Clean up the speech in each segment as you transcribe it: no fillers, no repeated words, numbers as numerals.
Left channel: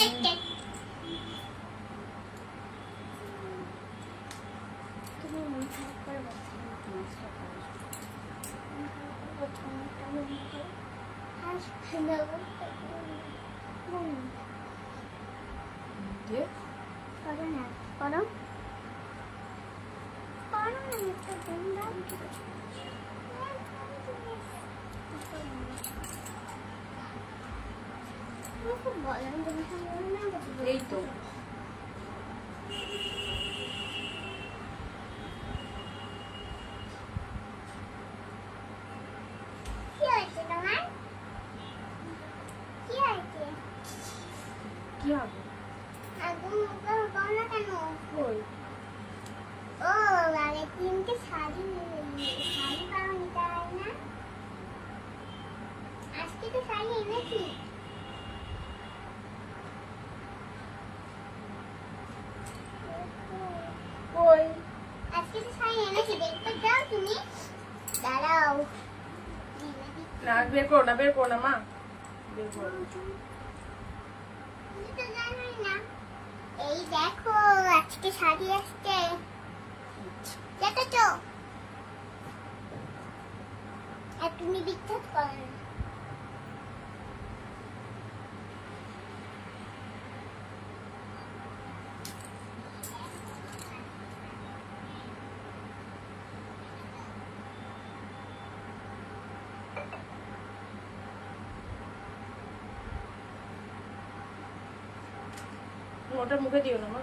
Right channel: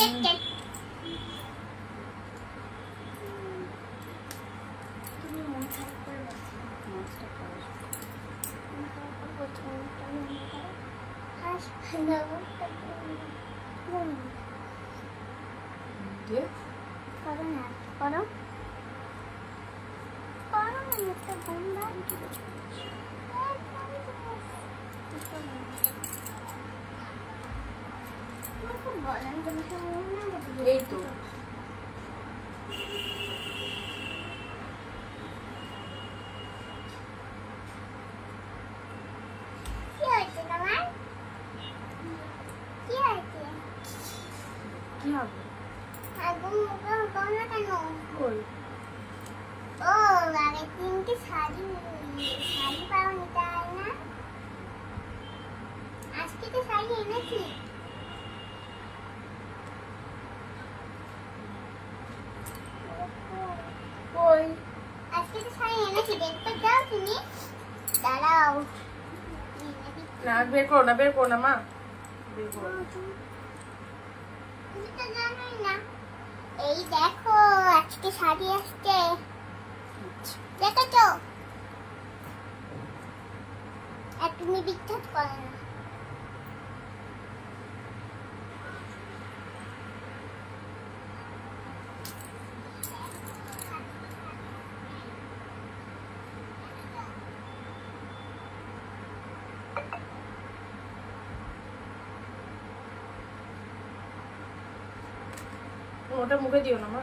তুমি মন খারাপ করে এই তো কি হবে একদম মুখে হতো না কেন? ওই ও আগে তিনটে শাড়ি পাওনি তাই না? আজকে তো শাড়ি এনেছি। ওই আজকে তো শাড়ি এনেছি, দেখতে যাও তুমি? দাঁড়াও না, বের করো না, বের করো না মা, বের করো না। তুমি তো জানোই না। এই দেখো আজকে শাড়ি আসছে, দেখেছো? আর তুমি বিখ্যাত করো না। ওটা মুখে দিও না মা।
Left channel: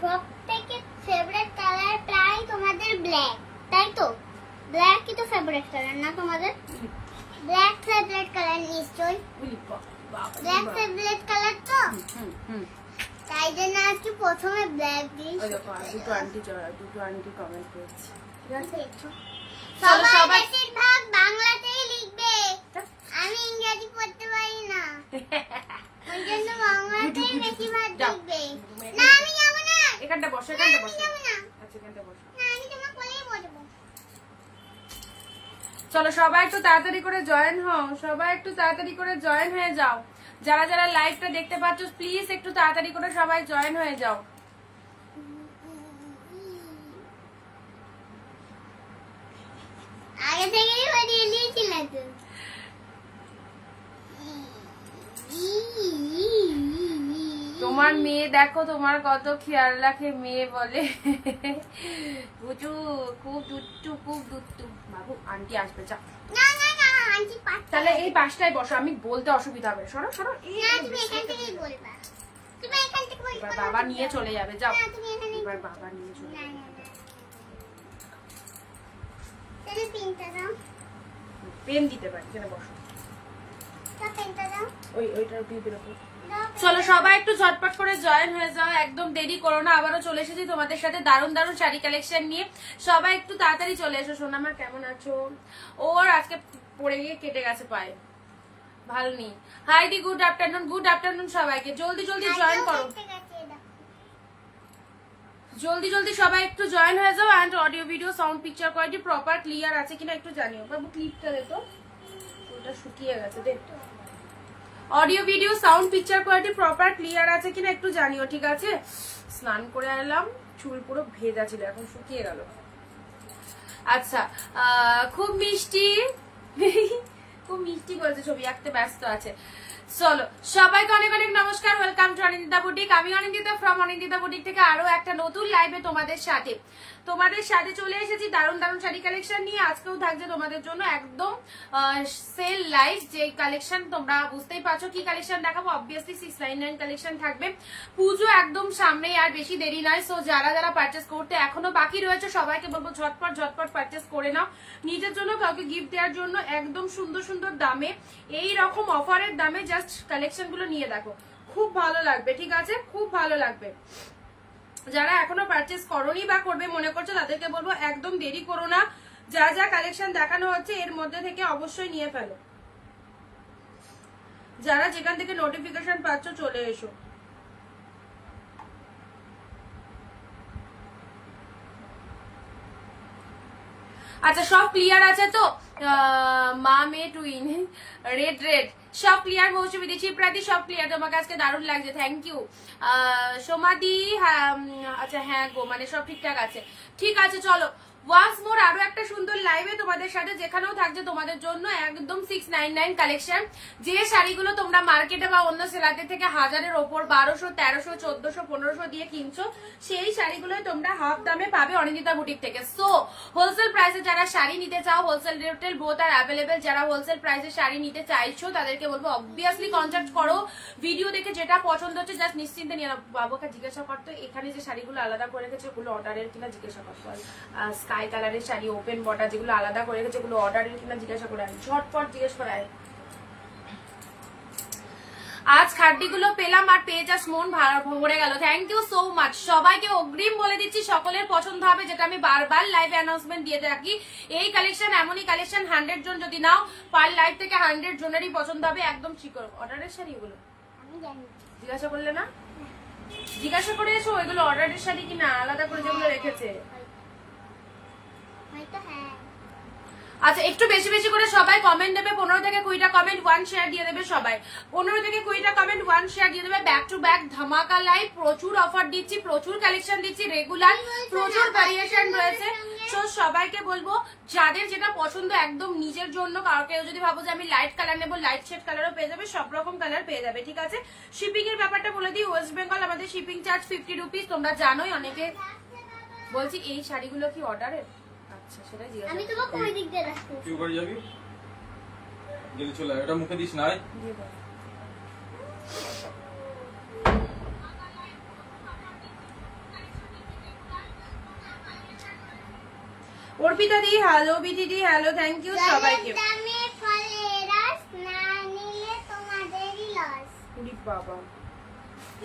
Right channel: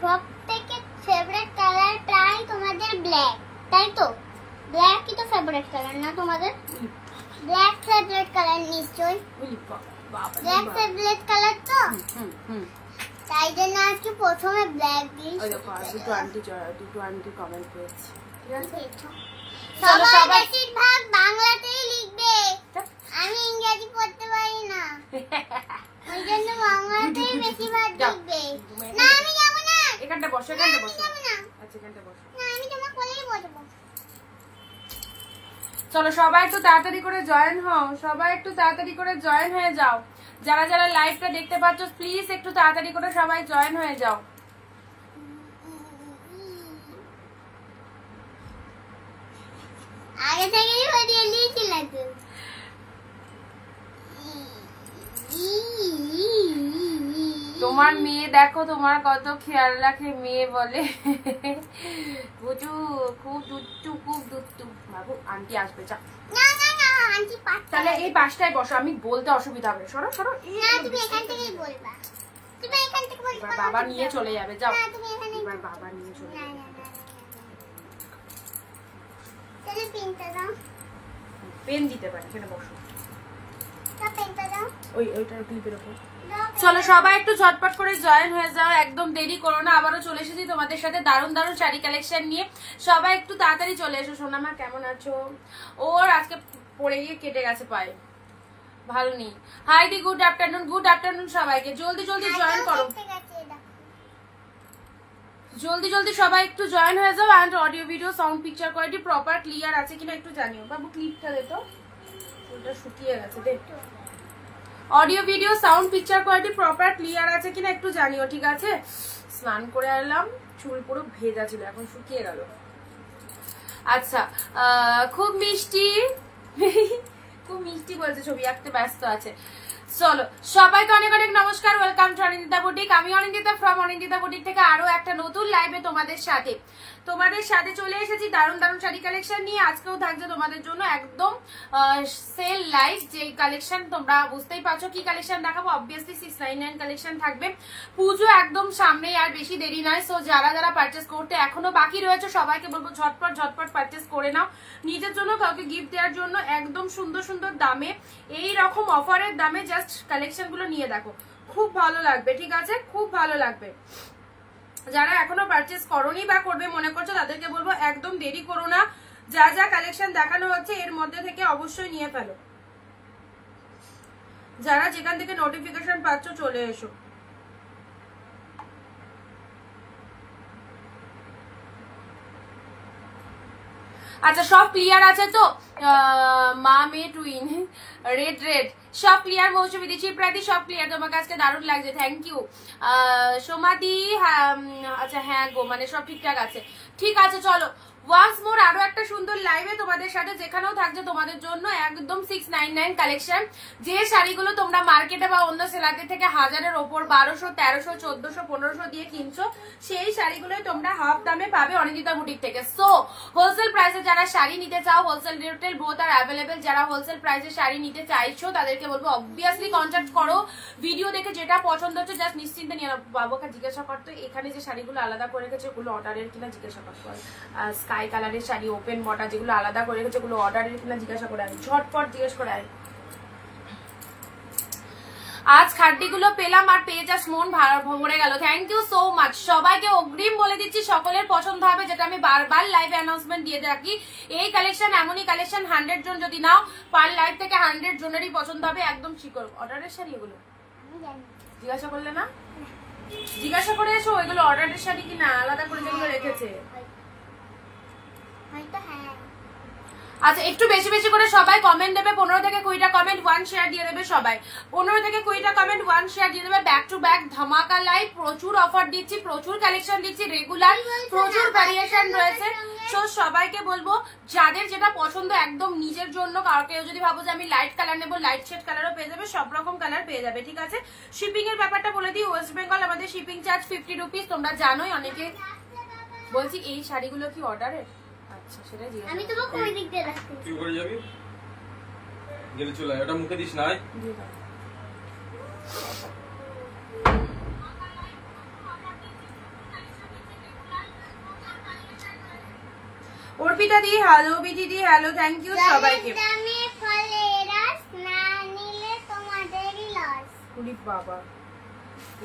সব থেকে ফেভারিট কালার প্রায় তোমাদের ব্ল্যাক, তাই তো? ব্ল্যাকই তো ফেভারিট কালার না তোমাদের? ব্ল্যাক ফেভারিট কালার নিশ্চয়ই। ব্ল্যাক ফেভারিট কালার তো? তাই জন্য আজকে প্রথমে ব্ল্যাক দিই। দুটো আন্টি কমেন্ট করেছে। সবাই বেশিরভাগ বাংলাতেই লিখবে, আমি ইংরেজি পড়তে পারি না, ওই জন্য বাংলাতেই বেশিরভাগ লিখবে। না আমি যাবো না, এখানটা বসো, এখানটা বসো। যাবো না, আচ্ছা এখানটা বসো। না আমি তোমার কোলেই বসবো। চলো সবাই একটু তাড়াতাড়ি করে জয়েন হও, সবাই একটু তাড়াতাড়ি করে জয়েন হয়ে যাও। যারা যারা লাইভটা দেখতে পাচ্ছ প্লিজ একটু তাড়াতাড়ি করে সবাই জয়েন হয়ে যাও। আগে থেকেই হরিয়ে দিয়েছিল তো। তোমার মেয়ে দেখো তোমার কত খেয়াল রাখে, মেয়ে বলে বুঝু খুব দুষ্টু, খুব দুষ্টু। বাবু আন্টি আসবে, যা। না না না আন্টি পাঁচটা। তাহলে এই পাশটায় বসো, আমি বলতে অসুবিধা হবে। সরো সরো। না তুমি এখান থেকেই বলবা, তুমি এখান থেকে বলবা। এবার বাবা নিয়ে চলে যাবে, যাও। না তুমি এখানে, এবার বাবা নিয়ে চলে না যাবে। না না তাহলে পেনটা দাও। পেন দিতে পারি, এখানে বসো। দাও পেনটা দাও। ওইটার ক্লিপের উপর। দাও চলো সবাই একটু ঝটপট করে জয়েন হয়ে যাও, একদম দেরি করো না। আবারও চলে এসেছি তোমাদের সাথে দারুণ দারুণ শাড়ি কালেকশন নিয়ে। সবাই একটু তাড়াতাড়ি চলে এসো। সোনামা কেমন আছো? ওর আজকে পড়ে গিয়ে কেটে গেছে পায়ে, ভালো নেই। হাই দি, গুড আফটারনুন, গুড আফটারনুন সবাইকে। জলদি জলদি জয়েন করো, জলদি জলদি সবাই একটু জয়েন হয়ে যাও। And audio video sound picture quality proper clear আছে কিনা একটু জানিও। বাবু ক্লিপটা দে তো, ওটা শুকিয়ে গেছে। দেখ audio video sound picture quality proper clear আছে কিনা একটু জানিও, ঠিক আছে? স্নান করে এলাম, চুল পুরো ভেজা ছিল, এখন শুকিয়ে গেল। আচ্ছা খুব মিষ্টি খুব মিষ্টি বলছে, ছবি আঁকতে ব্যস্ত আছে। চলো সবাইকে অনেক অনেক নমস্কার, ওয়েলকাম টু অনিন্দিতা বুটিক। আমি অনিন্দিতা ফ্রম অনিন্দিতা বুটিক থেকে আরো একটা নতুন লাইভে তোমাদের সাথে চলে এসেছি দারুণ দারুণ শাড়ি কালেকশন নিয়ে। আজকেও থাকছে তোমাদের জন্য একদম সেল লাইভ, যে কালেকশন তোমরা বুঝতেই পারছো কি কালেকশন দেখাবো। অবভিয়াসলি 699 কালেকশন থাকবে, পুজো একদম সামনে, আর বেশি দেরি নয়। সো যারা যারা পারচেস করতে এখনো বাকি রয়েছে সবাইকে বলবো ঝটপট ঝটপট পারচেস করে নাও, নিজের জন্য কাউকে গিফট দেওয়ার জন্য। একদম সুন্দর সুন্দর দামে, এই রকম অফারের দামে জাস্ট কালেকশন গুলো নিয়ে দেখো, খুব ভালো লাগবে, ঠিক আছে? খুব ভালো লাগবে। যারা এখনো পারচেস করোনি বা করবে মনে করছো তাদেরকে বলবো একদম দেরি করো না, যা যা কালেকশন দেখানো হচ্ছে এর মধ্যে থেকে অবশ্যই নিয়ে ফেলো। যারা যেখান থেকে নোটিফিকেশন পাচ্ছ চলে এসো। আচ্ছা সব ক্লিয়ার আছে তো? মা মেয়ে টুইন, রেড রেড সব ক্লিয়ার। মৌসুমী দি, শিবপ্রাতি সব ক্লিয়ার। তোমাকে আজকে দারুণ লাগছে, থ্যাংক ইউ। সোমাদি, আচ্ছা হ্যাঁ গো, মানে সব ঠিকঠাক আছে। ঠিক আছে চলো ওয়ান্স মোর আরো একটা সুন্দর লাইভে তোমাদের সাথে, যেখানেও থাকছে তোমাদের জন্য একদম 699 কালেকশন। যে শাড়িগুলো তোমরা মার্কেটে বা অন্য সেলারদের থেকে 1000-এর ওপর 1200, 1300, 1400, 1500 দিয়ে কিনছো, সেই শাড়িগুলোই তোমরা হাফ দামে পাবে অনিন্দিতা বুটিক থেকে। সো হোলসেল প্রাইসে যারা শাড়ি নিতে চাও, হোলসেল রিটেল বোথ আর অ্যাভেলেবেল, যারা হোলসেল প্রাইসে শাড়ি নিতে চাইছো তাদেরকে বলবো অবভিয়াসলি কন্ট্যাক্ট করো। ভিডিও দেখে যেটা পছন্দ হচ্ছে জাস্ট নিশ্চিন্তে নিয়ে বাবুকে জিজ্ঞাসা করতো এখানে যে শাড়িগুলো আলাদা করে রেখেছে ওগুলো অর্ডারের কিনা জিজ্ঞাসা করতে হয়। স্কাই কালারের শাড়ি ওপেন বটা যেগুলো আলাদা করে রেখেছে ওগুলো অর্ডারের কিনা জিজ্ঞাসা করে আয়, ঝটপট জিজ্ঞেস করে আয়। আজ খাড্ডিগুলো পেলাম আর পেয়ে জাস্ট মন ভরে গেল। Thank you so much. সবাইকে অগ্রিম বলে দিচ্ছি সকলের পছন্দ হবে, যেটা আমি বারবার লাইভে অ্যানাউন্সমেন্ট দিয়ে রাখি। এই কালেকশন এমনই কালেকশন 100 জন যদি নাও পার লাইভ থেকে 100 জনেরই পছন্দ হবে। একদম শিকড় অর্ডারের শাড়ি এগুলো জিজ্ঞাসা করলে না, জিজ্ঞাসা করে এসো এগুলো অর্ডারের শাড়ি কিনা আলাদা করে যেগুলো রেখেছে। আচ্ছা একটু বেশি বেশি করে সবাই কমেন্ট দেবে, 15 থেকে 20টা কমেন্ট 1 শেয়ার দিয়ে দেবে সবাই। 15 থেকে 20টা কমেন্ট 1 শেয়ার দিয়ে দেবে। ব্যাক টু ব্যাক ধামাকা লাইভ, প্রচুর অফার দিচ্ছি, প্রচুর কালেকশন দিচ্ছি, রেগুলার প্রচুর ভ্যারিয়েশন রয়েছে। তো সবাইকে বলবো যাদের যেটা পছন্দ একদম নিজের জন্য, কাউকে যদি ভাবো যে আমি লাইট কালার নেবো লাইট শেড কালারও পেয়ে যাবে, সব রকম কালার পেয়ে যাবে। ঠিক আছে, শিপিং এর ব্যাপারটা বলে দিই। ওয়েস্ট বেঙ্গল আমাদের শিপিং চার্জ 50 রুপিস, তোমরা জানোই। অনেকে বলছি এই শাড়িগুলো কি অর্ডারের? আমি তোমাকে ওই দিক দিয়ে রাখছি। কি করে যাবি? গেলে চলে ওটা মুখে দিস না। অর্পিতা দি হ্যালো, বিধি দি হ্যালো, থ্যাংক ইউ সবাইকে। আমি ফলেরাস না নিলে তোমাদেরই লস। ওরে বাবা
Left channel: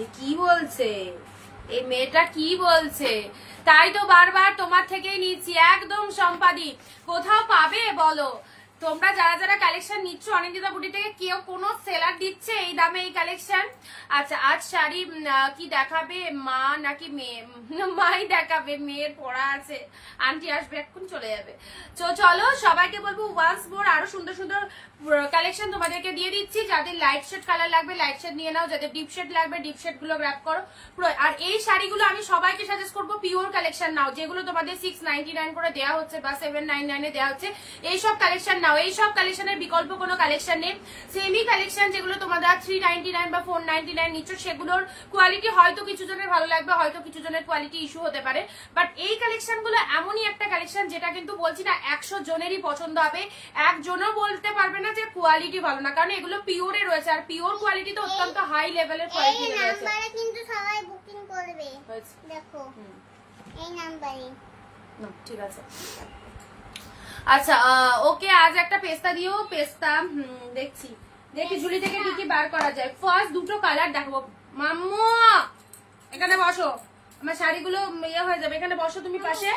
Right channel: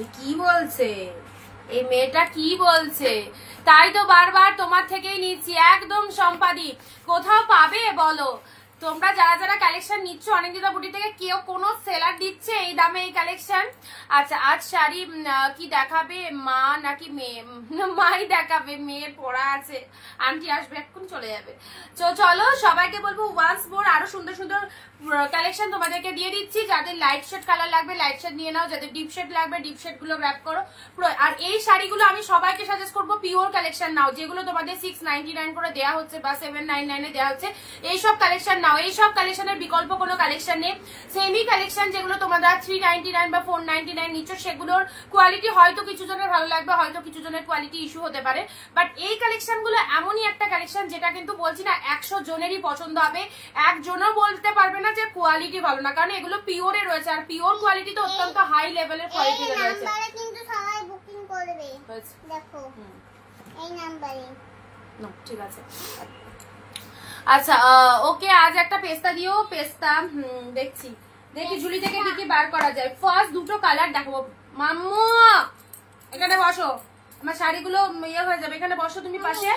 এ কি বলছে, এই মেয়েটা কি বলছে? তাই তো বারবার তোমার থেকেই নিচ্ছি একদম সম্পাদি। কোথাও পাবে বলো? তোমরা যারা যারা কালেকশন নিচ্ছ অনিন্দিতা বুটি থেকে, কেউ কোনো সেলার দিচ্ছে এই দামে এই কালেকশন? আচ্ছা আজ শাড়ি কি দেখাবে, মা নাকি মেয়ে? মাই দেখাবে, মেয়ের পড়া আছে, আন্টি আসবে এখন চলে যাবে। তো চলো সবাইকে বলবো ওয়ান্স মোর আরো সুন্দর সুন্দর কালেকশন তোমাদেরকে দিয়ে দিচ্ছি। যাদের লাইট শেড কালার লাগবে লাইট শেড নিয়ে নাও, যাদের ডিপ শেড লাগবে ডিপ শেড গুলো র্যাপ করো। আর এই শাড়িগুলো আমি সবাইকে সাজেস্ট করবো পিওর কালেকশন নাও, যেগুলো তোমাদের 699 করে দেওয়া হচ্ছে বা 799 দেওয়া হচ্ছে। এইসব কালেকশন নাও, এইসব কালেকশনের বিকল্প কোনো কালেকশন নেই। সেমি কালেকশন যেগুলো তোমরা 399 বা 499 নিচ্ছ, সেগুলোর কোয়ালিটি হয়তো কিছু জনের ভালো লাগবে, হয়তো কিছু জনের কোয়ালিটি ইস্যু হতে পারে, বাট এই কালেকশন গুলো এমনই একটা কালেকশন যেটা কিন্তু বলছি না 100 জনেরই পছন্দ হবে। একজনও বলতে পারবে না যে কোয়ালিটি ভালো না, কারণ এগুলো পিওরে রয়েছে, আর পিওর কোয়ালিটি তো অত্যন্ত হাই লেভেলের কোয়ালিটি রয়েছে। কিন্তু সবাই বুকিং করবে, দেখো এই নাম্বারে। না ঠিক আছে। আচ্ছা ওকে, আজ একটা পেস্তা দিও। পেস্তা দেখছি, দেখি ঝুলি থেকে কি কি বার করা যায়। ফার্স্ট দুটো কালার দেখাবো। মাম্মু এখানে বসো, আমার শাড়িগুলো ইয়ে হয়ে যাবে, এখানে বসো তুমি পাশে।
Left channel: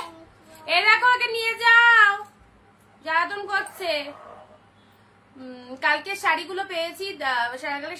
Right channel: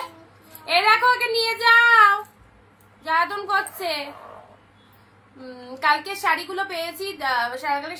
এই দেখো ওকে নিয়ে যাও, জ্বালাতন করছে। কালকে শাড়িগুলো পেয়েছি,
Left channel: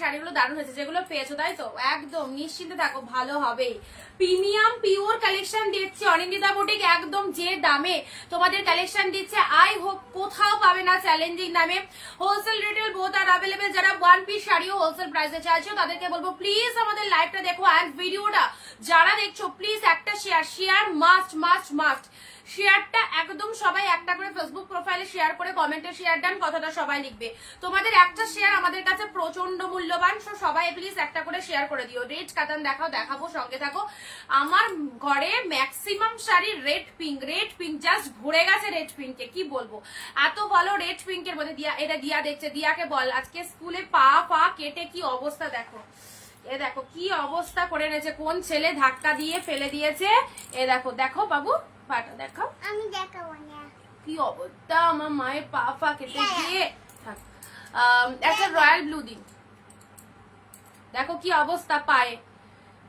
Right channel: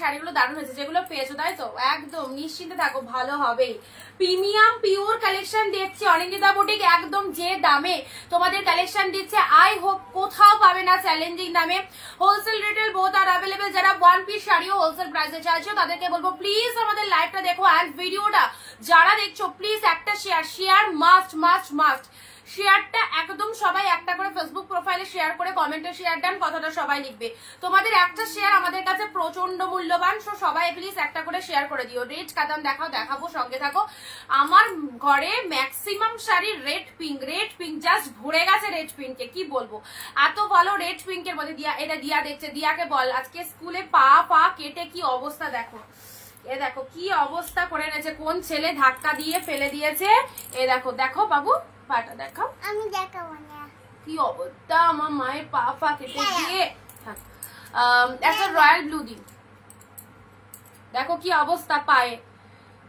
শাড়িগুলো দারুণ হয়েছে যেগুলো পেয়েছো, তাই তো? একদম নিশ্চিন্তে থাকো, ভালো হবেই। প্রিমিয়াম পিওর কালেকশন দিচ্ছে অনিন্দিতা বুটিক, একদম যে দামে তোমাদের কালেকশন দিচ্ছে আই হোপ কোথাও পাবে না চ্যালেঞ্জিং দামে। হোলসেল রিটেল বোথ আর অ্যাভেলেবেল। যারা 1 পিস শাড়িও হোলসেল প্রাইসে চাইছো তাদেরকে বলবো প্লিজ আমাদের লাইভটা দেখো, অ্যান্ড ভিডিওটা যারা দেখছো প্লিজ একটা শেয়ার মাস্ট মাস্ট মাস্ট। শেয়ারটা একদম সবাই একটা করে ফেসবুক প্রোফাইলে শেয়ার করে কমেন্টে শেয়ার দেন, কথাটা সবাই লিখবে। তোমাদের একটা শেয়ার আমাদের কাছে প্রচন্ড মূল্যবান, সো সবাই প্লিজ একটা করে শেয়ার করে দিও। রেড কাতান দেখাবো, সঙ্গে থাকো। আমার ঘরে maximum sari red pink just ভরে গেছে রেড পিঙ্কে, কি বলবো এত ভালো রেড পিঙ্কের মধ্যে। দিয়া এটা দিয়া দেখছে, দিয়াকে বল আজকে স্কুলে পা কেটে কি অবস্থা দেখো। এ দেখো কি অবস্থা করে গেছে, কোন ছেলে ধাক্কা দিয়ে ফেলে দিয়েছে। এ দেখো দেখো বাবু পাটা দেখাও। আমি দেখাবো না কি অবস্থা, আমার মায়ের পা কেটে দিয়ে। একটা রয়্যাল ব্লু দিন, দেখো কি অবস্থা পায়ে।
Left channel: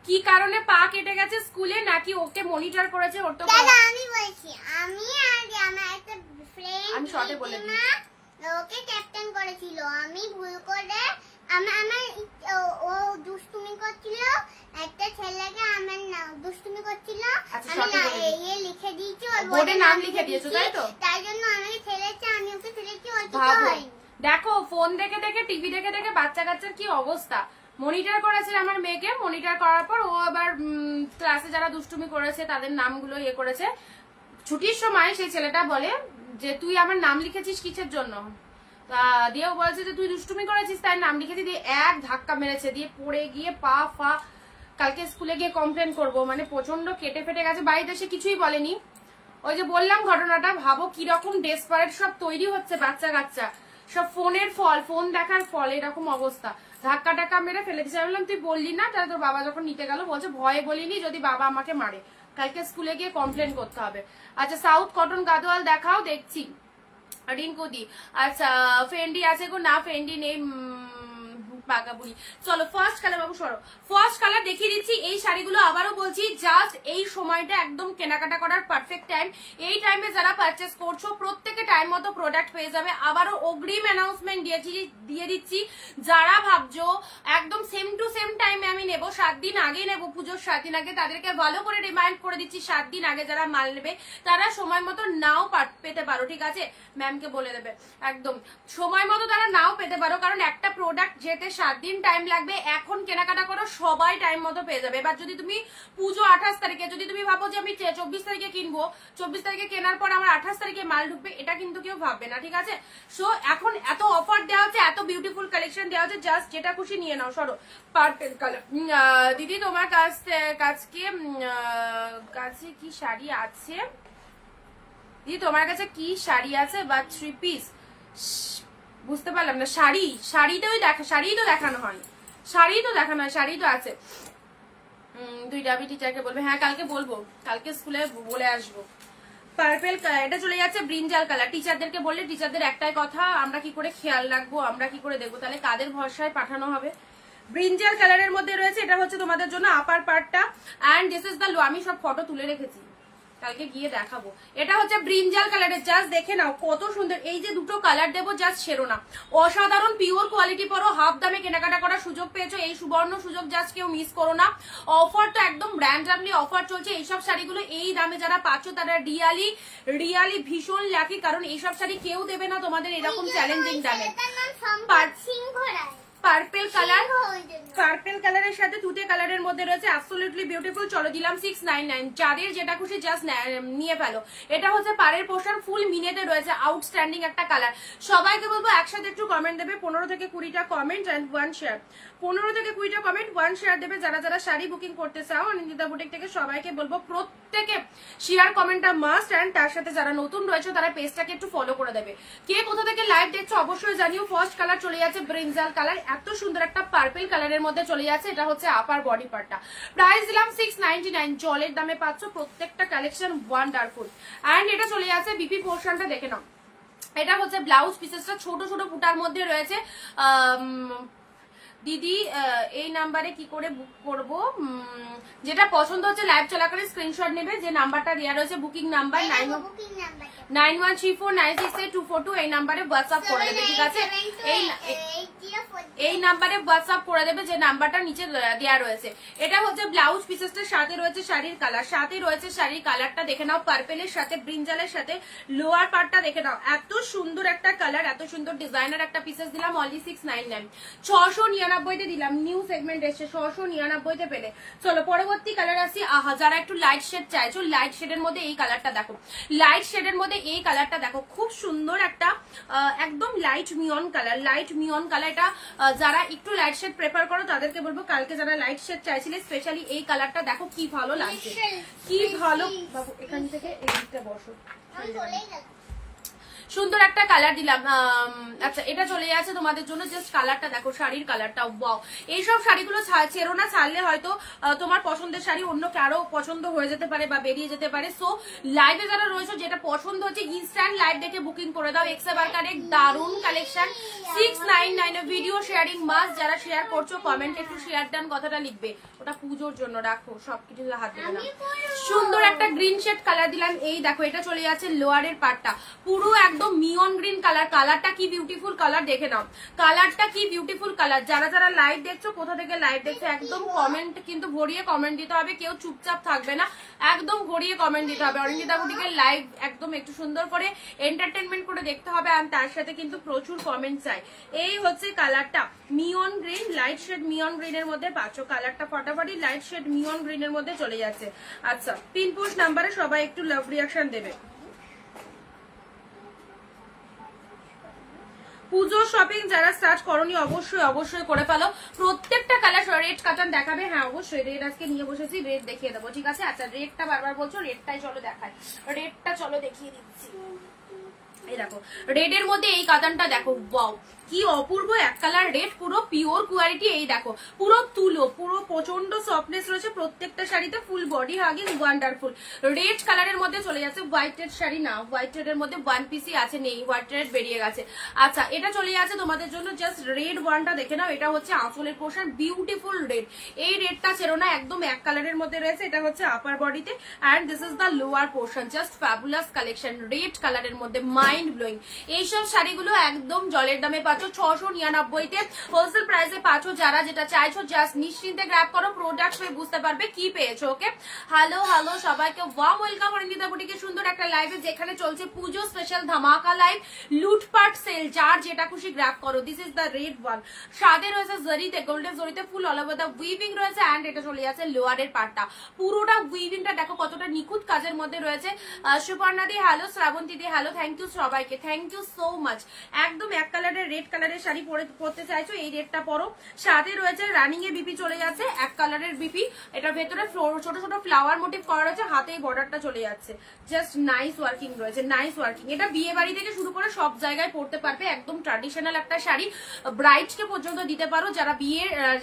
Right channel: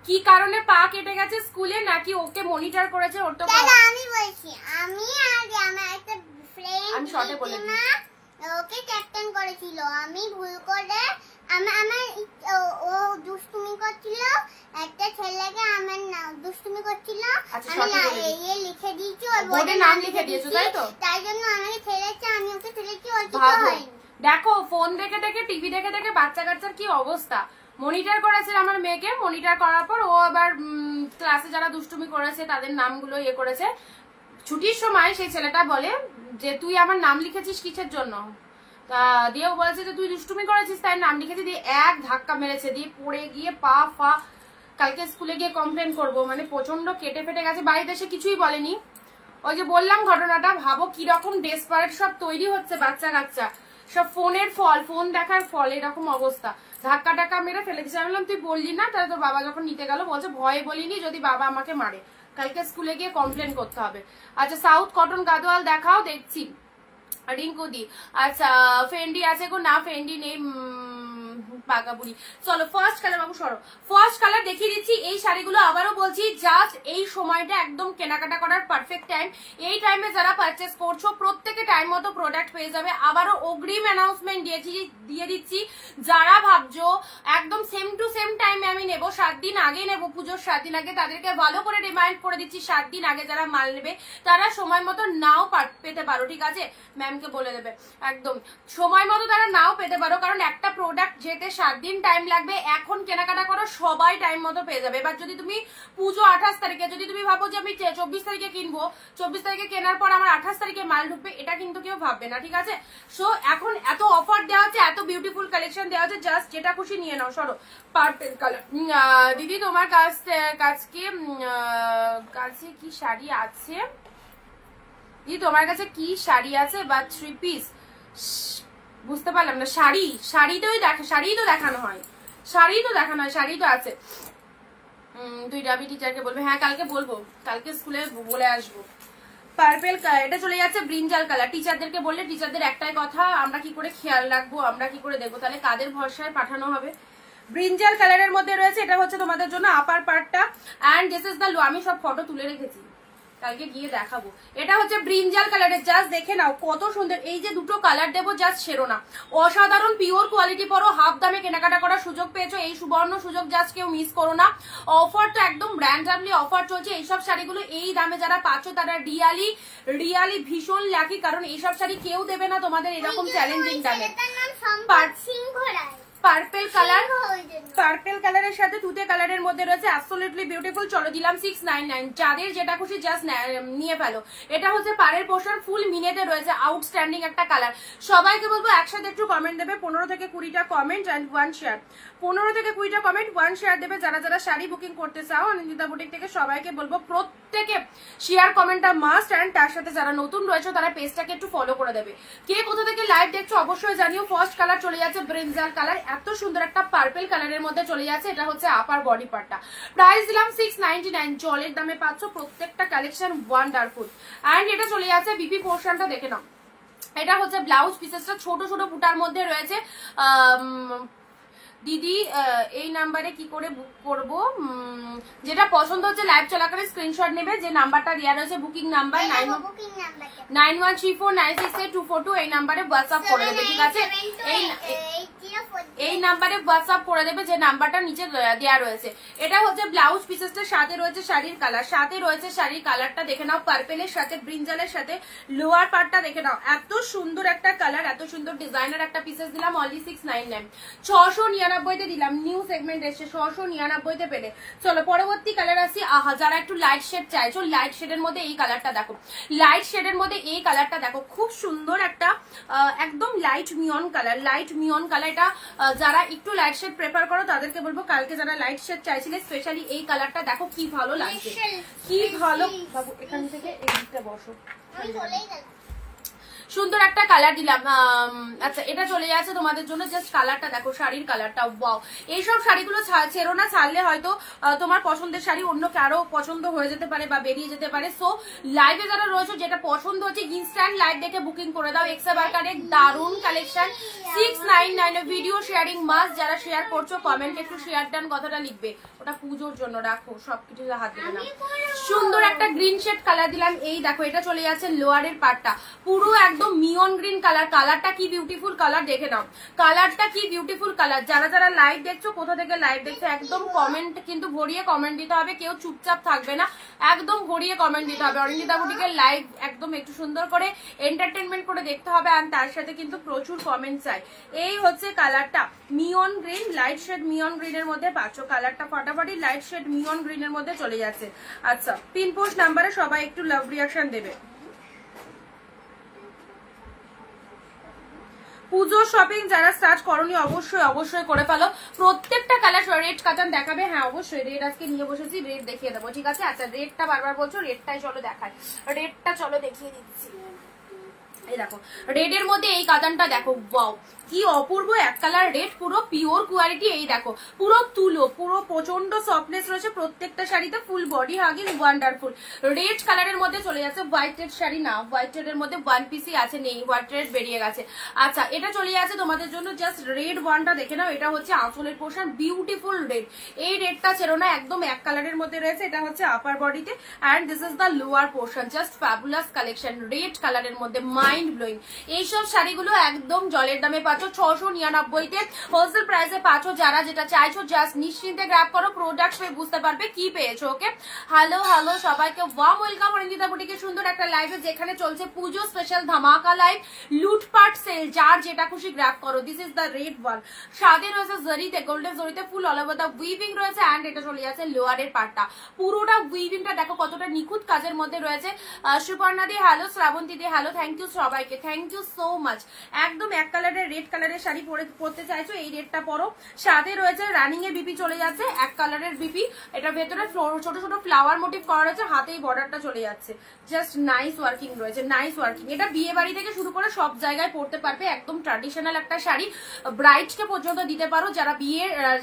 কি কারণে পা কেটে গেছে স্কুলে, নাকি ওকে মনিটর করেছে? ওর তো আমি বলছি, আমি আগে আমার একটা ফ্রেন্ড, আমি শর্টে বলে দিই, ওকে ক্যাপ্টেন করেছিল, আমি ভুল করে ও দুষ্টুমি করছিল, একটা ছেলেকে আমার নাম দুষ্টুমি করছিল, আমি লিখে দিয়েছি, ওর বোর্ডে নাম লিখে দিয়েছো, তাই তো? তাই জন্য আমাকে ফেলেছে, আমি ওকে ফেলেছি, ওর কিছু হয়নি। দেখো ফোন দেখে দেখে টিভি দেখে দেখে বাচ্চা কাচ্চার কি অবস্থা। মনিটর করেছে আমার মেয়েকে, মনিটর করার পর ও আবার ক্লাসে যারা দুষ্টুমি করেছে তাদের নামগুলো ইয়ে করেছে। ছুটির সময় সেই ছেলেটা বলে যে তুই আমার নাম লিখেছিস কিসের জন্য, দিয়ে ও বলছে যে তুই দুষ্টুমি করেছিস তাই নাম লিখেছি, দিয়ে এক ধাক্কা মেরেছে, দিয়ে পড়ে গিয়ে পা ফা, কালকে স্কুলে গিয়ে কমপ্লেন করব, মানে প্রচন্ড কেটে ফেটে গেছে। বাড়িতে এসে কিছুই বলেনি, ওই যে বললাম ঘটনাটা, ভাবো কিরকম ডেসপারেট সব তৈরি হচ্ছে বাচ্চা কাচ্চা, সব ফোনের ফল, ফোন দেখার ফল, এরকম অবস্থা। ধাক্কা টাক্কা মেরে ফেলে দিচ্ছে। আমি বললাম তুই বললি না, তাহলে তোর বাবা যখন নিতে গেল বলছে ভয়ে বলিনি, যদি বাবা আমাকে মারে, কালকে স্কুলে গিয়ে কমপ্লেন করতে হবে। আচ্ছা সাউথ কটন গাদোয়াল দেখাও, দেখছি। রিঙ্কুদি, আচ্ছা ফেন্ডি আছে গো, না ফেন্ডি নেই, পাকাবুড়ি। চলো ফার্স্ট কালার বাবু সরো, ফার্স্ট কালার দেখিয়ে দিচ্ছি। এই শাড়িগুলো আবারও বলছি, জাস্ট এই সময়টা একদম কেনাকাটা করার পারফেক্ট টাইম। এই টাইমে যারা পারচেস করছো প্রত্যেকে টাইম মতো প্রোডাক্ট পেয়ে যাবে। আবারও অগ্রিম অ্যানাউন্সমেন্ট দিয়ে দিচ্ছি, যারা ভাবছো একদম সেম টু সেম টাইমে আমি নেবো, 7 দিন আগে নেবো, পুজোর 7 দিন আগে, তাদেরকে ভালো করে রিমাইন্ড করে দিচ্ছি 7 দিন আগে যারা মাল নেবে তারা সময় মতো নাও পেতে পারো, ঠিক আছে? ম্যামকে বলে দেবে একদম সময় মতো তারা নাও পেতে পারো, কারণ একটা প্রোডাক্ট যেতে 7 দিন টাইম লাগবে। এখন কেনাকাটা করো, সবাই টাইম মতো পেয়ে যাবে। এবার যদি তুমি পুজো 28 তারিখে, যদি তুমি ভাবো যে আমি 24 তারিখে কিনবো, 24 তারিখে কেনার পর আমার 28 তারিখে মাল ঢুকবে, এটা কিন্তু কেউ ভাববে না, ঠিক আছে? সো এখন এত অফার দেওয়া হচ্ছে, এত বিউটিফুল কালেকশন দেওয়া হচ্ছে, জাস্ট যেটা খুশি নিয়ে নাও। সরো পার্পল কালার। দিদি তোমার কাছে কি শাড়ি আছে? দিদি তোমার কাছে কি শাড়ি আছে বা 3 পিস? বুঝতে পারলাম না। শাড়ি তো দেখানো হয়, শাড়ি তো আছে। দুই ডাবি টিচারকে বলবে, হ্যাঁ কালকে বলবো, কালকে স্কুলে বলে আসবো। পার্পল কালার, এটা চলে যাচ্ছে ব্রিঞ্জাল কালার। টিচারদেরকে বললে টিচারদের একটাই কথা, আমরা কি করে খেয়াল রাখবো, আমরা কি করে দেখবো, তাহলে কাদের ভরসায় পাঠানো হবে? ব্রিঞ্জাল কালারের মধ্যে রয়েছে, এটা হচ্ছে তোমাদের জন্য আপার পার্টটা, এন্ড দিস ইজ দ্য লো। আমি সব ফটো তুলে রেখেছি, কালকে গিয়ে দেখাবো। এটা হচ্ছে ব্রিঞ্জাল কালারের, জাস্ট দেখে নাও কত সুন্দর। এই যে দুটো কালার দেবো, জাস্ট ছেড়ো না, অসাধারণ পিওর কোয়ালিটি পরো, হাফ দামে কেনাকাটা করার সুযোগ পেয়েছো, এই সুবর্ণ সুযোগ জাস্ট কেউ মিস করো না। অফারটা একদম ব্র্যান্ডলি অফার চলছে। এইসব শাড়িগুলো এই দামে যারা পাচ্ছ তারা রিয়ালি ভীষণ লাকি, কারণ এইসব শাড়ি কেউ দেবে না তোমাদের এরকম চ্যালেঞ্জিং দামে। পার্পল কালারের সাথে তুতে কালারের মধ্যে রয়েছে, অ্যাবসলিউটলি বিউটিফুল। চলো দিলাম 699, যাদের যেটা খুশি জাস্ট নিয়ে ফেলো। এটা হচ্ছে পাড়ের পোর্শন, ফুল মিনেতে রয়েছে, আউটস্ট্যান্ডিং একটা কালার। সবাইকে বলবো একসাথে একটু কমেন্ট দেবে, 15 থেকে 20টা কমেন্ট এন্ড 1 শেয়ার। 15 থেকে 20টা কমেন্ট, 1 শেয়ার দেবে যারা যারা শাড়ি বুকিং করতে চাও। অনিন্দিতা বুটিক থেকে সবাইকে বলবো প্রত্যেকে শেয়ার কমেন্টটা মাস্ট, এন্ড তার সাথে যারা নতুন রয়েছে তারা পেজটাকে একটু ফলো করে দেবে। কে কোথা থেকে লাইভ দেখছো অবশ্যই জানিও। ফার্স্ট কালার চলে যাচ্ছে ব্রিঞ্জাল কালার, এত সুন্দর একটা পার্পল কালারের মধ্যে চলে যাচ্ছে। এটা হচ্ছে আপার বডি পার্টটা, প্রাইস দিলাম 699। জলের দামে পাচ্ছ প্রত্যেকটা কালেকশন, ওয়ান্ডারফুল। এন্ড এটা চলে যাচ্ছে বিপি পোর্শনটা, দেখে নাও। এটা হচ্ছে ব্লাউজ পিসেসটা, ছোট ছোট বুটার মধ্যে রয়েছে। দিদি এই নাম্বারে কি করে বুক করব? যেটা পছন্দ হচ্ছে লাইভ চলাকালীন স্ক্রিনশট নেবে, যে নাম্বারটা দেওয়া রয়েছে বুকিং নাম্বার 9134968242, এই নাম্বারে হোয়াটসঅ্যাপ করে দেবে, ঠিক আছে? এই নাম্বারে হোয়াটসঅ্যাপ করে দেবে, যে নাম্বারটা নিচে দেওয়া রয়েছে। এটা হচ্ছে ব্লাউজ পিসেসটা, সাথে রয়েছে শাড়ির কালার, শাড়ির কালারটা দেখে নাও, পার্পেলের সাথে ব্রিঞ্জালের সাথে লোয়ার পার্টটা দেখে নাও। এত সুন্দর একটা কালার, এত সুন্দর ডিজাইনার একটা পিসেস দিলাম অনলি 699। 699 দিলাম, নিউ সেগমেন্ট এসছে, 699 পেলে। চলো পরবর্তী কালার আসি। আহা, যারা একটু লাইট শেড চাইছো, লাইট শেডের মধ্যে এই কালারটা দেখো, খুব সুন্দর একটা একদম লাইট মিয়ন কালার, এটা যারা একটু লাইট শেড প্রেফার করো তাদেরকে বলবো, কালকে যারা লাইট শেড চাইছিলে স্পেশালি এই কালারটা দেখো কি ভালো লাগছে, কি ভালো। বাবু এখান থেকে এই দিকটা বসো, সুন্দর একটা কালার দিলাম। আচ্ছা এটা চলে যাচ্ছে তোমাদের জন্য, জাস্ট কালারটা দেখো, শাড়ির কালারটা ওয়াও। এইসব শাড়িগুলো ছেড়ো না, ছাড়লে হয়তো তোমার পছন্দের শাড়ি অন্য কারো পছন্দ হয়ে যেতে পারে বা বেরিয়ে যেতে পারে। সো লাইভে যারা রয়েছে যেটা পছন্দ হচ্ছে ইনস্ট্যান্ট লাইভ দেখে বুকিং করে দাও। এক্সা বার্কারের দারুণ কালেকশন, 699। ভিডিও শেয়ারিং মাস্ট, যারা শেয়ার করছো কমেন্ট একটু শেয়ার ডান কথাটা লিখবে, ওটা পুজোর জন্য রাখো, সবকিছু হাত দেবে না। সুন্দর একটা গ্রিন শেড কালার দিলাম, এই দেখো এটা চলে যাচ্ছে লোয়ারের পার্টটা, পুরো একদম একদম নিয়ন গ্রিন কালার। কালারটা কি বিউটিফুল কালার, দেখে নাও কালারটা কি বিউটিফুল কালার। যারা যারা লাইভ দেখছো, কোথা থেকে লাইভ দেখছো, একদম কমেন্ট কিন্তু ভরিয়ে কমেন্ট দিতে হবে, কেউ চুপচাপ থাকবে না, একদম ভরিয়ে কমেন্ট দিতে হবে। অরিন্দিতা বুটিকের লাইভ একদম একটু সুন্দর করে এন্টারটেনমেন্ট করে দেখতে হবে, আর তার সাথে কিন্তু প্রচুর কমেন্ট চাই। এই হচ্ছে কালারটা মিয়ন গ্রিন, লাইট শেড মিয়ন গ্রিনের মধ্যে পাচ্ছ। কালারটা ফাটাফাটি লাইট শেড মিয়ন গ্রিনের মধ্যে চলে যাচ্ছে। আচ্ছা, পিন পোস্ট নাম্বারে সবাই একটু লাভ রিয়াকশন দেবে। পুজো শপিং যারা স্টার্ট করনি অবশ্যই অবশ্যই করে ফেলো। প্রত্যেকটা কালার রেড কাটান দেখাবে, হ্যাঁ অবশ্যই রেড আজকে নিয়ে বসেছি, রেড দেখিয়ে দেবো, ঠিক আছে। আচ্ছা, রেডটা বারবার বলছো, রেডটাই চলো দেখাই, রেডটা চলো দেখিয়ে দিচ্ছি। এই দেখো রেড এর মধ্যে এই কাতানটা দেখো, ওয়াও কি অপূর্ব এক কালার রেড, পুরো পিওর কোয়ালিটি। এই দেখো পুরো তুলো, পুরো প্রচন্ড সফটনেস রয়েছে প্রত্যেকটা শাড়িতে, full body hugging wonderful. Red কালারের মধ্যে চলে যাচ্ছে, হোয়াইট রেড শাড়ি না, হোয়াইট রেড এর মধ্যে ওয়ান পিসি আছে, নেই হোয়াইট রেড বেরিয়ে গেছে। আচ্ছা, এটা চলে যাচ্ছে তোমাদের জন্য, জাস্ট রেড ওয়ানটা দেখে নাও, এটা হচ্ছে আঁচলের পোর্শন, বিউটিফুল রেড। এই রেডটা ছেড়ো না, একদম এক কালারের মধ্যে রয়েছে, এটা হচ্ছে আপার বডিতে, and this is the lower portion. Just fabulous collection, red কালারের মধ্যে মাইন্ড ব্লোয়িং। এইসব শাড়িগুলো একদম জলের দামে পাচ্ছ, 699-তে হোলসেল প্রাইসে পাচ্ছ। যারা যেটা চাইছো জাস্ট নিশ্চিন্তে গ্র্যাব করো, প্রোডাক্ট হয়ে বুঝতে পারবে কি পেয়েছো। ওকে, হ্যালো হ্যালো সবাইকে, ওয়ার্ম ওয়েলকাম অরিন্দিতা বুটিকে সুন্দর একটা লাইভে, যেখানে চলছে পুজো স্পেশাল ধামাকা লাইভ, লুটপাট সেল, যার যেটা খুশি গ্র্যাব করো। This is the red one, সাদে রয়েছে জরিতে, গোল্ডেন জরিতে ফুল অল ওভার দ্য উইভিং রয়েছে, অ্যান্ড এটা চলে যাচ্ছে লোয়ারের পার্টটা, পুরোটা উইভিংটা দেখো কতটা নিখুঁত কাজের মধ্যে রয়েছে। সুপর্ণা দি হ্যালো, শ্রাবন্তী দি হ্যালো, থ্যাংক ইউ সবাইকে, থ্যাংক ইউ সো মাচ। একদম এক কালারের রেড কালারের শাড়ি পরতে চাইছো, এই রেডটা পরো। সাথে রয়েছে রানিং এ বিপি চলে যাচ্ছে, এক কালারের বিপি, এটা ভেতরে ছোট ছোট ফ্লাওয়ার মোটিভ করা রয়েছে, হাতেই বর্ডারটা চলে যাচ্ছে, জাস্ট নাইস ওয়ার্কিং রয়েছে, নাইস ওয়ার্কিং। এটা বিয়ে বাড়ি থেকে শুরু করে সব জায়গায় পরতে পারবে, একদম ট্র্যাডিশনাল একটা শাড়ি, ব্রাইডকে পর্যন্ত দিতে পারো। যারা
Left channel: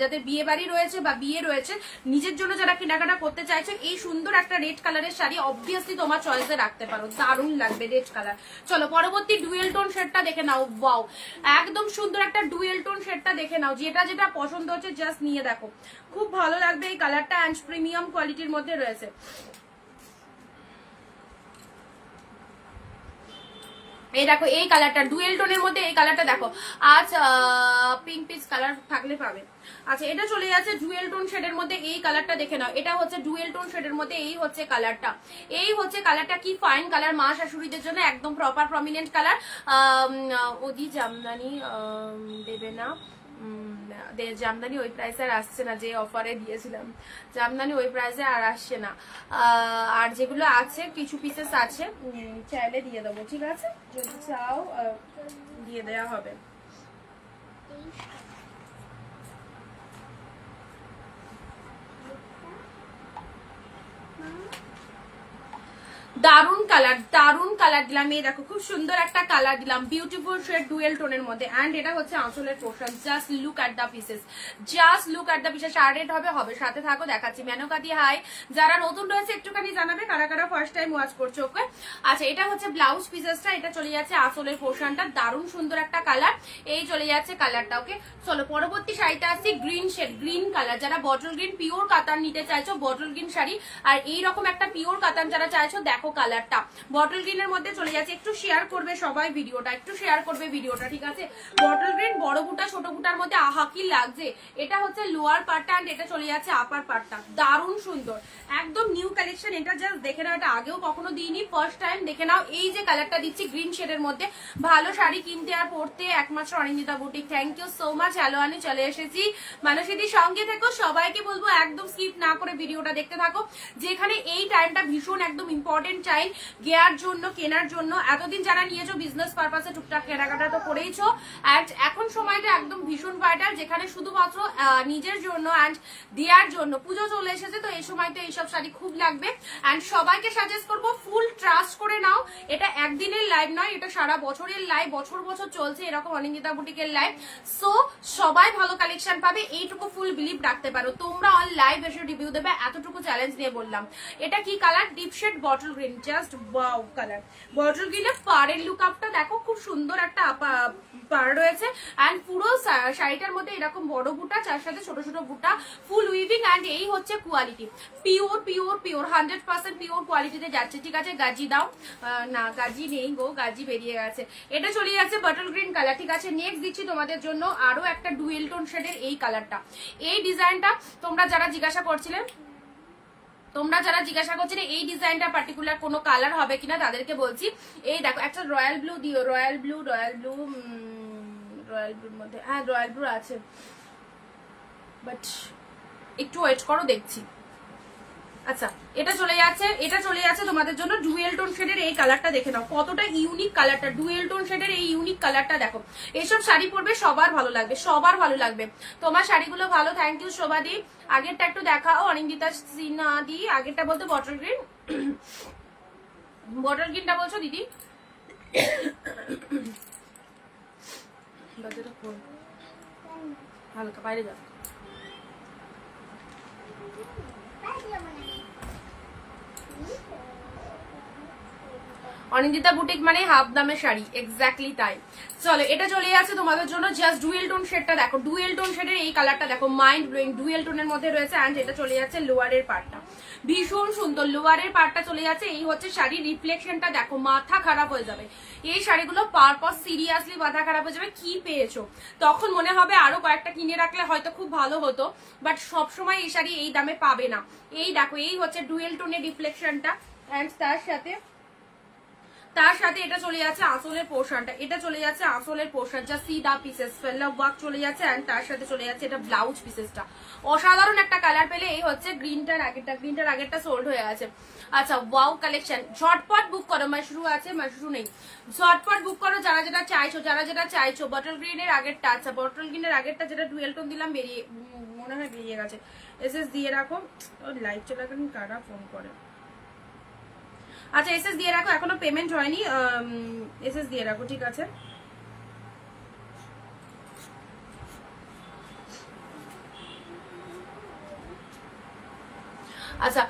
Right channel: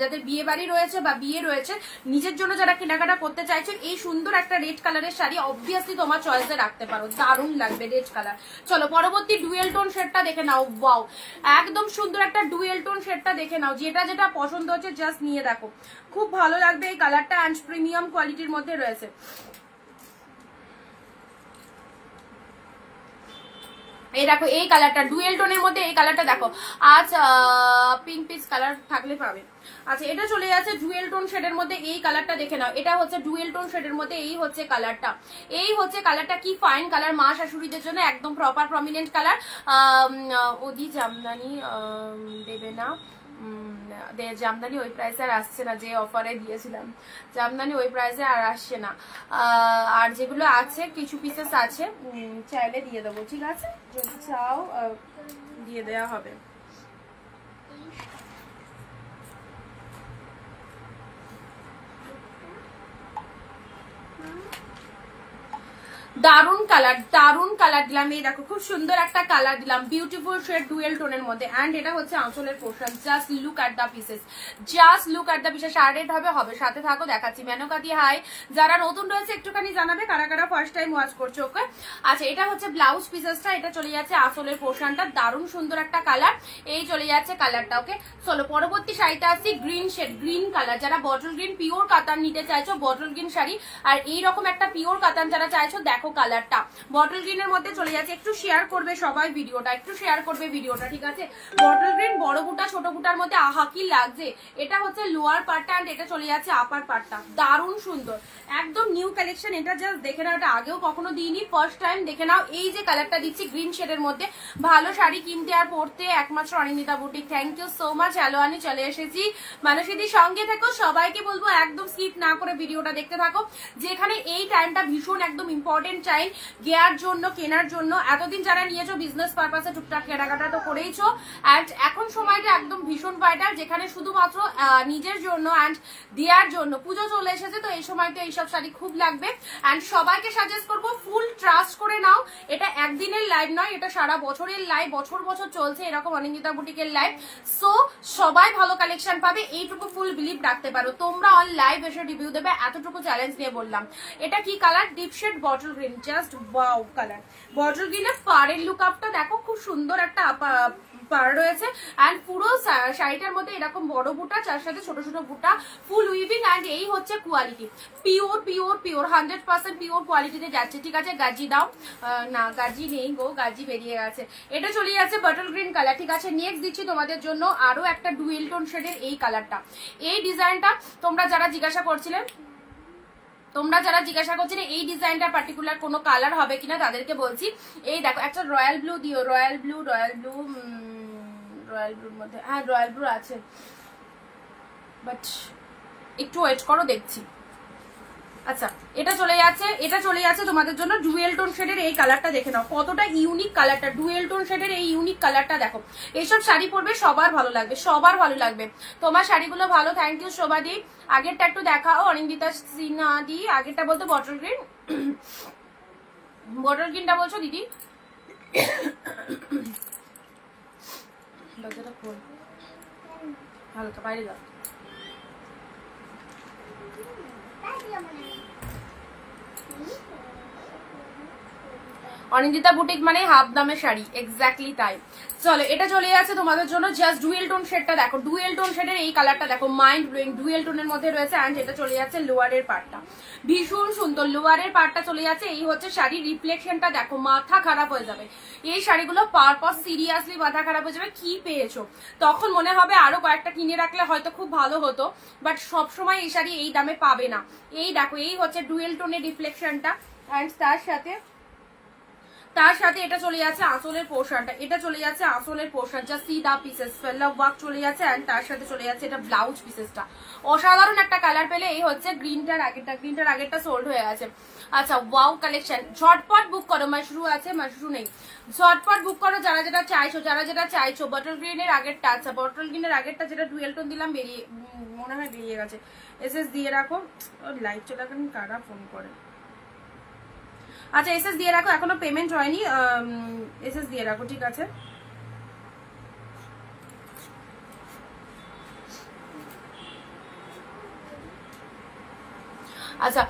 যাদের বিয়ে বাড়ি রয়েছে বা বিয়ে রয়েছে, নিজের জন্য যারা কেনাকাটা করতে চাইছেন, এই সুন্দর একটা রেড কালারের শাড়ি অবভিয়াসলি তোমার চয়েসে রাখতে পারো, দারুণ লাগবে রেড কালার। চলো পরবর্তী ডুয়েল টোন শেডটা দেখে নাও, ওয়াও একদম সুন্দর একটা ডুয়েল টোন শেডটা দেখে নাও, যেটা যেটা পছন্দ হচ্ছে জাস্ট নিয়ে দেখো, খুব ভালো লাগবে এই কালারটা, অ্যান্ড প্রিমিয়াম কোয়ালিটির মধ্যে রয়েছে। এই দেখো এই কালারটা ডুয়েল টোনের মধ্যে, এই কালারটা দেখো, আজ পিঙ্ক পিচ কালার থাকলে পাবে। আচ্ছা, এটা চলে যাচ্ছে ডুয়েল টোন শেডের মধ্যে, এই কালারটা দেখে নাও, এটা হচ্ছে ডুয়েল টোন শেডের মধ্যে, এই হচ্ছে কালারটা, এই হচ্ছে কালারটা, কি ফাইন কালার, মা শাশুড়িদের জন্য একদম প্রপার প্রমিনেন্ট কালার। ওদি জামদানি দেবে না, জামদানি ওই প্রাইসে আর আসছে না, যে অফারে দিয়েছিলাম জামদানি ওই প্রাইসে আর আসছে না, আর যেগুলো আছে কিছু পিসেস আছে, চাইলে দিয়ে দেবো, ঠিক আছে, যদি চাও দিয়ে দেওয়া হবে। দারুন কালার দিলাম, এই দেখো খুব সুন্দর একটা কালার দিলাম, বিউটিফুল শেড ডুয়েল টোনের মধ্যে, এন্ড এটা হচ্ছে আঁচলের portion. Just look at the pieces, just look at the pieces. Sorted হবে সাথে থাকো, দেখাচ্ছি। মেনকা দি হাই, যারা নতুন রয়েছে একটুখানি জানাবে কারা কারা ফার্স্ট টাইম ওয়াচ করছো। ওকে, আচ্ছা, এটা হচ্ছে ব্লাউজ পিসেসটা, এটা চলে যাচ্ছে আঁচলের পোর্শনটা, দারুণ সুন্দর একটা কালার, এই চলে যাচ্ছে কালারটা। ওকে, চলো পরবর্তী শাড়িটা আসছি, গ্রিন শেড, গ্রিন কালার। যারা বটল গ্রিন পিওর কাতান নিতে চাইছো, বটল গ্রিন শাড়ি, আর এইরকম একটা পিওর কাতান যারা চাইছো, দেখো কালারটা বটল গ্রিনের মধ্যে চলে যাচ্ছে। একটু শেয়ার করবে সবাই ভিডিওটা, একটু শেয়ার করবে ভিডিওটা, ঠিক আছে। বটল গ্রিন বড় বুটা ছোট বুটার মধ্যে আহা কি লাগছে। এটা হচ্ছে লোয়ার পার্টটা, এন্ড এটা চলে যাচ্ছে আপার পার্টটা, দারুণ সুন্দর, একদম নিউ কালেকশন। এটা জাস্ট দেখে নাও, এটা আগেও কখনো দিইনি, ফার্স্ট টাইম দেখে নাও। এই যে কালারটা দিচ্ছি গ্রিন শেডের মধ্যে, ভালো শাড়ি কিনতে আর পড়তে একমাত্র Anindita boutique. Thank you so much. Hello, আমি চলে এসেছি, মানুষের সঙ্গে থেকো, সবাইকে বলবো একদম স্কিপ না করে ভিডিওটা দেখতে থাকো, যেখানে এই টাইমটা ভীষণ একদম ইম্পর্টেন্ট টাইম গেয়ার জন্য, কেনার জন্য। এতদিন যারা নিয়েছো বিজনেস পারপাসে টুকটাক কেনাকাটা তো করেইছো, অ্যান্ড এখন সময়টা একদম ভীষণ ভাইটাল, যেখানে শুধুমাত্র নিজের জন্য অ্যান্ড দেওয়ার জন্য। পুজো চলে এসেছে, তো এই সময়টা এইসব শাড়ি খুব লাগবে, অ্যান্ড সবাইকে সাজেস্ট করবো ফুল ট্রাস্ট করে নাও। এটা একদিনের লাইভ নয়, এটা সারা বছরের লাইভ, বছর বছর চলছে এরকম অনিন্দিতা বুটিকের লাইভ। সো সবাই ভালো কালেকশন পাবে, এইটুকু ফুল বিলিভ রাখতে পারো। তোমরা অল লাইভ এসে রিভিউ দেবে, এতটুকু চ্যালেঞ্জ নিয়ে বললাম। এটা কি colour, deep shade bottle green. Green, just wow colour. Bottle গ্রিনের পাড়ের লুক আপটা দেখো, খুব সুন্দর একটা পাড় রয়েছে অ্যান্ড পুরো শাড়িটার মধ্যে এরকম বড় বুটা, যার সাথে ছোট ছোট বুটা, ফুল উইভিং অ্যান্ড এই হচ্ছে quality, pure pure pure 100% pure কোয়ালিটিতে যাচ্ছে। ঠিক আছে, গাজি দাও না, গাজি নেই গো, গাজি বেরিয়ে গেছে। এটা চলে যাচ্ছে বটল গ্রিন কালার। ঠিক আছে, নেক্সট দিচ্ছি তোমাদের জন্য আরো একটা ডুয়েল টোন শেডের এই কালারটা। এই ডিজাইনটা তোমরা যারা জিজ্ঞাসা করছিলেন এই ডিজাইনটা পার্টিকুলার কোনো কালার হবে কিনা তাদেরকে বলছি, এই দেখো একটা রয়্যাল ব্লু দিও, রয়্যাল ব্লুর মধ্যে, হ্যাঁ রয়্যাল ব্লু আছে, বাট একটু ওয়েট করো দেখছি। আচ্ছা, এটা চলে যাচ্ছে তোমাদের জন্য ডুয়েল টোন শেডের এই কালারটা। দেখে নাও কতটা ইউনিক কালারটা, ডুয়েল টোন শেডের এই ইউনিক কালারটা দেখো। এইসব শাড়ি পরবে সবার ভালো লাগবে, সবার ভালো লাগবে। তোমার শাড়িগুলো ভালো, থ্যাংক ইউ শোভাদি। আগেরটা একটু দেখাও, অনিন্দিতা সিনহা দি। আগেরটা বলতে বটল গ্রিন, বটল গ্রিনটা বলছো দিদি? দরজাটা খোল, হালকা বাইরে যাও। অনিন্দিতা বুটিক মানে হাফ দামের শাড়ি, এক্স্যাক্টলি তাই। চলো, এটা চলে যাচ্ছে তোমাদের জন্য জাস্ট ডুয়েল টোন শেডটা দেখো, ডুয়েল টোন শেডের এই কালারটা দেখো, মাইন্ড ব্লোয়িং ডুয়েল টোনের মধ্যে রয়েছে। অ্যান্ড এটা চলে যাচ্ছে লোয়ারের পার্টটা, ভীষণ সুন্দর লোয়ারের পার্টটা চলে যাচ্ছে। এই হচ্ছে শাড়ির রিফ্লেকশনটা দেখো, মাথা খারাপ হয়ে যাবে। এই শাড়িগুলো পারপাস সিরিয়াসলি মাথা খারাপ হয়ে যাবে, কি পেয়েছো তখন মনে হবে আরো কয়েকটা কিনে রাখলে হয়তো খুব ভালো হতো, বাট সবসময় এই শাড়ি এই দামে পাবে না। এই দেখো, এই হচ্ছে ডুয়েল টোনের রিফ্লেকশনটা। অ্যান্ড তার সাথে এটা চলে যাচ্ছে আঁচলের পোর্শনটা, এটা চলে যাচ্ছে আঁচলের পোর্শন, যা সিদা পিসেস ফেল্লা ওয়ার্ক চলে যাচ্ছে। অ্যান্ড তার সাথে চলে যাচ্ছে এটা ব্লাউজ পিসেসটা। অসাধারণ একটা কালার পেলে। এই হচ্ছে গ্রিনটার আগেরটা সোল্ড হয়ে গেছে। আচ্ছা, ওয়াও কালেকশন, ঝটপট বুক করো। মাশরু আছে, মাশরু নেই, ঝটপট বুক করো যারা যেটা চাইছো। বটল গ্রিনের আগেরটা, আচ্ছা বটল গ্রিনের আগেরটা যেটা ডুয়েল টোন দিলাম মনে হয় বেরিয়ে গেছে। এসএস দিয়ে রাখো, লাইভ চলাকালীন কারা ফোন করে। আচ্ছা, এসএস দিয়ে রাখো, এখনো পেমেন্ট হয়নি, এসএস দিয়ে রাখো, ঠিক আছে। আচ্ছা,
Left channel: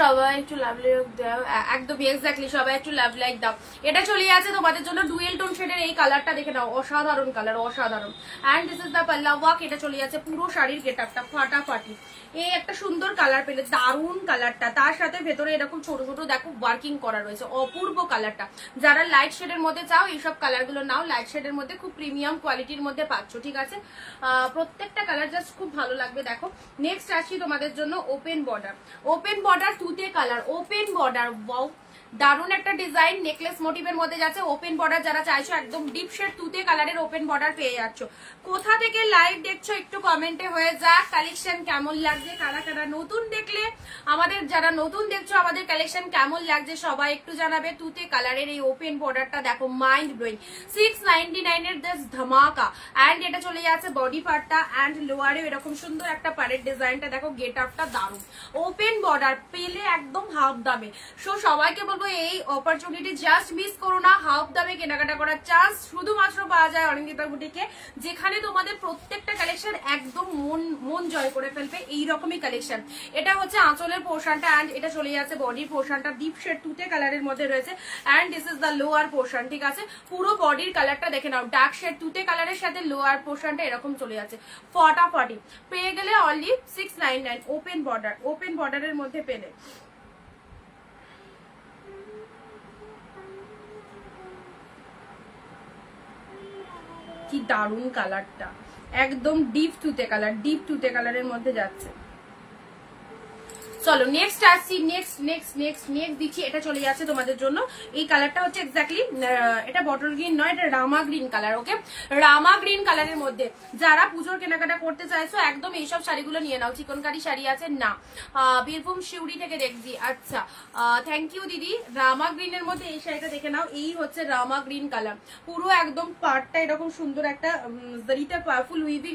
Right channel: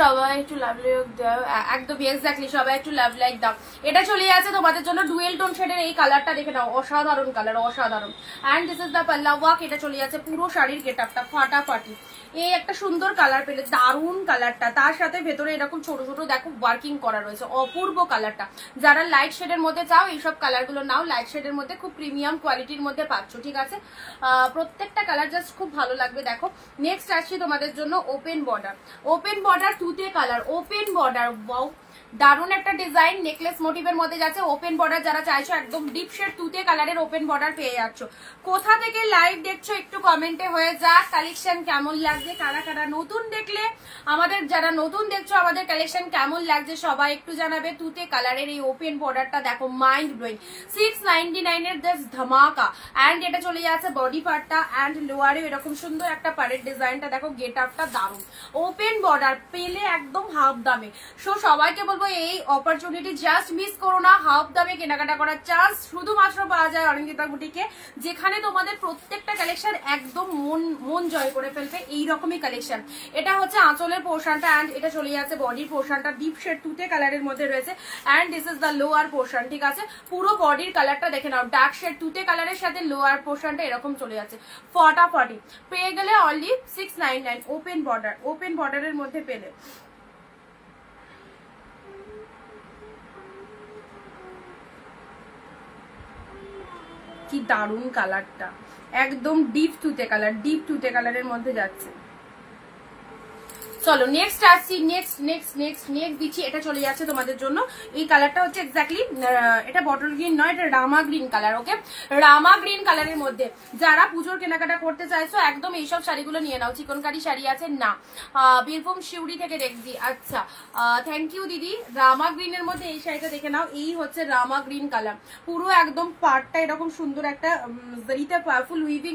সবাই একটু লাভ লাইক দাও, একদম এক্স্যাক্টলি সবাই একটু লাভ লাইক দাও। এটা চলে যাচ্ছে তোমাদের জন্য ডুয়েল টোন শেডের এই কালারটা, দেখে নাও, অসাধারণ কালার, অসাধারণ। অ্যান্ড দিস ইজ দ্য পাল্লা ওয়ার্ক। এটা চলে যাচ্ছে পুরো শাড়ির গেটআপটা ফাটাফাটি। এই একটা সুন্দর কালার পেলে, দারুন কালারটা, তার সাথে ভেতরে এরকম ছোট ছোট দেখো ওয়ার্কিং করা রয়েছে, অপূর্ব কালারটা। যারা লাইট শেডের মধ্যে চাও এইসব কালারগুলো নাও, লাইট শেডের মধ্যে খুব প্রিমিয়াম কোয়ালিটির মধ্যে পাচ্ছ। ঠিক আছে, প্রত্যেকটা কালার জাস্ট খুব ভালো লাগবে। দেখো, নেক্সট আসছি তোমাদের জন্য ওপেন বর্ডার তুতে কালার, ওপেন বর্ডার, ওয়াও দারুন একটা ডিজাইন, নেকলেস মোটিভের মধ্যে যাচ্ছে। ওপেন বর্ডার যারা চাইছো, একদম ডিপ শেড তুতে কালারের ওপেন বর্ডার পেয়ে যাচ্ছ। কোথা থেকে লাইভ দেখছো একটু কমেন্টে হয়ে যাক, কালেকশন কেমন লাগছে, কারা কারা নতুন দেখলে, আমাদের যারা নতুন দেখছো আমাদের কালেকশন কেমন লাগছে সবাই একটু জানাবে। তুতে কালারের এই ওপেন বর্ডারটা দেখো, মাইন্ড ব্লোয়িং, 699 এর জাস্ট ধামাকা। অ্যান্ড এটা চলে যাচ্ছে বডি পার্টটা, অ্যান্ড লোয়ারে এরকম সুন্দর একটা পাড়ের ডিজাইনটা দেখো, গেট আপটা দারুন। ওপেন বর্ডার পেলে একদম হাফ দামে। সো সবাইকে বলবো এই অপরচুনিটি জাস্ট মিস করো না, হাফ দামে কেনাকাটা করার চান্স শুধুমাত্র পাওয়া যায় অনিন্দিতা বুটিকে, যেখানে তোমাদের প্রত্যেকটা কালেকশন একদম মন জয় করে ফেলবে এইরকমই কালেকশন। এটা হচ্ছে আঁচলের পোর্শনটা, অ্যান্ড এটা চলে যাচ্ছে বডির পোর্শনটা, ডিপ শেড তুতে কালারের মধ্যে রয়েছে। And this is the lower portion. ঠিক আছে, পুরো বডির কালারটা দেখে নাও, ডার্ক শেড তুতে কালারের সাথে লোয়ার পোর্শনটা এরকম চলে যাচ্ছে, ফটাফটি পেয়ে গেলে অনলি 699 ওপেন বর্ডারের মধ্যে পেলে। কি দারুন কালারটা, একদম ডিপ তুতে কালারের মধ্যে যাচ্ছে। চলো নেক্সট আসছি, নেক্সট দিচ্ছি। এটা চলে যাচ্ছে তোমাদের জন্য, এই কালারটা হচ্ছে এক্স্যাক্টলি, এটা বটল গ্রিন নয়, এটা রামা গ্রিন কালার। ওকে, রামা গ্রিন কালারের মধ্যে যারা পুজোর কেনাকাটা করতে চাইছো একদম এইসব শাড়িগুলো নিয়ে নাও। চিকনকারি শাড়ি আছে না, বীরভূম শিউরি থেকে দেখছি। আচ্ছা, থ্যাংক ইউ দিদি। রামা গ্রিনের মধ্যে এই শাড়িটা দেখে নাও, এই হচ্ছে রামা গ্রিন কালার, পুরো একদম পার্টটা এরকম সুন্দর একটা জারিতে ফুল উইভিং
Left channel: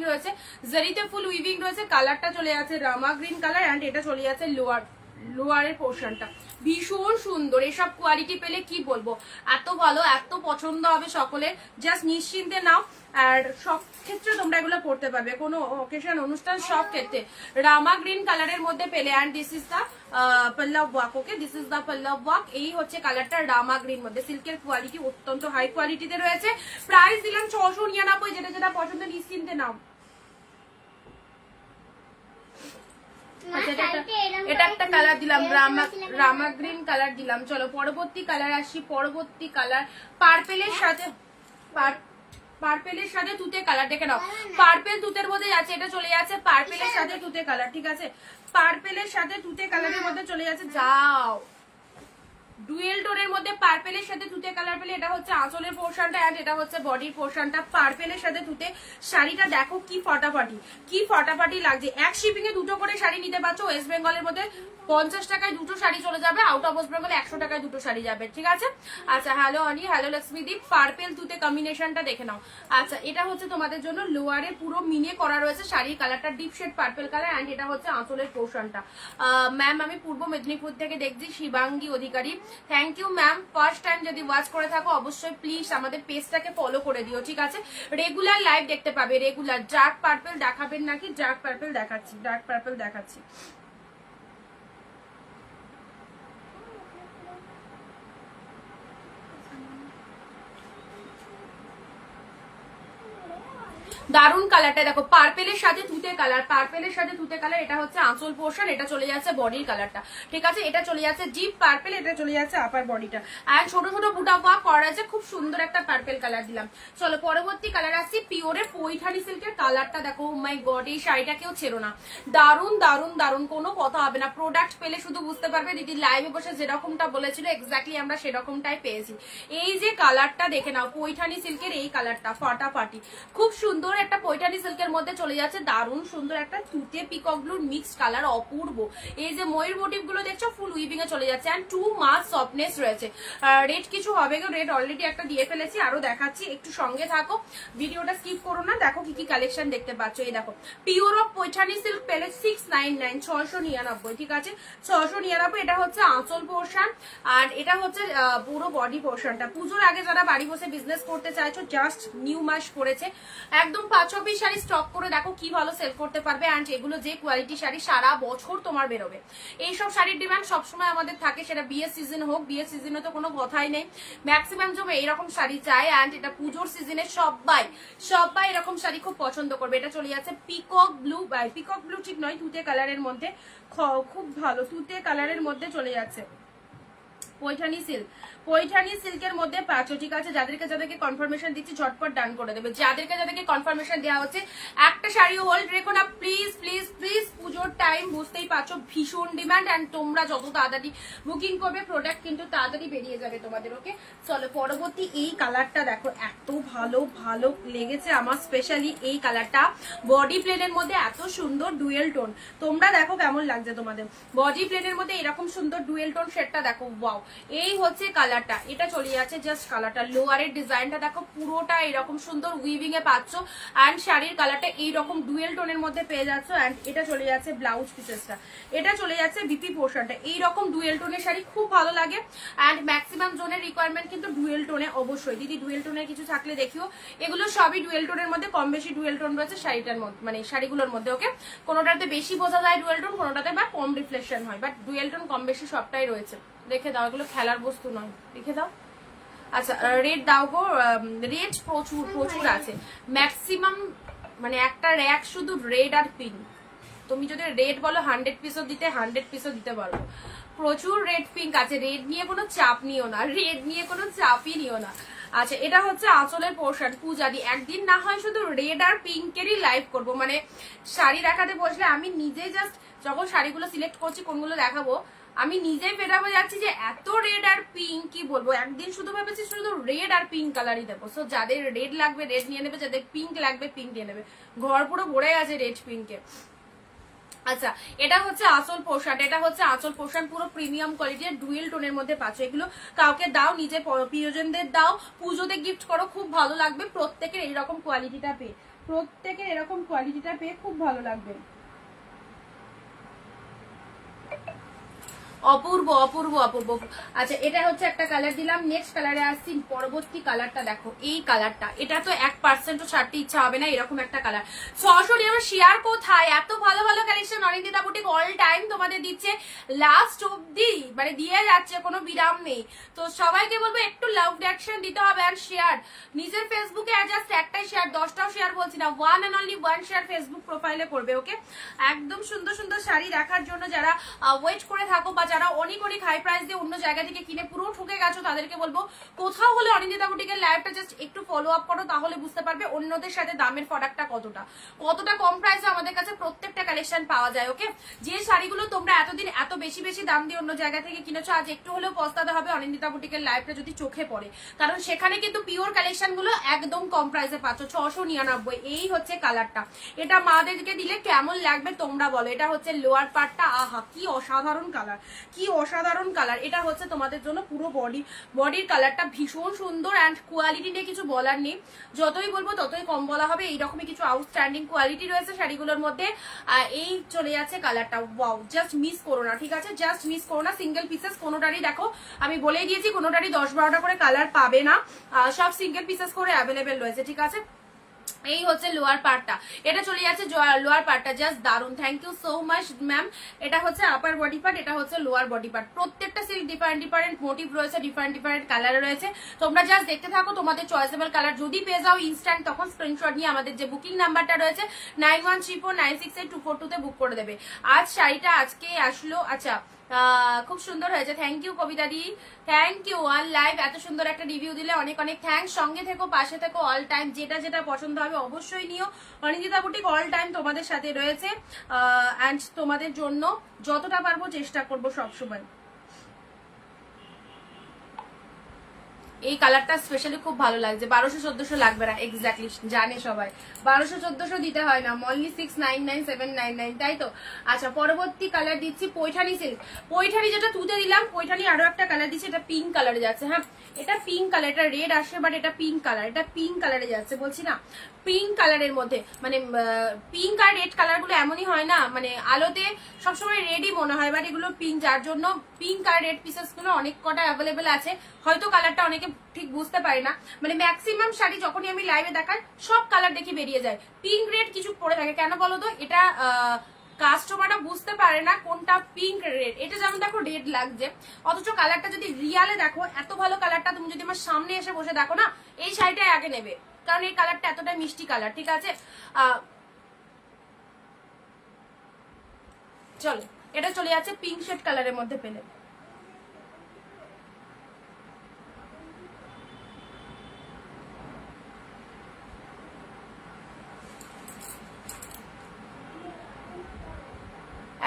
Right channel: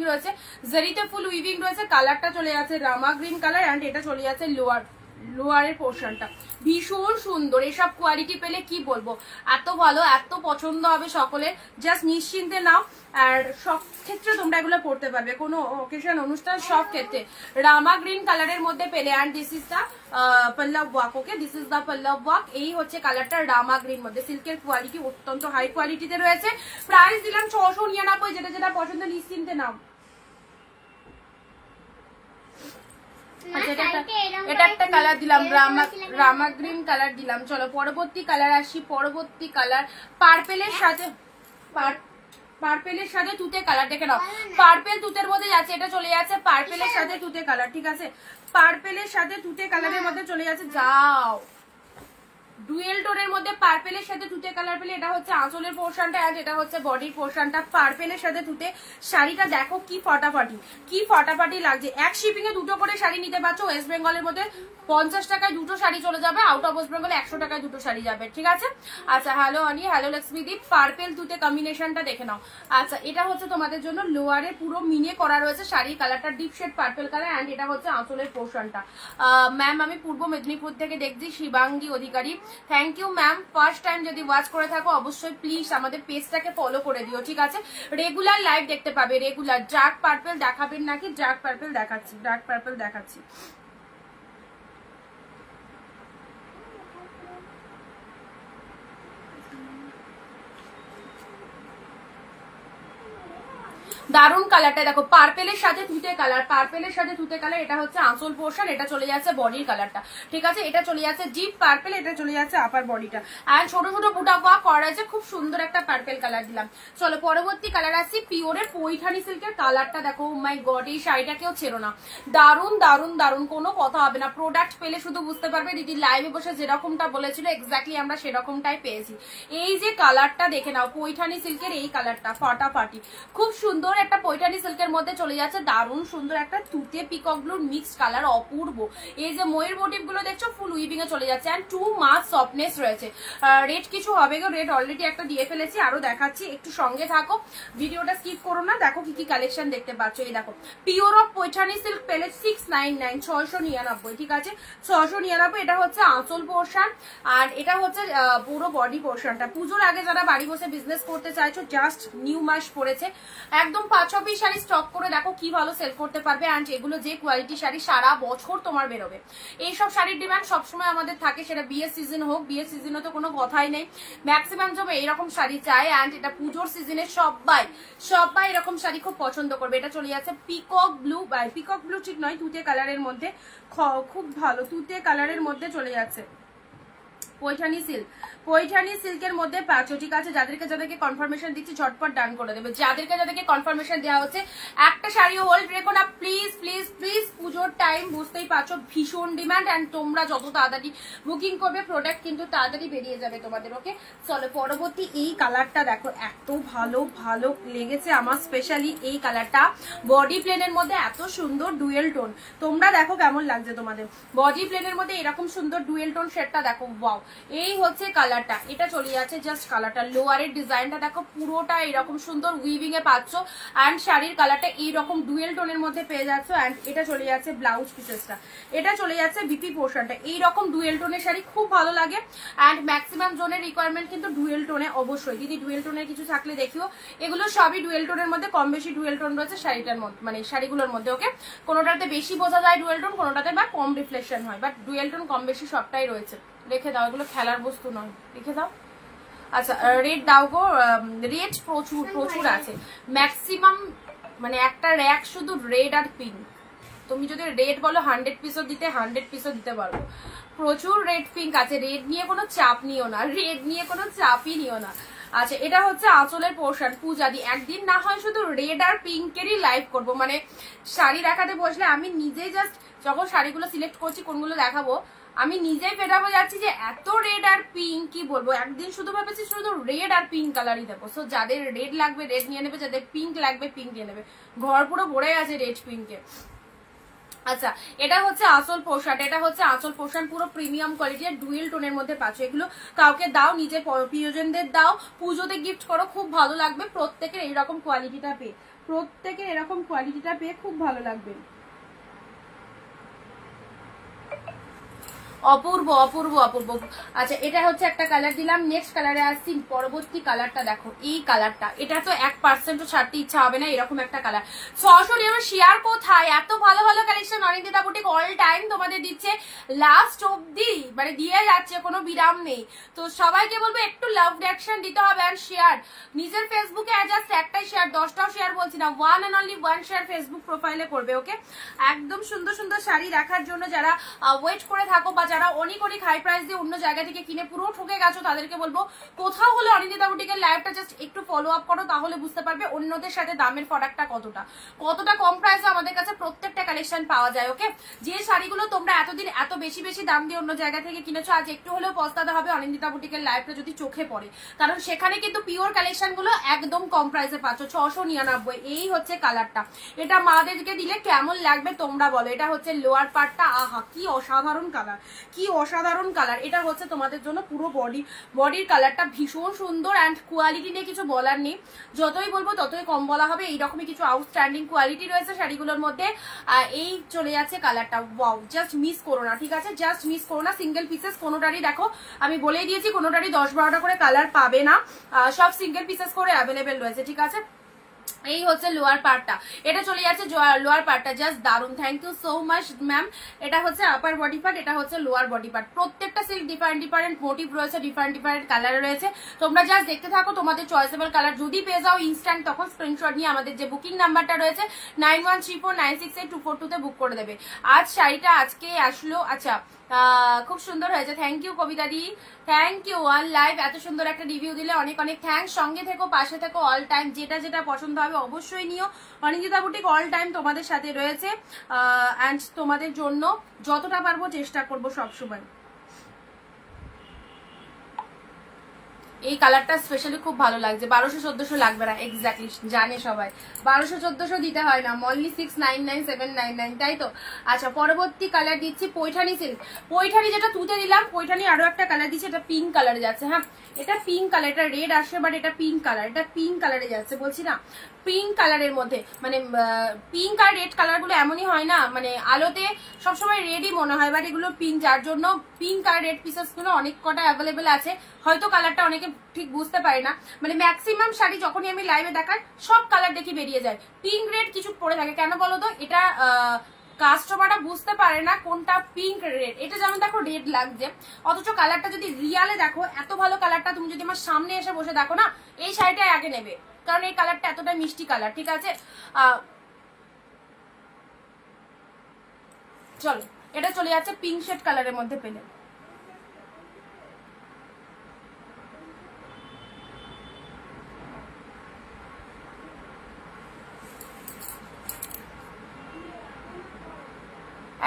রয়েছে, কালারটা চলে যাচ্ছে রামা গ্রিন কালার। অ্যান্ড এটা চলে যাচ্ছে লোয়ারের পোর্শনটা ভীষণ সুন্দর। এসব কোয়ালিটি পেলে কি বলবো, এত ভালো, এত পছন্দ হবে সকলের। জাস্ট নিশ্চিন্তে নাও, আর সব ক্ষেত্রে তোমরা এগুলো পড়তে পারবে, কোনো অকেশন অনুষ্ঠান সব ক্ষেত্রে। রামা গ্রিন কালারের মধ্যে পেলে, অ্যান্ড দিস ইজ দা পল্লব work. Okay, this is the পল্লব ওয়ার্ক। এই হচ্ছে কালারটা রামা গ্রিন মধ্যে। সিল্কের কোয়ালিটি অত্যন্ত হাই কোয়ালিটিতে রয়েছে। প্রাইস দিলাম 699, যেটা যেটা পছন্দ নিশ্চিন্তে নাও। এটা একটা কালার দিলাম, রামা গ্রিন কালার দিলাম। চলো পরবর্তী কালার আসি। পরবর্তী কালার পার্পেলের সাথে, পার্পেলের সাথে তুতে কালার। দেখে নাও, পার্পেল তুতের মধ্যে যাচ্ছে, এটা চলে যাচ্ছে পার্পেলের সাথে তুতে কালার। ঠিক আছে, পার্পেলের সাথে তুতে কালারের মধ্যে চলে যাচ্ছে। যাও, ডুয়েল টোনের মধ্যে পার্পেলের সাথে তুতে কালার পেলে। এটা হচ্ছে আঁচলের পোর্শনটা, আর এটা হচ্ছে বডির পোর্শনটা। পার্পেলের সাথে তুতে শাড়িটা দেখো কি ফটাফাটি, কি ফটাফাটি লাগছে। এক শিপিং এ দুটো করে শাড়ি নিতে পারছো। ওয়েস্ট বেঙ্গলের মধ্যে 50 টাকায় দুটো শাড়ি চলে যাবে, আউট অফ ওয়েস্ট বেঙ্গলে 100 টাকায় দুটো শাড়ি যাবে। ঠিক আছে, আচ্ছা হ্যালো অনি, হ্যালো লক্ষ্মীদীপ। পার্পেল তুতে কম্বিনেশনটা দেখে নাও। আচ্ছা, এটা হচ্ছে তোমাদের জন্য লোয়ারে পুরো মিনে করা রয়েছে। শাড়ির কালারটা deep shade purple colour, and এটা হচ্ছে আঁচলের পোর্শনটা। ম্যাম আমি পূর্ব মেদিনীপুর থেকে দেখছি, Shivangi Adhikari. Thank you ma'am. First time যদি ওয়াচ করে থাকো অবশ্যই প্লিজ আমাদের পেজটাকে ফলো করে দিও। ঠিক আছে, রেগুলার লাইভ দেখতে পাবে, রেগুলার। ডার্ক পার্পেল দেখাবেন নাকি? ডার্ক পার্পেল দেখাচ্ছি, ডার্ক পার্পেল দেখাচ্ছি। দারুন কালারটা দেখো, পার্পেলের সাথে তুতে কালার, পার্পেলের সাথে তুতে কালার। এটা হচ্ছে আঁচল পোর্শন, এটা চলে যাচ্ছে বডির কালারটা। ঠিক আছে, এটা চলে যাচ্ছে ডিপ পার্পেল, এটা চলে যাচ্ছে আপার বডিটা। আর ছোট ছোট বুটা ওয়ার্ক করা আছে, খুব সুন্দর একটা পার্পেল কালার দিলাম। চলো পরবর্তী কালার আসছি। পিওরের পৈঠানি সিল্কের কালারটা দেখো, মাই গড, এই শাড়িটা কেউ ছেড়ো না। দারুন দারুন দারুন, কোনো কথা হবে না। প্রোডাক্ট পেলে শুধু বুঝতে পারবে দিদি লাইভে বসে যেরকমটা বলেছিল এক্স্যাক্টলি আমরা সেরকমটাই পেয়েছি। এই যে কালারটা দেখে নাও, পৈঠানি সিল্কের এই কালারটা ফাটাফাটি, খুব সুন্দর একটা পৈঠানি সিল্কের মধ্যে চলে যাচ্ছে। দারুণ সুন্দর একটা তুতে পিকক ব্লুর মিক্স কালার, অপূর্ব। এই যে ময়ূর মোটিভ গুলো দেখছো ফুল উইভিং এ চলে যাচ্ছে, এন্ড টু মাছ সফটনেস রয়েছে। রেট কিছু হবে গো, রেট অলরেডি একটা দিয়ে ফেলেছি, আরো দেখাচ্ছি, একটু সঙ্গে থাকো, ভিডিওটা স্কিপ করো না। দেখো কি কি কালেকশন দেখতে পাচ্ছ। এই দেখো, পিওর অফ পৈঠানি সিল্ক পেলে 699, 699। ঠিক আছে, 699। এটা হচ্ছে আঁচল পোর্শন, আর এটা হচ্ছে পুরো বডি পোর্শনটা। পুজোর আগে যারা বাড়ি বসে বিজনেস করতে চাইছো, জাস্ট নিউ মাস পড়েছে, একদম 5-6 পিস শাড়ি স্টক করে দেখো কি ভালো সেল করতে পারবে। অ্যান্ড এগুলো যে কোয়ালিটি শাড়ি সারা বছর তোমার বেরোবে। এইসব শাড়ির ডিমান্ড সবসময় আমাদের থাকে, সেটা বিয়ের সিজন হোক, বিয়ের সিজনে তো কোনো কথাই নেই, ম্যাক্সিমাম জমে এইরকম শাড়ি চায়। অ্যান্ড এটা পুজোর সিজনে সবাই সবাই এরকম শাড়ি খুব পছন্দ করবে। এটা চলে যাচ্ছে পিকক ব্লু, পিকক ব্লু ঠিক নয়, তুতে কালারের মধ্যে, খুব ভালো তুতে কালারের মধ্যে চলে যাচ্ছে। পৈঠানি সিল্ক, পৈঠানি সিল্কের মধ্যে পাচ্ছ। ঠিক আছে, যাদেরকে যাদেরকে কনফার্মেশন দিচ্ছি ঝটপট ডান করে দেবে। যাদেরকে যাদেরকে কনফার্মেশন দেওয়া হচ্ছে একটা শাড়িও হোল্ড রেখো না প্লিজ প্লিজ প্লিজ। পুজোর টাইম বুঝতেই পারছো, ভীষণ ডিমান্ড, অ্যান্ড তোমরা যত তাড়াতাড়ি বুকিং করবে প্রোডাক্ট কিন্তু তাড়াতাড়ি বেরিয়ে যাবে তোমাদের। ওকে, চলো পরবর্তী এই কালারটা দেখো, এত ভালো ভালো লেগেছে আমার, স্পেশালি এই কালারটা বডি প্লেনের মধ্যে এত সুন্দর ডুয়েল টোন। তোমরা দেখো কেমন লাগছে তোমাদের বডি প্লেনের মধ্যে এরকম সুন্দর ডুয়েল টোন শেডটা দেখো, ওয়াও। এই হচ্ছে কালারটা, এটা চলে যাচ্ছে জাস্ট কালারটা। লোয়ারের ডিজাইনটা দেখো, পুরোটা এরকম সুন্দর উইভিং এ পাচ্ছ, অ্যান্ড শাড়ির কালারটা এইরকম ডুয়েল টোনের মধ্যে পেয়ে যাচ্ছ। অ্যান্ড এটা চলে যাচ্ছে ব্লাউজ পিসেসটা, এটা চলে যাচ্ছে বিপি পোর্শনটা। এইরকম ডুয়েল টোনের শাড়ি খুব ভালো লাগে, অ্যান্ড ম্যাক্সিমাম জনের রিকোয়ারমেন্ট কিন্তু ডুয়েল টোনে। অবশ্যই দিদি ডুয়েল টোনের কিছু থাকলে দেখিও, এগুলো সবই ডুয়েল টোনের মধ্যে, কম বেশি ডুয়েল টোন রয়েছে শাড়িটার মধ্যে, মানে শাড়িগুলোর মধ্যে। ওকে, কোনোটাতে বেশি বোঝা যায় ডুয়েল টোন, কোনোটাতে বা কম রিফ্লেকশন হয়, বাট ডুয়েল টোন কম বেশি সবটাই রয়েছে। রেখে দাও, এগুলো খেলার বস্তু নয়, রেখে দাও। আচ্ছা রেট দাও গো, রেট প্রচুর প্রচুর আছে, ম্যাক্সিমাম মানে একটা র্যাক শুধু রেড আর পিঙ্ক। তুমি যদি রেড বলো 100 পিসও দিতে 100 পিসও দিতে পারবো। প্রচুর রেড পিঙ্ক আছে, রেড নিয়ে কোনো চাপ নিও না, রেড নিয়ে কোনো চাপই নিও না। আচ্ছা, এটা হচ্ছে আঁচলের পোর্শন। পূজাদি একদিন না হয় শুধু রেড আর পিঙ্কেরই লাইভ করবো, মানে শাড়ি দেখাতে বসলে আমি নিজেই জাস্ট যখন শাড়িগুলো সিলেক্ট করছি কোনগুলো দেখাবো আমি নিজেই ফেরাবো যাচ্ছি যে এত রেড আর পিঙ্ক, কি বলবো। একদিন শুধু ভাবেছি শুধু রেড আর পিঙ্ক কালারই দেবো। সো যাদের রেড লাগবে রেড নিয়ে নেবে, যাদের পিঙ্ক লাগবে পিঙ্ক নিয়ে নেবে। ঘর পুরো ভরে আছে রেড পিঙ্কে। আচ্ছা, এটা হচ্ছে আঁচল পোর্শন, এটা হচ্ছে আঁচল পোর্শন, পুরো প্রিমিয়াম কোয়ালিটির ডুয়েল টোনের মধ্যে পাচ্ছ। এগুলো কাউকে দাও, নিজে প্রিয়জনদের দাও, পুজোতে গিফট করো, খুব ভালো লাগবে। প্রত্যেকের এইরকম কোয়ালিটিটা পেয়ে, প্রত্যেকের এরকম কোয়ালিটিটা পেয়ে খুব ভালো লাগবে। অপূর্ব অপূর্ব অপূর্ব। আচ্ছা এটা হচ্ছে একটা কালার দিলাম, নেক্সট কালারে আসছি। পরবর্তী কালারটা দেখো, এই কালারটা, এটা তো 1% ছাড়তে ইচ্ছা হবে না, এরকম একটা কালার। সরাসরি আমার শেয়ার কোথায়, এত ভালো ভালো collection Anindita boutique all time তোমাদের দিচ্ছে, লাস্ট অব্দি মানে দিয়ে যাচ্ছে, কোনো বিরাম নেই। তো সবাইকে বলবো একটু লাভ রিঅ্যাকশন দিতে হবে আর শেয়ার, নিজের ফেসবুকে জাস্ট একটাই শেয়ার, 10টাও শেয়ার বলছি না, 1 and only 1 শেয়ার ফেসবুক প্রোফাইলে করবে। ওকে, একদম সুন্দর সুন্দর শাড়ি দেখার জন্য যারা ওয়েট করে থাকো বা যারা অনেক অনেক হাই প্রাইস দিয়ে অন্য জায়গা থেকে কিনে পুরো ঠকে গেছো, তাদেরকে বলবো কোথাও হলে অনিন্দিতা বুটিকের লাইভটা জাস্ট একটু ফলো আপ করো, তাহলে বুঝতে পারবে অন্যদের সাথে দামের ফারাকটা কতটা কম প্রাইসে আমাদের কাছে প্রত্যেকটা কালেকশন পাওয়া যায়। ওকে, যে শাড়িগুলো তোমরা এতদিন এত বেশি বেশি দাম দিয়ে অন্য জায়গা থেকে কিনেছো, আজ একটু হলেও পস্তাতে হবে অনিন্দিতা বুটিকের লাইভটা যদি চোখে পড়ে, কারণ সেখানে কিন্তু পিওর কালেকশন গুলো একদম কম প্রাইসে পাচ্ছ, 699। এই হচ্ছে কালারটা, এটা মাদেরকে দিলে কেমন লাগবে তোমরা বলো। এটা হচ্ছে লোয়ার পার্টটা, আহা কি অসাধারণ কালার, কি অসাধারণ কালার। এটা হচ্ছে তোমাদের জন্য পুরো বডির কালারটা ভীষণ সুন্দর অ্যান্ড কোয়ালিটি নিয়ে কিছু বলার নেই, যতই বলবো ততই কম বলা হবে। এইরকমই কিছু আউটস্ট্যান্ডিং কোয়ালিটি রয়েছে শাড়িগুলোর মধ্যে। এই চলে যাচ্ছে কালারটা, ওয়াও, জাস্ট মিস করো না, ঠিক আছে, জাস্ট মিস করো না। সিঙ্গেল পিসেস কোনোটারই, দেখো আমি বলেই দিয়েছি কোনোটারই 10-12টা করে কালার পাবে না, সব সিঙ্গেল পিসেস করে অ্যাভেলেবেল রয়েছে, ঠিক আছে। এই হচ্ছে লোয়ার পার্টটা, এটা চলে যাচ্ছে লোয়ার পার্টটা, জাস্ট দারুন, thank you so much ma'am. এটা হচ্ছে আপার বডি পার্ট, এটা হচ্ছে লোয়ার বডি পার্ট। প্রত্যেকটা সিল্ক ডিফারেন্ট মোটিভ রয়েছে, ডিফারেন্ট কালার রয়েছে। তোমরা জাস্ট দেখতে থাকো, তোমাদের চয়েসেবল কালার যদি পেয়ে যাও ইনস্ট্যান্ট, তখন স্ক্রিনশট নিয়ে আমাদের যে বুকিং নাম্বারটা রয়েছে 9134968242 তে বুক করে দেবে। আজ শাড়িটা আজকে আসলো, আচ্ছা খুব সুন্দর হয়েছে, থ্যাংক ইউ কবিতা দি, থ্যাংক ইউ। ওয়ান লাইভ, এত সুন্দর একটা রিভিউ দিলে অনেক অনেক থ্যাংকস। সঙ্গে থেকো, পাশে থেকো, অল টাইম যেটা যেটা পছন্দ হবে অবশ্যই নিও। অনিন্দিতা বুটিক অল টাইম তোমাদের সাথে রয়েছে অ্যান্ড তোমাদের জন্য যতটা পারবো চেষ্টা করবো সবসময়। এই কালারটা স্পেশালি খুব ভালো লাগছে, 1200-1400 লাগবে না, এক্স্যাক্টলি জানে সবাই 1200-1400 দিতে হয় না, মনলি 699-799, তাই তো। আচ্ছা পরবর্তী কালার দিচ্ছি পৈঠানি সিল্ক, পৈঠানি যেটা তুতে দিলাম, পৈঠানি আরো একটা কালার দিচ্ছি, এটা পিঙ্ক কালারে যাচ্ছে। হ্যাঁ এটা পিঙ্ক কালার, এটা রেড আসে বাট এটা পিঙ্ক কালার, এটা পিঙ্ক কালারে যাচ্ছে, বলছি না পিঙ্ক কালারের মধ্যে, মানে পিঙ্ক আর রেড কালার গুলো এমনই হয় না, মানে আলোতে সবসময় রেডই মনে হয়, বাট এগুলো পিঙ্ক, যার জন্য পিঙ্ক আর রেড পিসেস গুলো অনেক কটা অ্যাভেলেবেল আছে। হয়তো কালারটা অনেকে ঠিক বুঝতে পারে না, মানে ম্যাক্সিমাম শাড়ি যখনই আমি লাইভে দেখার সব কালার দেখি বেরিয়ে যায়, পিঙ্ক রেড কিছু পড়ে থাকে, কেন বলো তো? এটা কাস্টমাররা বুঝতে পারে না কোনটা পিঙ্ক রেড। এটা যেমন দেখো রেড লাগছে, অথচ কালারটা যদি রিয়ালে দেখো, এত ভালো কালারটা তুমি যদি আমার সামনে এসে বসে দেখো না, এই শাড়িটা আগে নেবে, কারণ এই কালারটা এতটা মিষ্টি কালার, ঠিক আছে। চলো এটা চলে যাচ্ছে পিঙ্ক শেড কালারের মধ্যে পেলে।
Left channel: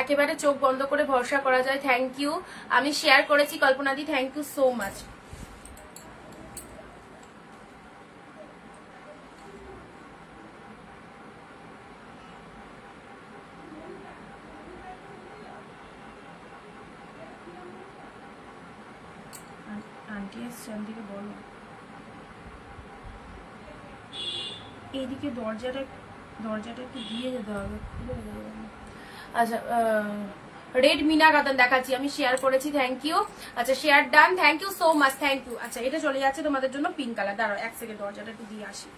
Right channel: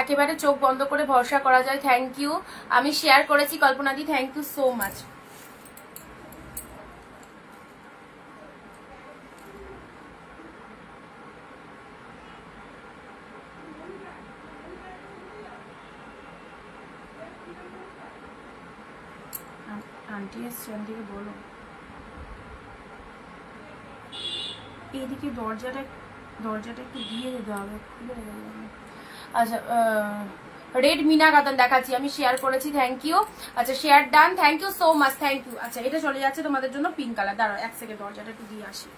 একেবারে চোখ বন্ধ করে ভরসা করা যায়, থ্যাংক ইউ। আমি শেয়ার করেছি কল্পনা দি, thank you so much. Aunty এসছে, আন্টিকে বলো এইদিকে দরজাটা একটু দিয়ে যেতে হবে, খুলে যাবে। আচ্ছা রেড মিনা কাতান দেখাচ্ছি, আমি শেয়ার করেছি, থ্যাংক ইউ। আচ্ছা share done, thank you so much, thank you. আচ্ছা এটা চলে যাচ্ছে তোমাদের জন্য পিঙ্ক কালার, দাঁড়াও এক সেকেন্ড দরজাটা একটু দিয়ে আসি।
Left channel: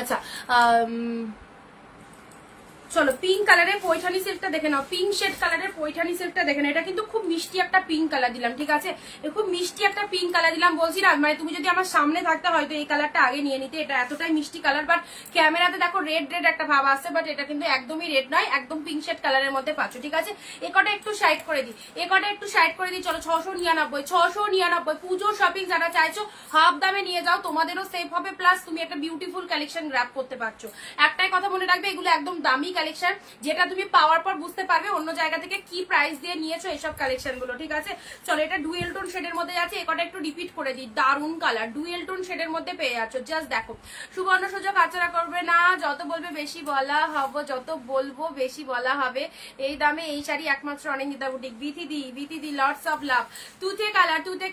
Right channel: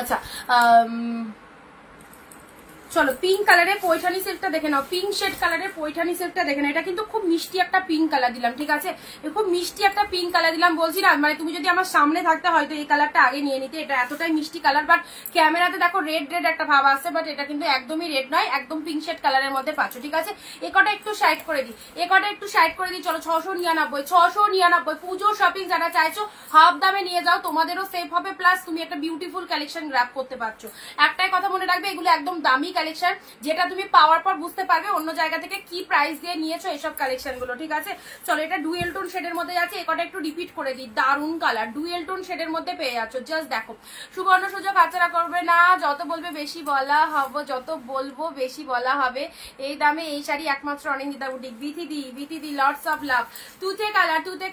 আচ্ছা চলো পিঙ্ক কালারের পৈঠানি সিল্কটা দেখে নাও, পিঙ্ক শেড কালারের পৈঠানি সিল্কটা দেখে নাও। এটা কিন্তু খুব মিষ্টি একটা পিঙ্ক কালার দিলাম, ঠিক আছে, খুব মিষ্টি একটা পিঙ্ক কালার দিলাম। বলছি না মানে তুমি যদি আমার সামনে থাকতে হয়তো এই কালারটা আগে নিয়ে নিতে, এটা এতটাই মিষ্টি কালার, বাট ক্যামেরাতে দেখো রেড একটা ভাব আসছে, বাট এটা কিন্তু একদমই রেড নয়, একদম পিঙ্ক শেড কালারের মধ্যে পাচ্ছ, ঠিক আছে। এ কটা একটু সাইড করে দিই, চলো 699 পুজো শপিং যারা চাইছো হাফ দামে নিয়ে যাও, তোমাদেরও সেফ হবে, প্লাস তুমি একটা বিউটিফুল কালেকশন গ্র্যাব করতে পারছো। একটাই কথা মনে রাখবে, এগুলো একদম দামি কালেকশন, যেটা তুমি পাওয়ার পর বুঝতে পারবে অন্য জায়গা থেকে কি প্রাইস দিয়ে নিয়েছো এইসব কালেকশন গুলো, ঠিক আছে। চলো, এটা ডুয়েল টোন শেডের মধ্যে যাচ্ছে, একটা একটু রিপিট করে দিই, দারুন কালার, ডুয়েল টোন শেডের মধ্যে পেয়ে যাচ্ছ। জাস্ট দেখো, সুবর্ণ সুযোগ হাতছাড়া করবে না, যত বলবে বেশি বলা হবে, যত বলবো বেশি বলা হবে। এই দামে এই শাড়ি একমাত্র অনিন্দিতা বুটিক। বিথিদি লটস অফ লাভ। তুতে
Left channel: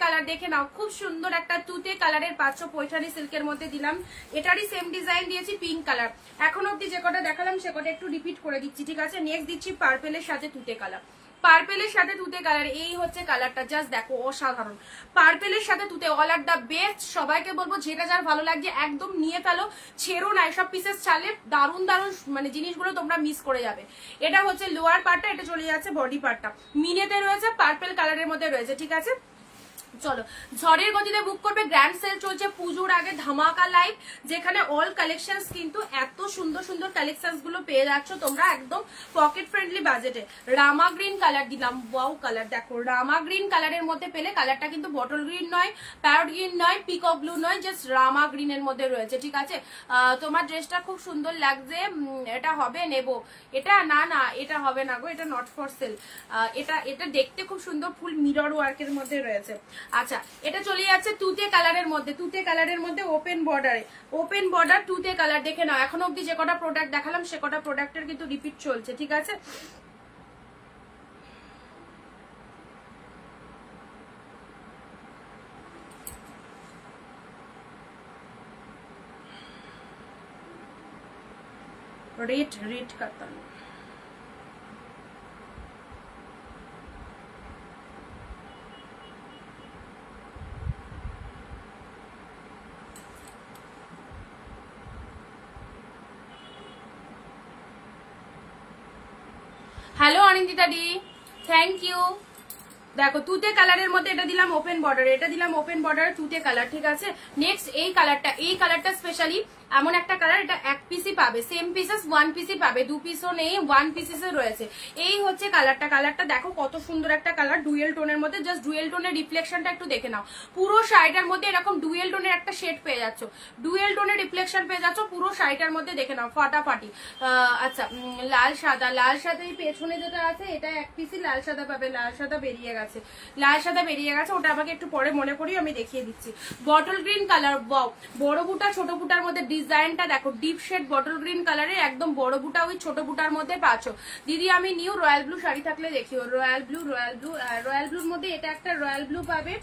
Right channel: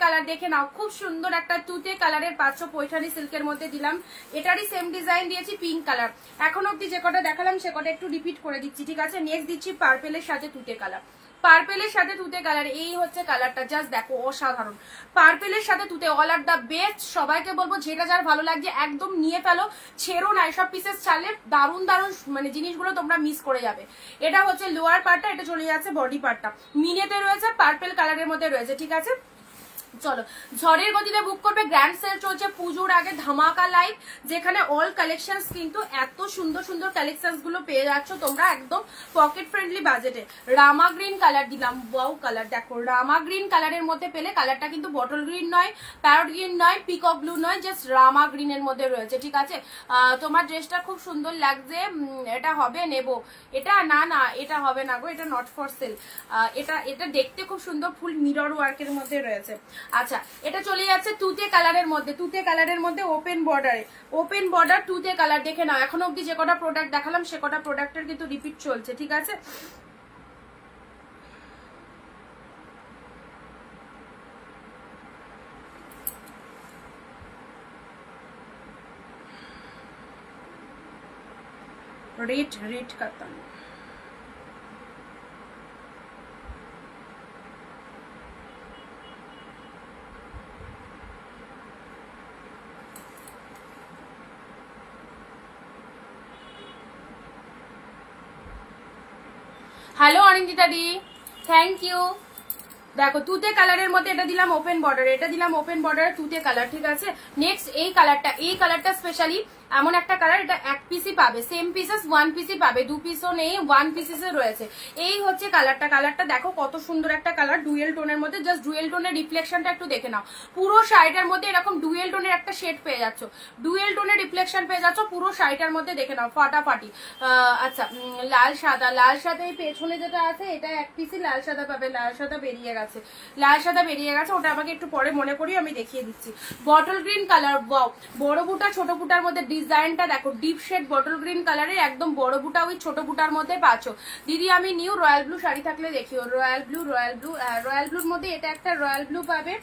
কালার দেখে নাও, খুব সুন্দর একটা তুতে কালারের পাচ্ছ, পৈঠানি সিল্কের মধ্যে দিলাম, এটারই সেম ডিজাইন দিয়েছি পিঙ্ক কালার। এখন অব্দি যে কটা দেখালাম সে কটা একটু রিপিট করে দিচ্ছি, ঠিক আছে। নেক্সট দিচ্ছি পার্পেলের সাথে তুতে কালার। পার্পেলের সাথে তুতে কালার, এই হচ্ছে কালারটা, জাস্ট দেখো অসাধারণ। পার্পেলের সাথে তুতে, অল আর দা বেস্ট। সবাইকে বলবো যেটা যার ভালো লাগছে একদম নিয়ে ফেলো, ছেড়ো না, এসব পিসেস চালে দারুণ দারুণ মানে জিনিসগুলো তোমরা মিস করে যাবে। এটা হচ্ছে লোয়ার পার্টটা, এটা চলে যাচ্ছে বডি পার্টটা, মিনেতে রয়েছে, পার্পেল কালারের মধ্যে রয়েছে, ঠিক আছে। চলো, ঝড়ের গতিতে বুক করবে, গ্র্যান্ড সেল চলছে পুজোর আগে, ধামাকা লাইভ, যেখানে অল কালেকশনস কিন্তু এত সুন্দর সুন্দর কালেকশনস গুলো পেয়ে যাচ্ছ তোমরা একদম পকেট ফ্রেন্ডলি বাজেটে। রামা গ্রিন কালার দিলাম, ওয়াও কালার, দেখো রামা গ্রিন কালারের মধ্যে পেলে, কালারটা কিন্তু বটল গ্রিন নয়, প্যারট গ্রিন নয়, পিকক ব্লু নয়, জাস্ট রামা গ্রিনের মধ্যে রয়েছে, ঠিক আছে। তোমার ড্রেসটা খুব সুন্দর লাগছে, এটা হবে নেব, এটা না এটা হবে না গো, এটা নট ফর সেল। এটা দেখতে খুব সুন্দর, ফুল মিরর ওয়ার্কের মধ্যে রয়েছে। আচ্ছা, এটা চলে যাচ্ছে তুতে কালারের মধ্যে, ওপেন বর্ডার তুতে কালার, দেখে নাও। এখন অব্দি যে কটা প্রোডাক্ট দেখালাম সে কটা প্রোডাক্টের কিন্তু রিপিট চলছে, ঠিক আছে। রেড কাতান, হ্যালো অনিন্দিতা দি, থ্যাংক ইউ। দেখো, তুতে কালারের মধ্যে এটা দিলাম ওপেন বর্ডার, তুতে কালার, ঠিক আছে। নেক্সট এই কালারটা স্পেশালি এমন একটা কালার, এটা এক পিসই পাবে, সেম পিসেস ওয়ান পিসই পাবে, 2 পিসও নেই, 1 পিসেস রয়েছে। এই হচ্ছে কালারটা দেখো কত সুন্দর একটা কালার, ডুয়েল টোনের মধ্যে। জাস্ট ডুয়েল টোনের রিফ্লেকশনটা একটু দেখে নাও, পুরো শাড়িটার মধ্যে এরকম ডুয়েল টোনের একটা শেড পেয়ে যাচ্ছ, ডুয়েল টোনের রিফ্লেকশন পেয়ে যাচ্ছ পুরো শাড়িটার মধ্যে, দেখে নাও ফাটাফাটি। আচ্ছা, লাল সাদা, এই পেছনে যেটা আছে এটা এক পিসই লাল সাদা পাবে, লাল সাদা বেরিয়ে গেছে, ওটা আমাকে একটু পরে মনে করি আমি দেখিয়ে দিচ্ছি। বটল গ্রিন কালার, বড় বুটা ছোট বুটার মধ্যে ডিজাইনটা দেখো, ডিপ শেড বটল গ্রিন কালারের, একদম বড় বুটা ওই ছোট বুটার মধ্যে পাচ্ছ। দিদি আমি নিউ রয়্যাল ব্লু শাড়ি থাকলে দেখিও, রয়্যাল ব্লুর মধ্যে এটা একটা রয়্যাল ব্লু পাবে,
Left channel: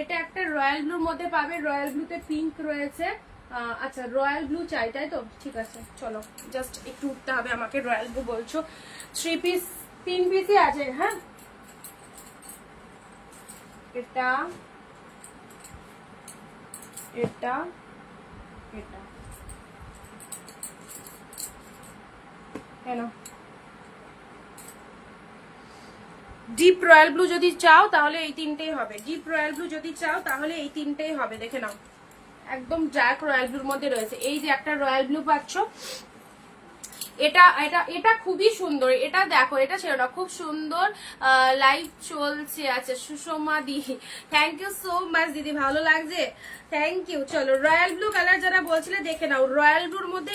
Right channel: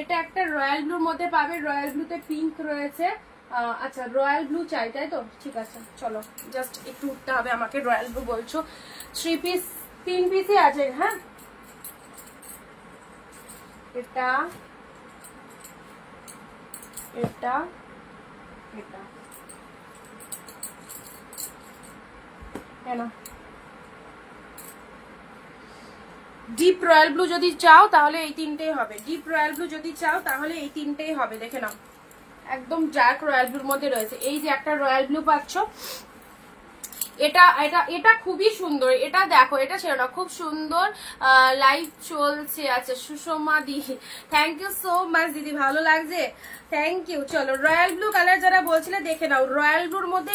এটা একটা রয়্যাল ব্লুর মধ্যে পাবে, রয়্যাল ব্লুতে পিঙ্ক রয়েছে। আচ্ছা, রয়্যাল ব্লু চাই তাই তো, ঠিক আছে। চলো, জাস্ট একটু উঠতে হবে আমাকে, রয়্যাল ব্লু বলছো, 3 পিস 3 পিসই আছে, হ্যাঁ। এটা কেন ডিপ রয়্যাল ব্লু যদি চাও তাহলে এই তিনটেই হবে, দেখে নাও একদম ডার্ক রয়্যাল ব্লুর মধ্যে রয়েছে। এই যে একটা রয়্যাল ব্লু পাচ্ছ, এটা খুবই সুন্দর, এটা দেখো, এটা ছিল না, খুব সুন্দর লাইভ চলছে। আচ্ছা, সুষমা দি, থ্যাংক ইউ সো মাচ দিদি, ভালো লাগছে, থ্যাংক ইউ। চলো, রয়্যাল ব্লু কালার যারা বলছিলে দেখে নাও, রয়্যাল ব্লুর মধ্যে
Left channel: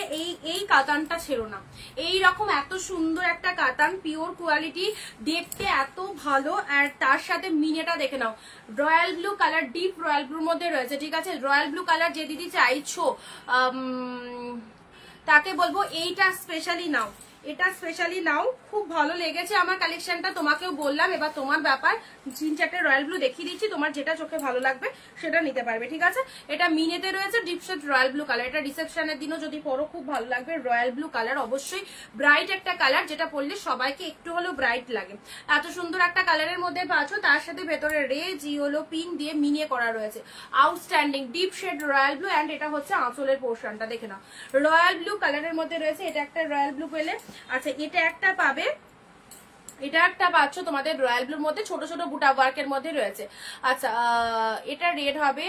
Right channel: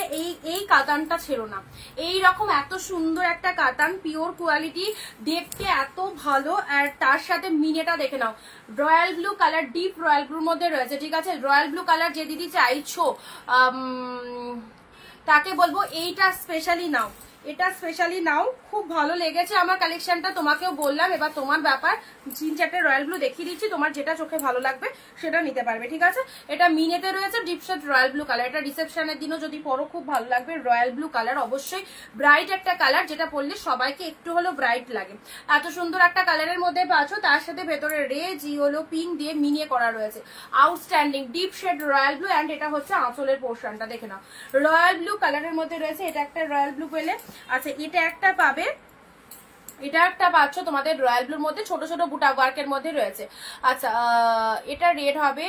এই কাতানটা ছিল না, এই রকম এত সুন্দর একটা কাতান, পিওর কোয়ালিটি, দেখতে এত ভালো, আর তার সাথে মিনেটা দেখে নাও, royal blue colour, deep royal ব্লুর মধ্যে রয়েছে, ঠিক আছে। রয়্যাল ব্লু কালার যে দিদি চাইছো তাকে বলবো এইটা স্পেশালি নাও, খুব ভালো লেগেছে আমার কালেকশনটা, তোমাকেও বললাম, এবার তোমার ব্যাপার, 3-4টে রয়্যাল ব্লু দেখিয়ে দিচ্ছি, তোমার যেটা চোখে ভালো লাগবে সেটা নিতে পারবে, ঠিক আছে। এটা মিনেতে রয়েছে, deep shade royal blue colour, এটা রিসেপশনের দিনও যদি পরো খুব ভালো লাগবে। রয়্যাল ব্লু কালার অবশ্যই ব্রাইট একটা কালার, যেটা পরলে সবাইকে একটু হলেও ব্রাইট লাগে, এত সুন্দর একটা কালারের মধ্যে পাচ্ছ, তার সাথে ভেতরে রেড ইয়েলো পিন দিয়ে মিনে করা রয়েছে, outstanding deep shade royal blue. And এটা হচ্ছে আঁচলের পোর্শনটা, দেখে নাও, রয়্যাল ব্লু কালারের মধ্যে রয়েছে, এটা একটা রয়্যাল ব্লু পেলে। আচ্ছা, এটা একটা পাবে, এটা একটা পাচ্ছ তোমাদের রয়্যাল ব্লুর মধ্যে, ছোট ছোট বুটা ওয়ার্কের মধ্যে রয়েছে। আচ্ছা এটা রেড হবে,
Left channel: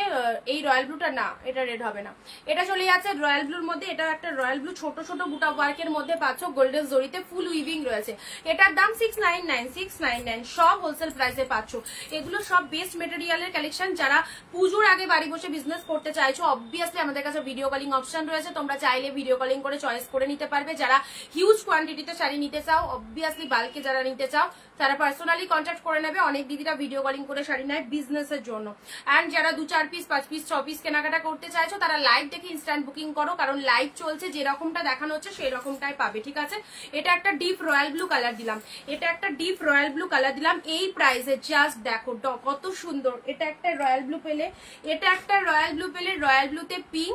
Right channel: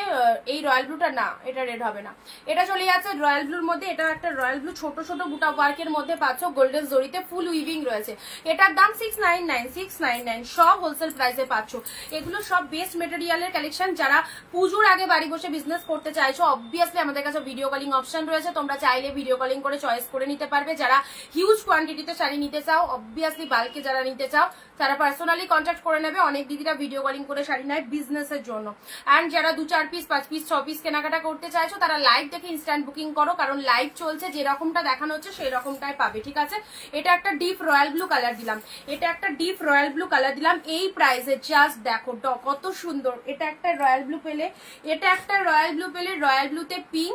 এই রয়্যাল ব্লুটা না, এটা রেড হবে না। এটা চলে যাচ্ছে রয়্যাল ব্লুর মধ্যে, এটা একটা রয়্যাল ব্লু ছোট ছোট বুটা ওয়ার্কের মধ্যে পাচ্ছ, গোল্ডেন জরিতে ফুল উইভিং রয়েছে। এটার দাম 699 সব হোলসেল প্রাইসে পাচ্ছ। এগুলো সব বেস্ট মেটেরিয়ালের কালেকশন। যারা পুজোর আগে বাড়ি বসে বিজনেস করতে চাইছো, অবভিয়াসলি আমাদের কাছে ভিডিও কলিং অপশন রয়েছে, তোমরা চাইলে ভিডিও কলিং করে চয়েস করে নিতে পারবে। যারা হিউজ কোয়ান্টিটিতে শাড়ি নিতে চাও, অবভিয়াসলি বাল্কে যারা নিতে চাও তারা পার্সোনালি কন্ট্যাক্ট করে নেবে। অনেক দিদিরা ভিডিও কলিং করে শাড়ি নেয় বিজনেসের জন্য। অ্যান্ড যারা 2-4 পিস 5 পিস 6 পিস কেনাকাটা করতে চাইছো তারা লাইভ দেখে ইনস্ট্যান্ট বুকিং করো, কারণ লাইভ চলছে, যেরকমটা দেখানো হচ্ছে সেই রকমটাই পাবে, ঠিক আছে। এটা একটা ডিপ রয়্যাল ব্লু কালার দিলাম, এটা একটা ডিপ রয়্যাল ব্লু কালার দিলাম এই প্রাইসে। জাস্ট দেখো কত সুন্দর। এটা একটা রয়্যাল ব্লু পেলে, এটা একটা রয়্যাল ব্লু পেলে, রয়্যাল ব্লুতে পিঙ্ক,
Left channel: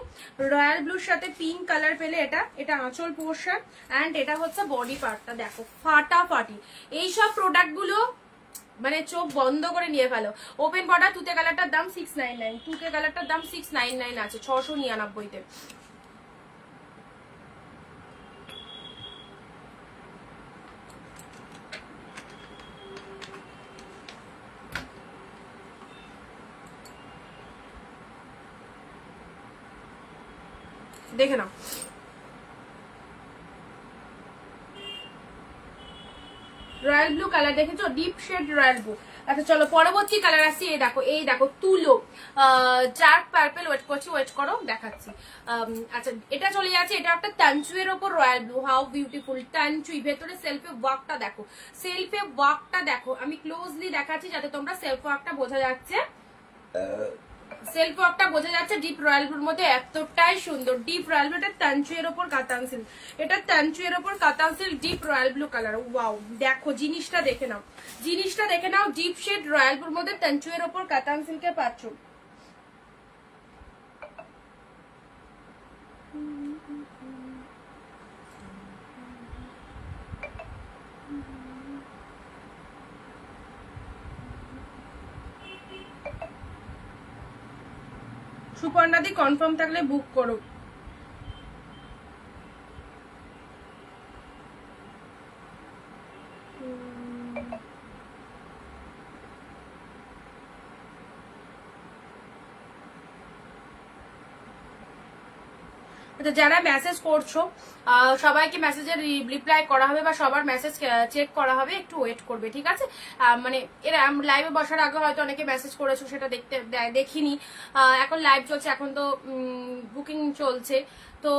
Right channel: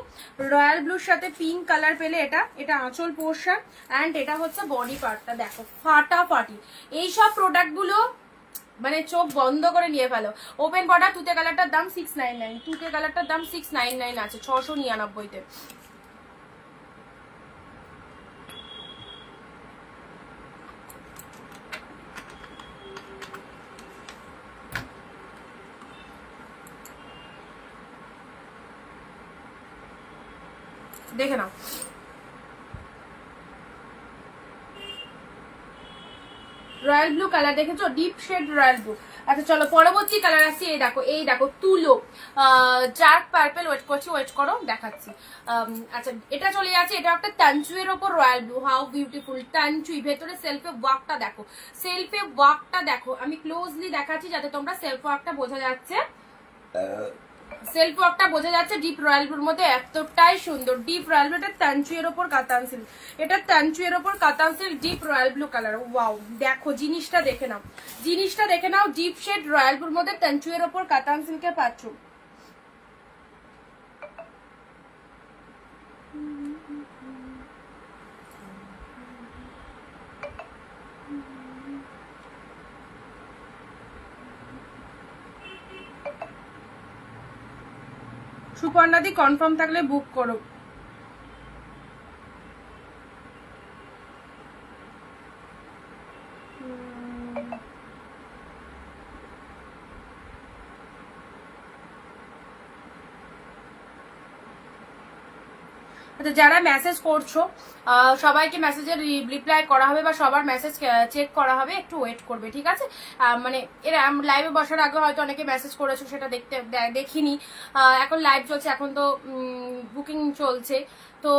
রয়্যাল ব্লুর সাথে পিঙ্ক কালার পেলে, এটা আঁচল পোর্শন অ্যান্ড এটা হচ্ছে বডি পার্টটা। দেখো ফাটাফাটি। এইসব প্রোডাক্ট গুলো মানে চোখ বন্ধ করে নিয়ে ফেলো। ওপেন বর্ডার তুতে কালারটার দাম 699, তুতে কালারটার দাম 699 আছে 699-তে। দেখে নাও রয়্যাল ব্লু কালার, দেখেছো ডিপ শেড রয়্যাল ব্লু। আচ্ছা চলো পরবর্তী কালার আসছি। এই দেখো তুলো ডার্ক পার্পল। ওয়েট করো দেখাচ্ছি। আচ্ছা এটা চলে যাচ্ছে, এটা একটা তানচুয়ের ওপর রয়্যাল ব্লু। হাউ বিউটিফুল তানচুই। ভেতরে সেলফে ওয়ার্কটা দেখো, সেলফে ওয়ার্কটা দেখো। আমি ক্লোজলি দেখাচ্ছি যাতে তোমরা সেলফ ওয়ার্কটা বোঝা যাচ্ছে, সেলফ ওয়ার্কটা বোঝা যাচ্ছে। ডিপ রয়্যাল ব্লুর মধ্যে এতটাই সুন্দর। ডিপ রয়্যাল ব্লু, এটা তানচুয়ের ওপর কাতান সিল্ক, এটা তানচুয়ের ওপর কাতান silk deep royal blue colour. Wow দেখো জিনিসটা দেখে নাও, জিনিসটা দেখে নাও। ডিপ শেড রয়্যাল ব্লুর মধ্যে তানচুয়ের ওপর কাতান সিল্কে পাচ্ছ। সুপর্ণাদি কনফার্ম থাকলে বুক করো। আচ্ছা যারা মেসেজ করছো সবাইকে মেসেজের রিপ্লাই করা হবে বা সবার মেসেজ চেক করা হবে, একটু ওয়েট করবে, ঠিক আছে। মানে এরা লাইভে বসার আগে হয়তো অনেকে মেসেজ করেছো, সেটা দেখিনি। এখন লাইভ চলছে, এখন তো বুকিং চলছে, তো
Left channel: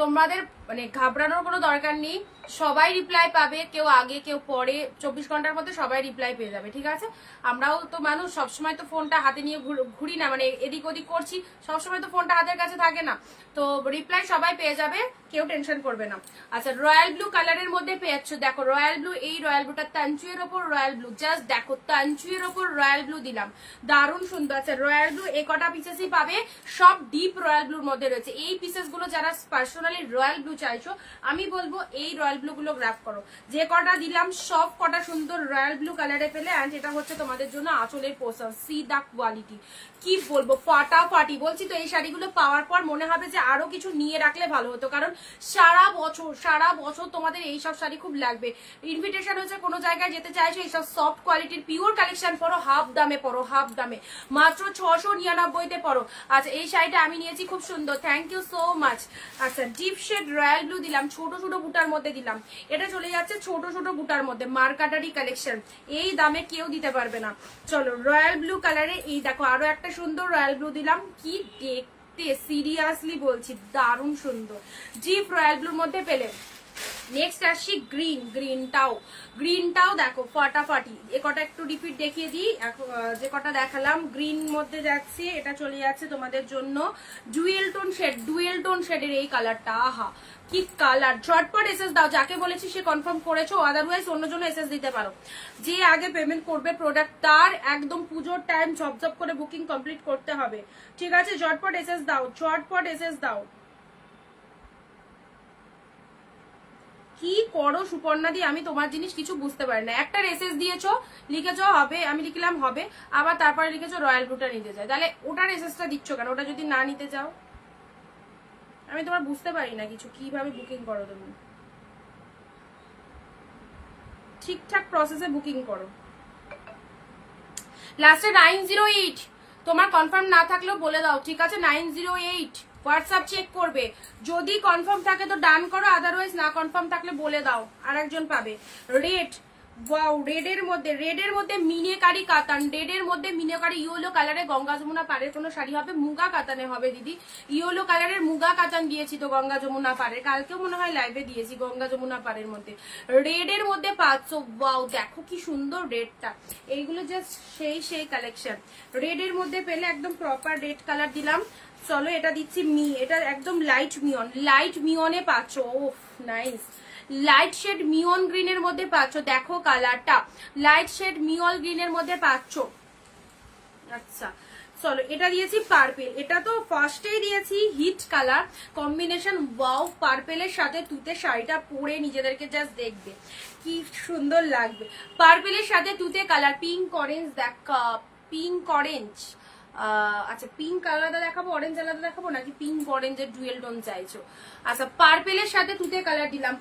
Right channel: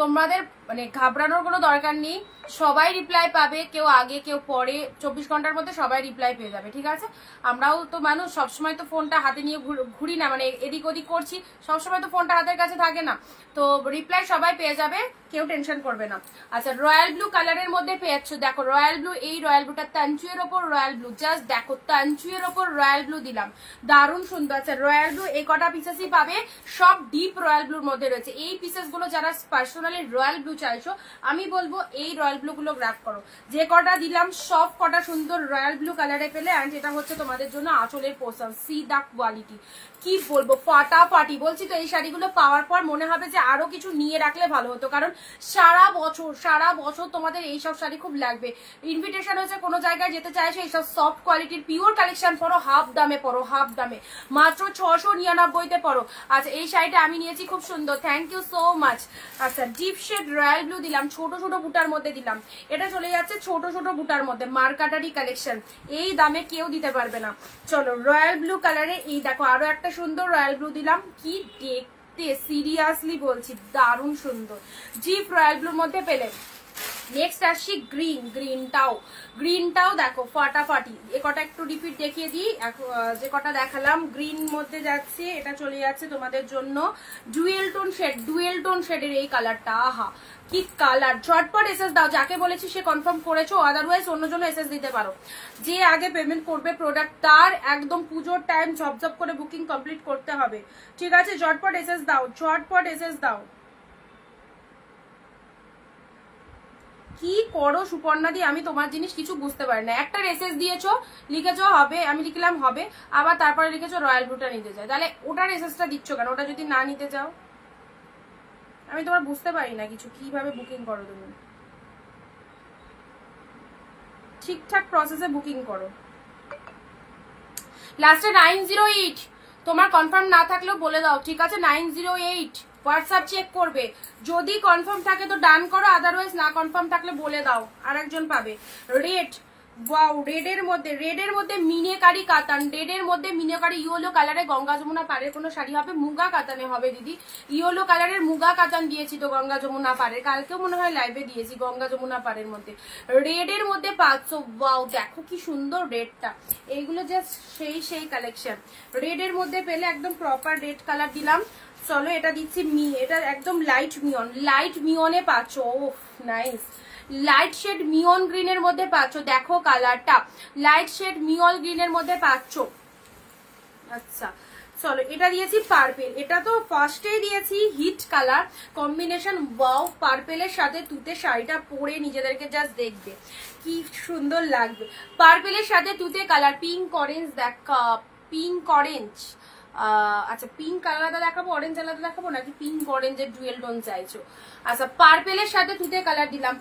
তোমাদের মানে ঘাবড়ানোর কোনো দরকার নেই। সবাই রিপ্লাই পাবে, কেউ আগে কেউ পরে, 24 ঘন্টার মধ্যে সবাই রিপ্লাই পেয়ে যাবে, ঠিক আছে। আমরাও তো মানুষ, সবসময় তো ফোনটা হাতে নিয়ে ঘুরি না, মানে এদিক ওদিক করছি, সবসময় তো ফোনটা হাতের কাছে থাকে না। তো রিপ্লাই সবাই পেয়ে যাবে, কেউ টেনশন করবে না। আচ্ছা রয়্যাল ব্লু কালারের মধ্যে পেয়েছো, দেখো রয়্যাল ব্লু, এই রয়্যাল ব্লুটা তানচুয়ের ওপর রয়্যাল ব্লু। জাস্ট দেখো তানচুয়ের ওপর রয়্যাল ব্লু দিলাম, দারুণ সুন্দর। আচ্ছা রয়্যাল ব্লু এই কটা পিসেসই পাবে, সব ডিপ রয়্যাল ব্লুর মধ্যে রয়েছে। এই পিসেস গুলো যারা পার্সোনালি রয়্যাল ব্লু চাইছো, আমি বলবো এই রয়্যাল ব্লু গুলো গ্র্যাব করো। যে কটা দিলাম সব কটা সুন্দর রয়্যাল ব্লু কালারে পেলে। অ্যান্ড এটা হচ্ছে তোমাদের জন্য আঁচলের পোশাক, সি দা কোয়ালিটি, কি বলবো ফাটাফাটি। বলছি তো এই শাড়িগুলো পাওয়ার পর মনে হবে যে আরো কিছু নিয়ে রাখলে ভালো হতো, কারণ সারা বছর তোমাদের এইসব শাড়ি খুব লাগবে। ইনভিটেশন হচ্ছে কোনো জায়গায় যেতে চাইছো, এইসব সফট কোয়ালিটির পিওর কালেকশন পরো, হাফ দামে পরো, হাফ দামে মাত্র 699-তে পরো। আচ্ছা এই শাড়িটা আমি নিয়েছি, খুব সুন্দর, থ্যাংক ইউ সো মাচ। আচ্ছা ডিপ শেড রয়্যাল ব্লু দিলাম, ছোট ছোট বুটার মধ্যে দিলাম। এটা চলে যাচ্ছে ছোট ছোট বুটার মধ্যে, মার্কাটারি কালেকশন, এই দামে কেউ দিতে পারবে না। চলো রয়্যাল ব্লু কালারে এই দেখো আরো একটা সুন্দর রয়্যাল ব্লু দিলাম, কি দেখতে সিরিয়াসলি বলছি দারুণ সুন্দর। ডিপ রয়্যাল ব্লুর মধ্যে পেলে। নেক্সট আসছি গ্রিনটাও দেখো ফাটাফাটি। এ কটা একটু রিপিট দেখিয়ে দিই, যে কটা দেখালাম গ্রিন মধ্যে যাচ্ছে। এটা চলে যাচ্ছে তোমাদের জন্য ডুয়েল টোন শেডের এই কালারটা। আহা কি কালার। ঝটপট এসএস দাও, যাকে বলেছি সে কনফার্ম করেছো, আদারওয়াইজ অন্য জন্য এসএস দিতে পারো। যে আগে পেমেন্ট করবে প্রোডাক্ট তার একদম পুজোর টাইম ঝপঝপ করে বুকিং কমপ্লিট করতে হবে, ঠিক আছে। ঝটপট এসএস দাও। কি করো সুপর্ণা দি, আমি তোমার জিনিস কিছু বুঝতে পারি না। একটা এসএস দিয়েছো, লিখেছো হবে, আমি লিখলাম হবে, আবার তারপরে লিখেছো রয়্যাল ব্লুটা নিতে চাই, তাহলে ওটার এসএসটা দিচ্ছ কেন? ওটা যদি না নিতে চাও, আমি তোমার বুঝতে পারি না কিছু, কিভাবে বুকিং করো তুমি। ঠিকঠাক প্রসেসে বুকিং করো। লাস্টে 908 তোমার কনফার্ম না থাকলেও বলে দাও, ঠিক আছে? 908 হোয়াটসঅ্যাপ চেক করবে, যদি কনফার্ম থাকে তো ডান করো, আদারওয়াইজ না কনফার্ম থাকলে বলে দাও, আর একজন পাবে। রেড, ওয়াও, রেডের মধ্যে মিনেকারি কাতান, রেডের মধ্যে মিনেকারি ইয়েলো কালারে গঙ্গা যমুনা পাড়ের কোনো শাড়ি হবে, মুগা কাতানে হবে দিদি। ইয়েলো কালারের মুগা কাতান দিয়েছি তো গঙ্গা যমুনা পাড়ের, কালকেও মনে হয় লাইভে দিয়েছি গঙ্গা যমুনা পাড়ের মধ্যে। রেডের মধ্যে 500, ওয়াও দেখো কি সুন্দর রেডটা, এইগুলো জাস্ট সেই কালেকশন। রেডের মধ্যে পেলে একদম প্রপার রেড কালার দিলাম। চলো এটা দিচ্ছি এটা একদম লাইট মিয়নে পাচ্ছ। ও নাইস, লাইট শেড মিয়ন গ্রিনের মধ্যে পাচ্ছ, দেখো কালারটা লাইট শেড মিয়ন গ্রিনের মধ্যে পাচ্ছ। আচ্ছা চলো এটা দিয়েছি পার্পেল, এটা তো ফার্স্টেই দিয়েছি হিট কালার কম্বিনেশন। ওয়াও, পার্পেলের সাথে তুতে শাড়িটা পরে নিজেদেরকে জাস্ট দেখবে কি সুন্দর লাগবে। পার্পেলের সাথে তুতে কালার, পিঙ্ক অরেঞ্জ, দেখা পিঙ্ক অরেঞ্জ। আচ্ছা পিঙ্ক আলাদা দেখাবো, অরেঞ্জ আলাদা দেখাবো, নাকি পিঙ্ক অরেঞ্জের ডুয়েল টোন চাইছো? আচ্ছা পার্পেলের সাথে তুতে কালার দিলাম,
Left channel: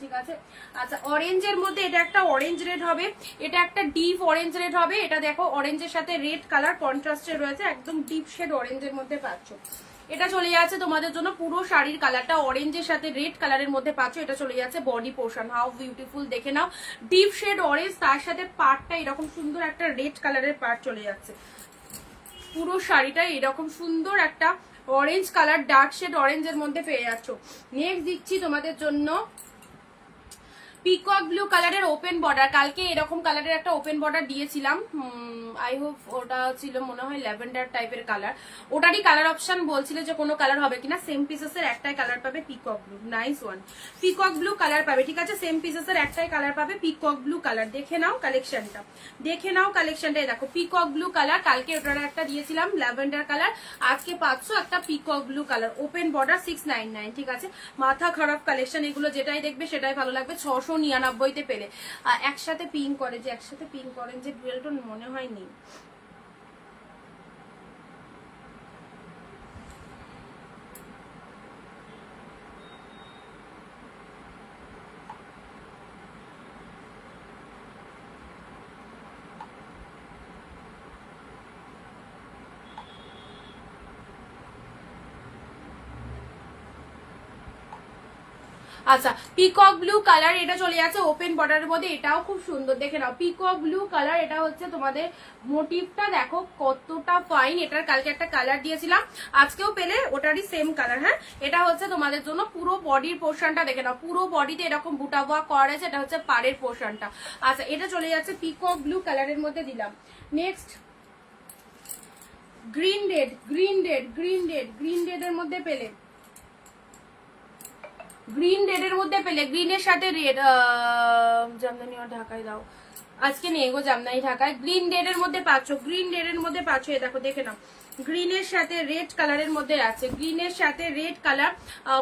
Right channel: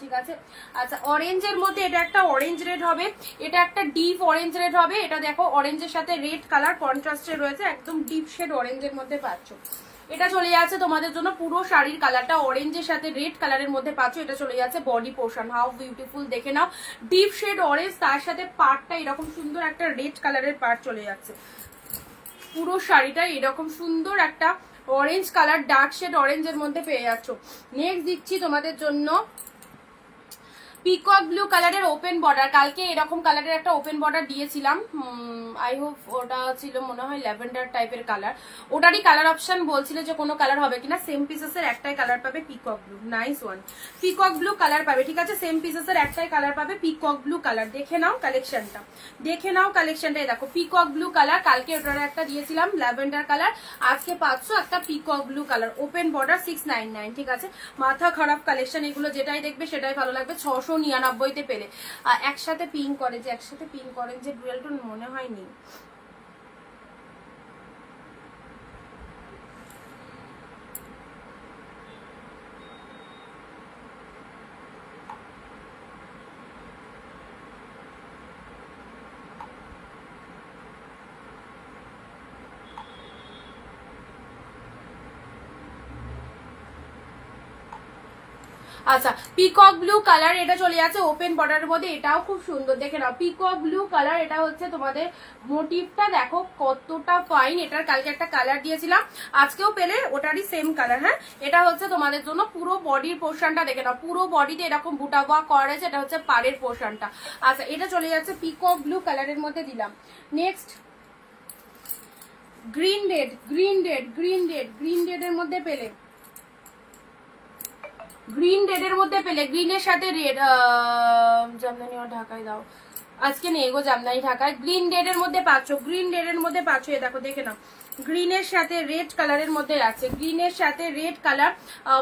ঠিক আছে। আচ্ছা অরেঞ্জের মধ্যে এটা একটা অরেঞ্জ রেড হবে, এটা একটা ডিপ অরেঞ্জ রেড হবে। এটা দেখো অরেঞ্জের সাথে রেড কালার কন্ট্রাস্টে রয়েছে, একদম ডিপ শেড অরেঞ্জের মধ্যে পাচ্ছ। এটা চলে যাচ্ছে তোমাদের জন্য পুরো শাড়ির কালারটা অরেঞ্জের সাথে রেড কালারের মধ্যে পাচ্ছ। এটা চলে যাচ্ছে বডি পোর্শন, হাউ বিউটিফুল দেখে নাও, ডিপ শেড অরেঞ্জ, তার সাথে পার্টটা এরকম সুন্দর একটা রেড কালারের পার্ট চলে যাচ্ছে। পুরো শাড়িটা এরকম সুন্দর একটা অরেঞ্জ কালার, ডার্ক শেড অরেঞ্জের মধ্যে পেয়ে যাচ্ছ। নেক্সট দিচ্ছি তোমাদের জন্য পিকক ব্লু কালারের ওপেন বর্ডার, কালকে এরকম কালারের একটা ওপেন বর্ডার দিয়েছিলাম, আই হোপ ওটা ছিল মনে হয় ল্যাভেন্ডার টাইপের কালার, ওটারই কালার অপশন বলছিল যে কোনো কালার হবে কিনা। সেম পিসেসের একটাই কালার পাবে peacock blue, nice one, peacock blue colour পাবে, ঠিক আছে? সেম পিসেসের একটাই কালার পাবে পিকক ব্লু কালার। দেখে নাও কালেকশনটা, দেখো পিকক ব্লু কালার, কালকে ওটার একটা দিয়েছিলাম ল্যাভেন্ডার কালার, আজকে পাচ্ছ একটা peacock blue colour open border 699, ঠিক আছে? মাথা খারাপ কালেকশন এগুলো, যেটাই দেখবে সেটাই ভালো লাগবে। 699 পেলে। একসাথে পিঙ্ক অরেঞ্জের ডুয়েল টোন মনে হয় নেই। আচ্ছা পিকক ব্লু কালার, এটা চলে যাচ্ছে ওপেন বর্ডারের মধ্যে, এটাও খুব সুন্দর দেখে নাও। পিকক ব্লু কালার, এটা হচ্ছে তোমাদের মোটিভটা দেখো কতটা ফাইন। এটার কালকে একটা কালার দিয়েছিলাম, আজকেও পেলে ওটারই সেম কালার। হ্যাঁ এটা হচ্ছে তোমাদের জন্য পুরো বডির পোর্শনটা দেখে নাও, পুরো বডিতে এরকম বুটা ওয়ার্ক করা রয়েছে, এটা হচ্ছে পাড়ের পোর্শনটা। আচ্ছা এটা চলে যাচ্ছে পিকক ব্লু কালারের মধ্যে দিলাম। নেক্সট গ্রিন রেডের মধ্যে পেলে, গ্রিনের সাথে রেড, জামদানি আর ঢাকায় দাও, আজকে নেই গো জামদানি ঢাকায়। গ্রিন রেডের মধ্যে পাচ্ছ, এ দেখো দেখে নাও, গ্রিনের সাথে রেড কালারের মধ্যে আছে, গ্রিনের সাথে রেড কালার,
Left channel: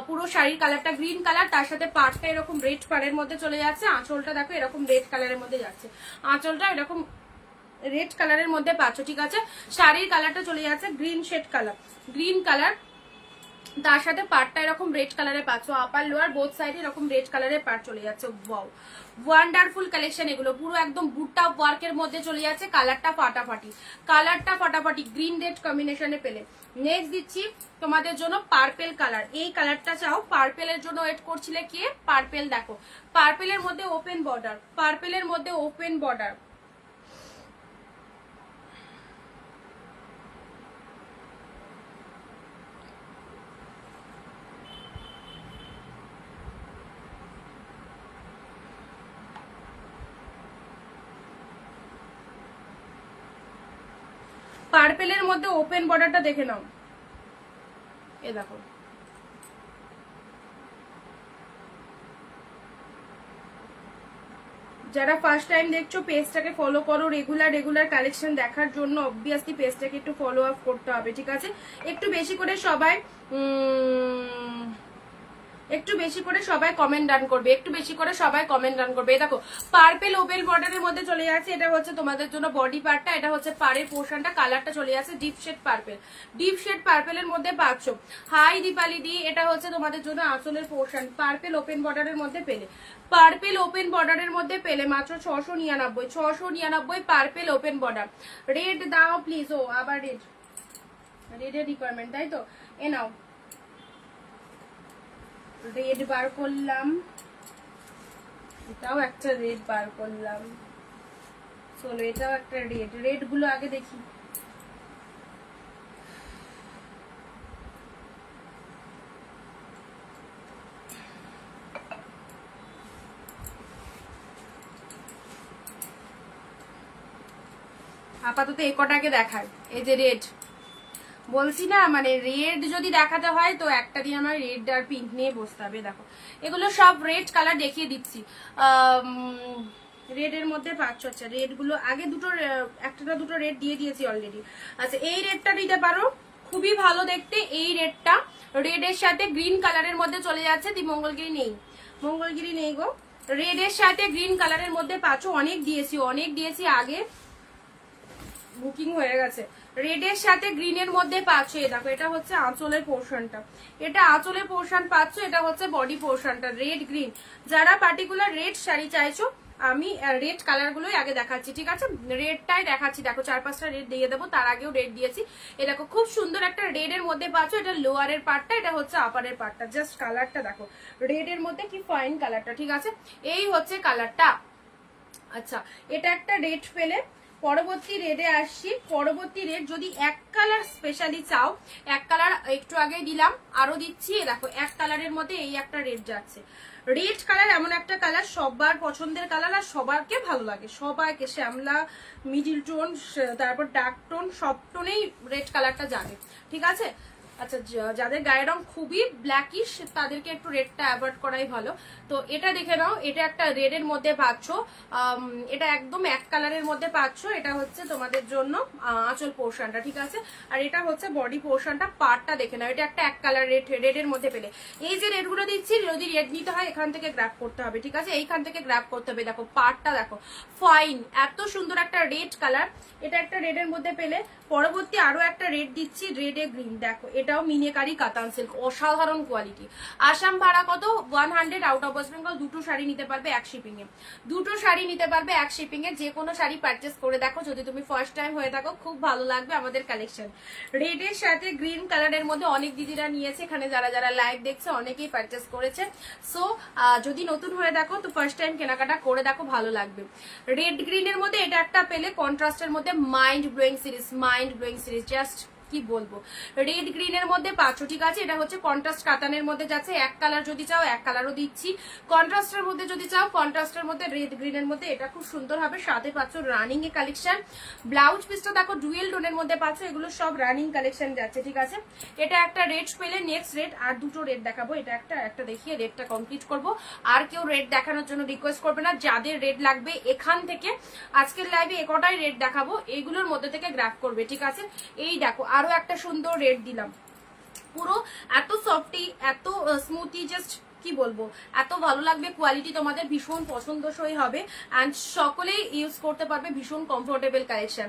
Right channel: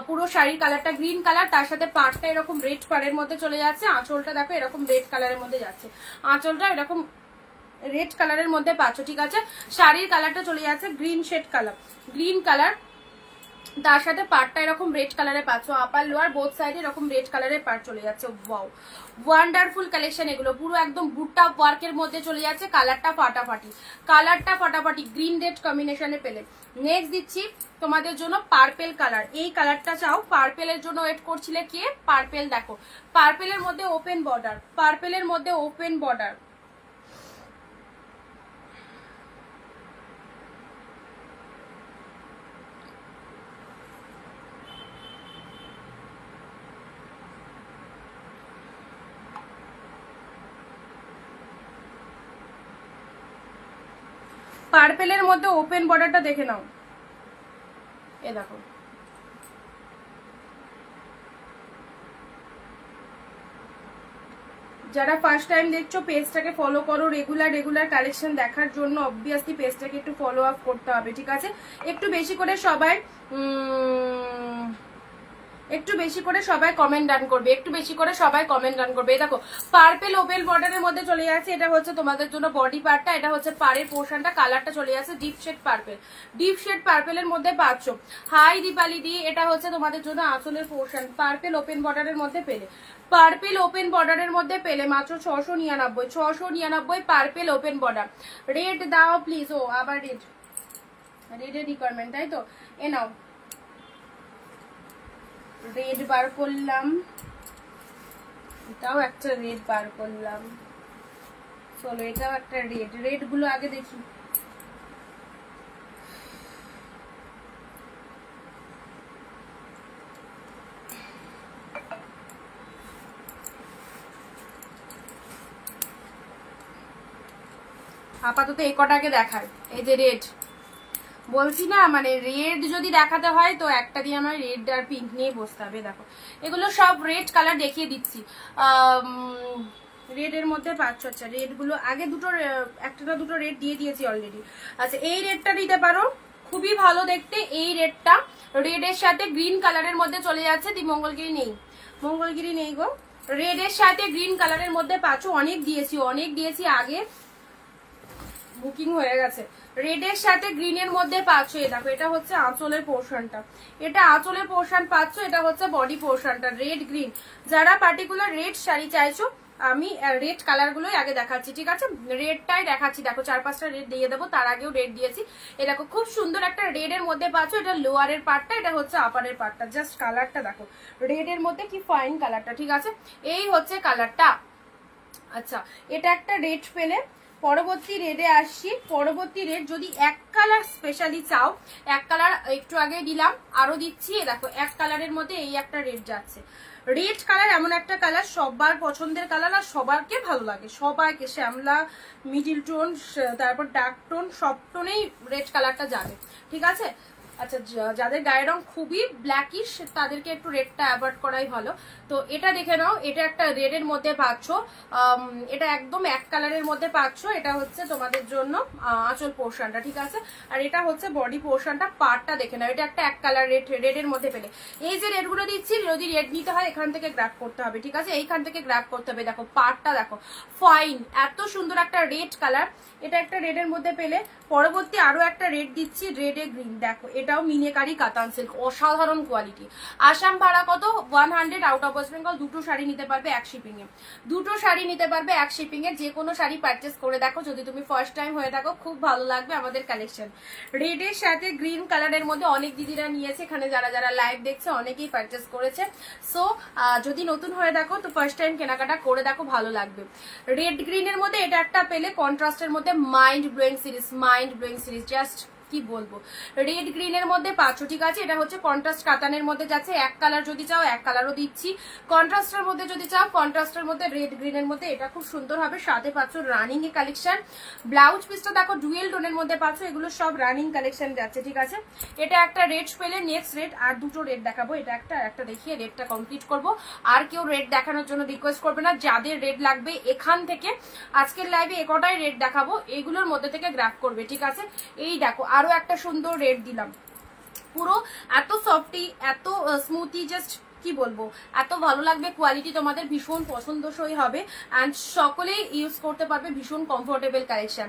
পুরো শাড়ির কালারটা গ্রিন কালার, তার সাথে পাড়টা এরকম রেড পাড়ের মধ্যে চলে যাচ্ছে। আঁচলটা দেখো এরকম রেড কালারের মধ্যে যাচ্ছে, আঁচলটা এরকম রেড কালারের মধ্যে পাচ্ছ, ঠিক আছে? শাড়ির কালারটা চলে যাচ্ছে গ্রিন কালার, তার সাথে পার্টটা এরকম রেড কালারে পাচ্ছ, আপার লোয়ার বোথ সাইডে এরকম রেড কালারের পার্ট চলে যাচ্ছে। ওয়াও ওয়ান্ডারফুল কালেকশন এগুলো, পুরো একদম বুটটা ওয়ার্কের মধ্যে চলে যাচ্ছে। কালারটা ফাটাফাটি গ্রিন রেড কম্বিনেশনে পেলে। নেক্সট দিচ্ছি তোমাদের জন্য পার্পেল কালার, এই কালারটা চাও, পার্পেলের জন্য ওয়েট করছিলে কে? পার্পেল দেখো, পার্পেলের মধ্যে ওপেন বর্ডার, পার্পেলের মধ্যে ওপেন বর্ডারটা দেখে নাও, এ দেখো। যারা ফার্স্ট টাইম দেখছো পেজটাকে ফলো করো, রেগুলার কালেকশন দেখার জন্য অবভিয়াসলি পেজটাকে একটু ফলো আপ করতে হবে, ঠিক আছে? একটু বেশি করে সবাই কমেন্ট ডান করবে, দেখো পার্পেল ওপেন বর্ডারের মধ্যে চলে যাচ্ছে। এটা হচ্ছে তোমাদের জন্য বডি পার্টটা, এটা হচ্ছে পাড়ের পোর্শনটা, কালারটা চলে যাচ্ছে ডিপ শেড পার্পেলের মধ্যে পাচ্ছ। হাই দীপালি দি, এটা হচ্ছে তোমাদের জন্য আঁচলের পোর্শন, পার্পেল ওপেন বর্ডারের মধ্যে পেলে। পার্পেল ওপেন বর্ডারের মধ্যে পেলে মাত্র 699 পার্পেল ওপেন বর্ডার। রেড দাও প্লিজ। ও আবার রেডের রিকোয়ারমেন্ট, তাই তো? এ নাও, রেড বার করলাম, এটাও একটা রেড বার করলাম। চলো এটাও একটা রেড গুলো আগে দেখি। আপাতত এই কটাকে দেখায়। এই যে রেড, বলছি না মানে রেড যদি দেখাতে হয় তো একটা দিন আমার রেড আর পিঙ্ক নিয়ে বসতে হবে। দেখো এগুলো সব রেড কালার দেখিয়ে দিচ্ছি। রেড এর মধ্যে পাচ্ছ। আচ্ছা রেড গুলো আগে দুটো, একটা না দুটো রেড দিয়ে দিয়েছি অলরেডি। আচ্ছা এই রেডটা দিতে পারো, খুবই ভালো দেখতে এই রেডটা। রেড এর সাথে গ্রিন কালারের মধ্যে চলে যাচ্ছে। দি মঙ্গলগিরি নেই গো। রেড এর সাথে গ্রিন কালারের মধ্যে পাচ্ছ। অনেক দিয়েছি আগে, বুকিং হয়ে গেছে। রেড এর সাথে গ্রিন এর মধ্যে পাচ্ছ। দেখো এটা হচ্ছে আঁচলের পোর্শনটা, এটা আঁচলের পোর্শন পাচ্ছ, এটা হচ্ছে বডি পোর্শনটা। রেড গ্রিন, যারা পার্টিকুলার রেড শাড়ি চাইছো আমি রেড কালার গুলোই আগে দেখাচ্ছি, ঠিক আছে? রেডটাই দেখাচ্ছি। দেখো 4-5টা রেড দিয়ে দেবো, তার আগেও রেড দিয়েছি। এই দেখো খুব সুন্দর একটা রেড এর মধ্যে পাচ্ছ। এটা লোয়ারের পার্টটা, এটা হচ্ছে আপারের পার্টটা। জাস্ট কালারটা দেখো, রেড এর মধ্যে কি ফাইন কালারটা, ঠিক আছে? এই হচ্ছে কালারটা। আচ্ছা এটা একটা রেড পেলে, পরবর্তী রেডে আসছি। পরবর্তী রেড যদি এক কালার স্পেশালি চাও, এক কালার একটু আগে দিলাম, আরো দিচ্ছি। দেখো এক কালারের মধ্যে এই একটা রেড যাচ্ছে। রেড কালার এমন একটা কালার সবার পছন্দের কালার, আর সবাইকে ভালো লাগে, সবাইকে। শ্যামলা, মিডিল টোন, তারপর ডার্ক টোন, সব টোনেই রেড কালারটা যাবে, ঠিক আছে? আচ্ছা যাদের গায়ের রং খুবই ব্ল্যাকিশ তাদেরকে একটু রেডটা অ্যাভয়েড করাই ভালো। তো এটা দেখে নাও, এটা একটা রেড এর মধ্যে পাচ্ছ। এটা একদম এক কালারের মধ্যে পাচ্ছ। এটা হচ্ছে তোমাদের জন্য আঁচল পোর্শনটা, ঠিক আছে? আর এটা হচ্ছে বডি পোর্শনটা। পার্টটা দেখে নাও, এটা একটা এক কালার রেড এর মধ্যে পেলে। এই যে রেড গুলো দিচ্ছি, যদি রেড নিতে হয় এখান থেকে গ্র্যাব করতে হবে, ঠিক আছে? এইখান থেকে গ্র্যাব করতে হবে। দেখো পার্টটা দেখো, ফাইন, এত সুন্দর একটা রেড কালার। এটা একটা রেড এর মধ্যে পেলে। পরবর্তী আরো একটা রেড দিচ্ছি, রেড এ গ্রিন। দেখো এটাও মিনেকারি কাতান সিল্ক, অসাধারণ কোয়ালিটি। আসাম ভাড়া কত? 100 আউট অফ ওয়েস্ট বেঙ্গল। দুটো শাড়ি নিতে পারবে এক শিপিং এ, দুটো শাড়ি নিতে পারবে এক শিপিং এ। যে কোনো শাড়ি পারচেস করে দেখো, যদি তুমি ফার্স্ট টাইম হয়ে থাকো, খুব ভালো লাগবে আমাদের কালেকশন। রেড এর সাথে গ্রিন কালারের মধ্যে অনেক দিদিরা নিয়েছে, এখানে যারা যারা লাইভ দেখছে অনেকেই পারচেস করেছে। সো যদি নতুন হয়ে দেখো তো ফার্স্ট টাইম কেনাকাটা করে দেখো, ভালো লাগবে। রেড গ্রিন এর মধ্যে এটা একটা পেলে, কন্ট্রাস্টের মধ্যে মাইন্ড ব্লোয়িং সিরিজ, জাস্ট কি বলবো। রেড গ্রিন এর মধ্যে পাচ্ছ, ঠিক আছে? এটা হচ্ছে কন্ট্রাস্ট কাতানের মধ্যে যাচ্ছে। এক কালার যদি চাও এক কালারও দিচ্ছি, কন্ট্রাস্টের মধ্যে যদি চাও কন্ট্রাস্টের মধ্যে রেড গ্রিন এর মধ্যে এটা খুব সুন্দর হবে। সাথে পাচ্ছ রানিং এ কালেকশন। ব্লাউজ পিসটা দেখো ডুয়েল টোনের মধ্যে পাচ্ছ। এগুলো সব রানিং কালেকশন যাচ্ছে, ঠিক আছে? এটা একটা রেড পেলে, নেক্সট রেড আর দুটো রেড দেখাবো। এটা একটা দেখিয়ে রেডটা কমপ্লিট করব। আর কেউ রেড দেখানোর জন্য রিকোয়েস্ট করবে না। যাদের রেড লাগবে এখান থেকে আজকের লাইভে একটাই রেড দেখাবো, এগুলোর মধ্যে থেকে গ্র্যাব করবে, ঠিক আছে? এই দেখো আরো একটা সুন্দর রেড দিলাম। পুরো এত সফটি, এত স্মুথি, জাস্ট কি বলবো, এত ভালো লাগবে। কোয়ালিটি তোমাদের ভীষণ পছন্দসই হবে, এন্ড সকলেই ইউজ করতে পারবে। ভীষণ কমফোর্টেবল কালেকশন,